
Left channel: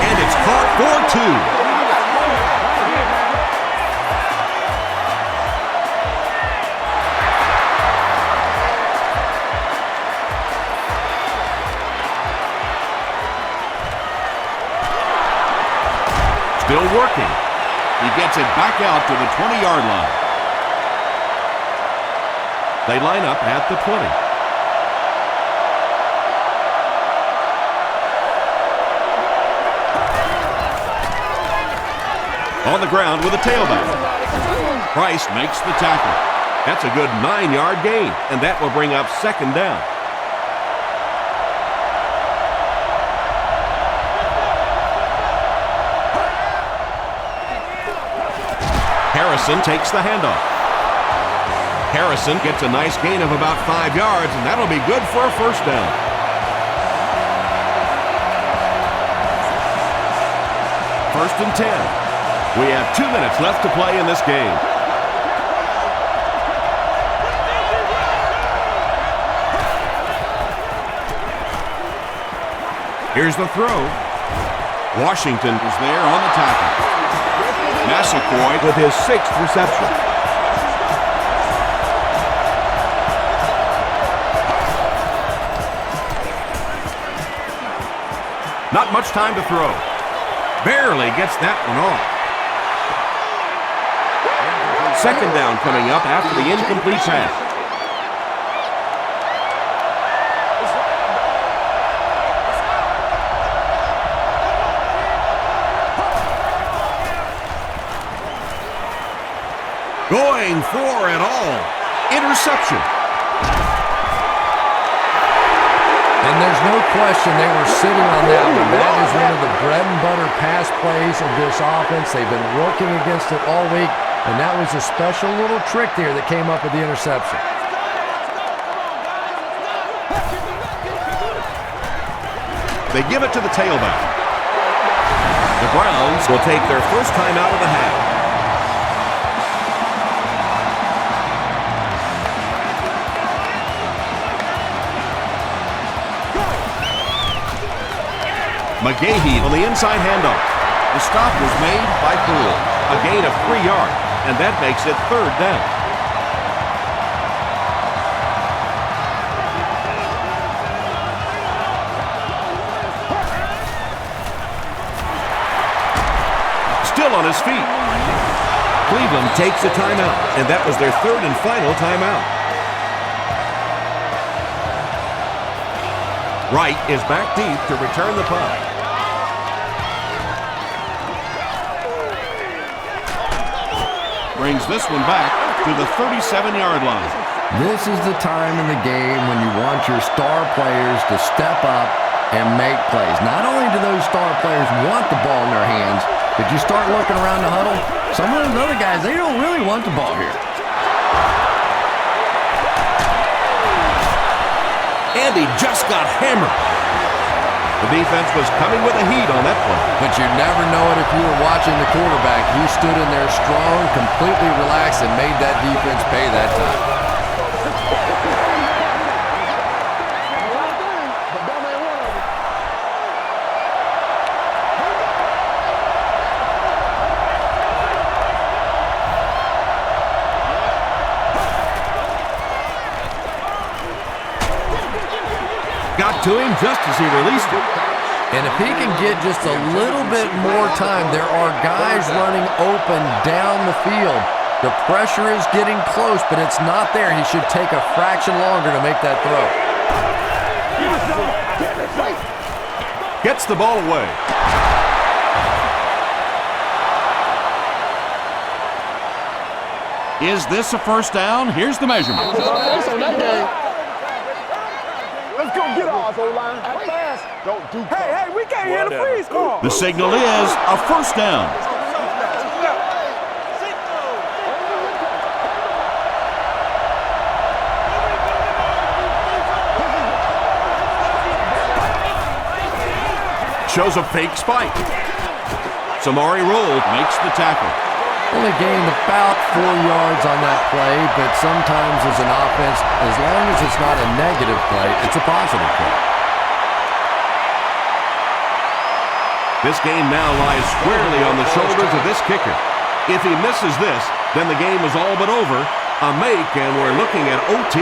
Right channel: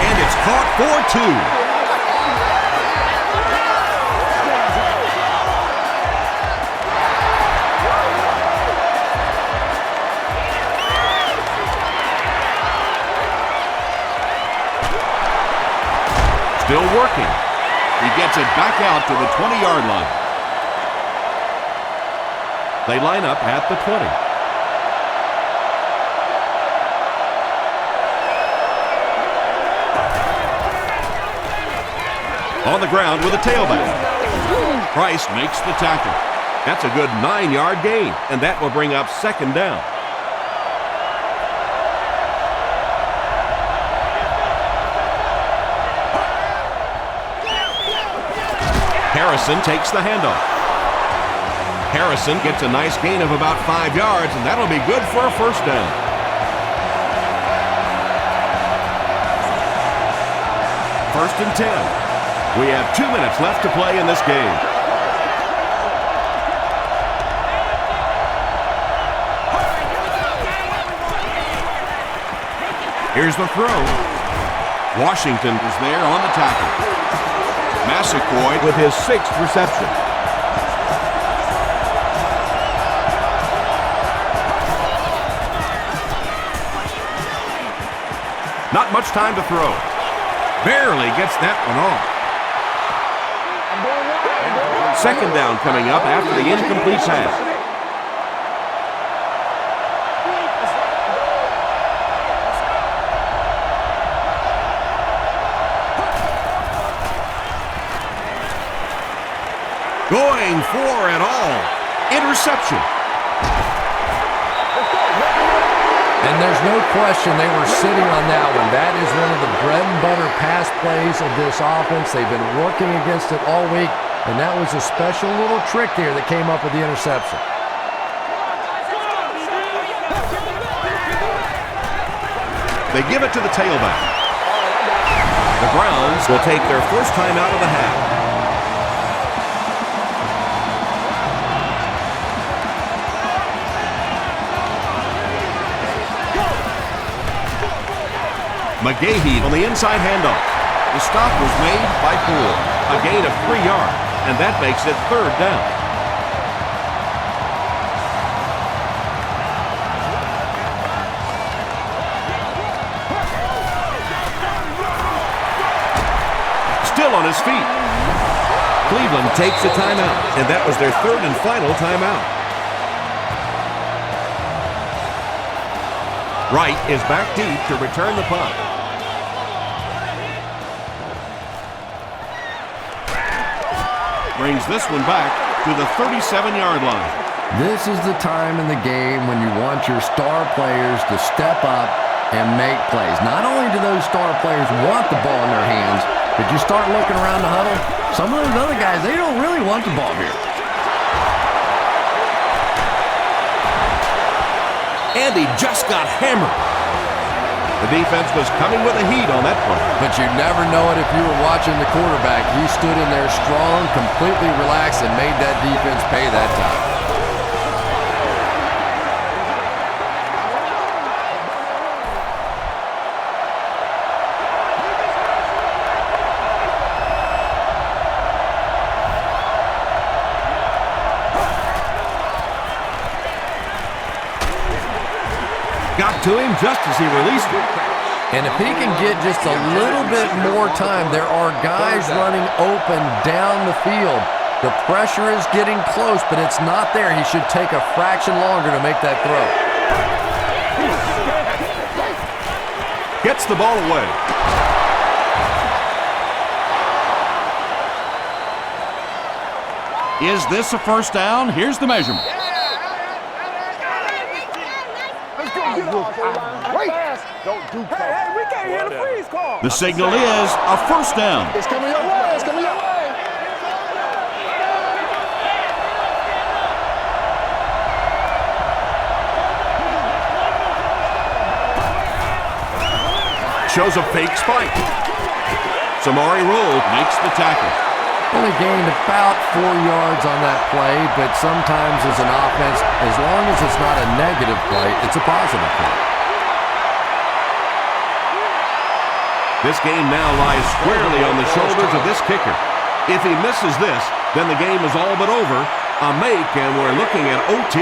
And it's caught for 2. Still working. He gets it back out to the 20-yard line. They line up at the 20. On the ground with a tailback. Price makes the tackle. That's a good 9-yard gain, and that will bring up 2nd down. Harrison takes the handoff. Harrison gets a nice gain of about 5 yards, and that'll be good for a 1st down. First and 10. We have 2 minutes left to play in this game. Here's the throw. Washington is there on the tackle. Massaquoi with his 6th reception. Not much time to throw. Barely gets that one off. 2nd down coming up after the incomplete pass. Going for it all. Interception. And there's no question they were sitting on that one. That is one of the bread and butter pass plays of this offense. They've been working against it all week, and that was a special little trick there that came up with the interception. They give it to the tailback. The Browns will take their first time out of the half. McGahee on the inside handoff. The stop was made by Poole. A gain of 3 yards, and that makes it 3rd down. Still on his feet. Cleveland takes a timeout, and that was their 3rd and final timeout. Wright is back deep to return the punt. brings this one back to the 37-yard line. This is the time in the game when you want your star players to step up and make plays. Not only do those star players want the ball in their hands, but you start looking around the huddle, some of those other guys, they don't really want the ball here. And he just got hammered. The defense was coming with the heat on that play. But you never know it if you were watching the quarterback. He stood in there strong, completely relaxed, and made that defense pay that time. Got to him just as he released it. And if he can get just a little bit more time, there are guys running open down the field. The pressure is getting close, but it's not there. He should take a fraction longer to make that throw. Gets the ball away. Is this a first down? Here's the measurement. Let's go get off, O-line. Fast. Don't do call. Hey, we can't hear the freeze call. The signal is a first down. It's coming your way. It's coming your way. Shows a fake spike. Samari Roll makes the tackle. Only gained about 4 yards on that play, but sometimes as an offense, as long as it's not a negative play, it's a positive play. This game now lies squarely on the shoulders of this kicker. If he misses this, then the game is all but over. A make, and we're looking at OT.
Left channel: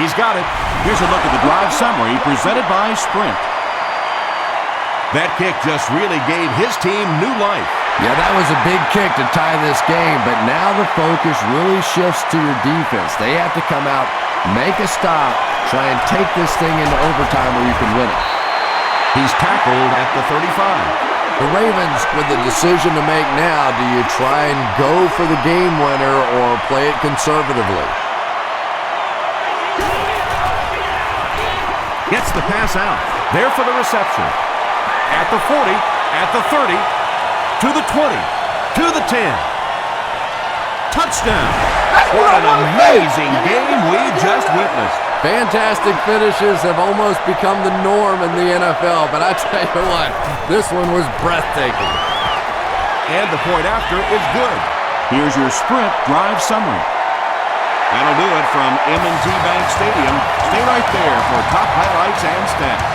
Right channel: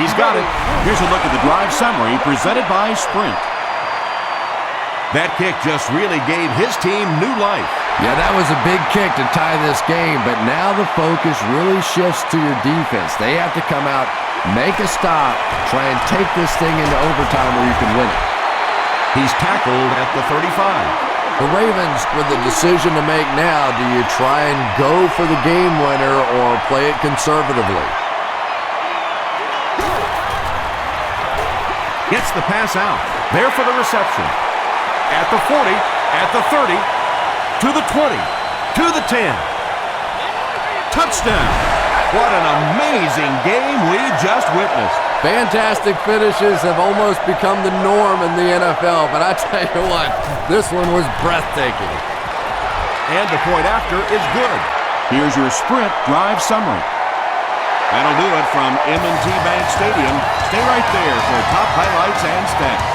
He's got it. Here's a look at the drive summary presented by Sprint. That kick just really gave his team new life. Yeah, that was a big kick to tie this game, but now the focus really shifts to your defense. They have to come out, make a stop, try and take this thing into overtime where you can win it. He's tackled at the 35. The Ravens with the decision to make now, do you try and go for the game winner or play it conservatively? Gets the pass out. There for the reception. At the 40, at the 30, to the 20, to the 10. Touchdown! What an amazing game we just witnessed. Fantastic finishes have almost become the norm in the NFL, but I tell you what, this one was breathtaking. And the point after is good. Here's your Sprint drive summary. That'll do it from M&T Bank Stadium. Stay right there for top highlights and stats.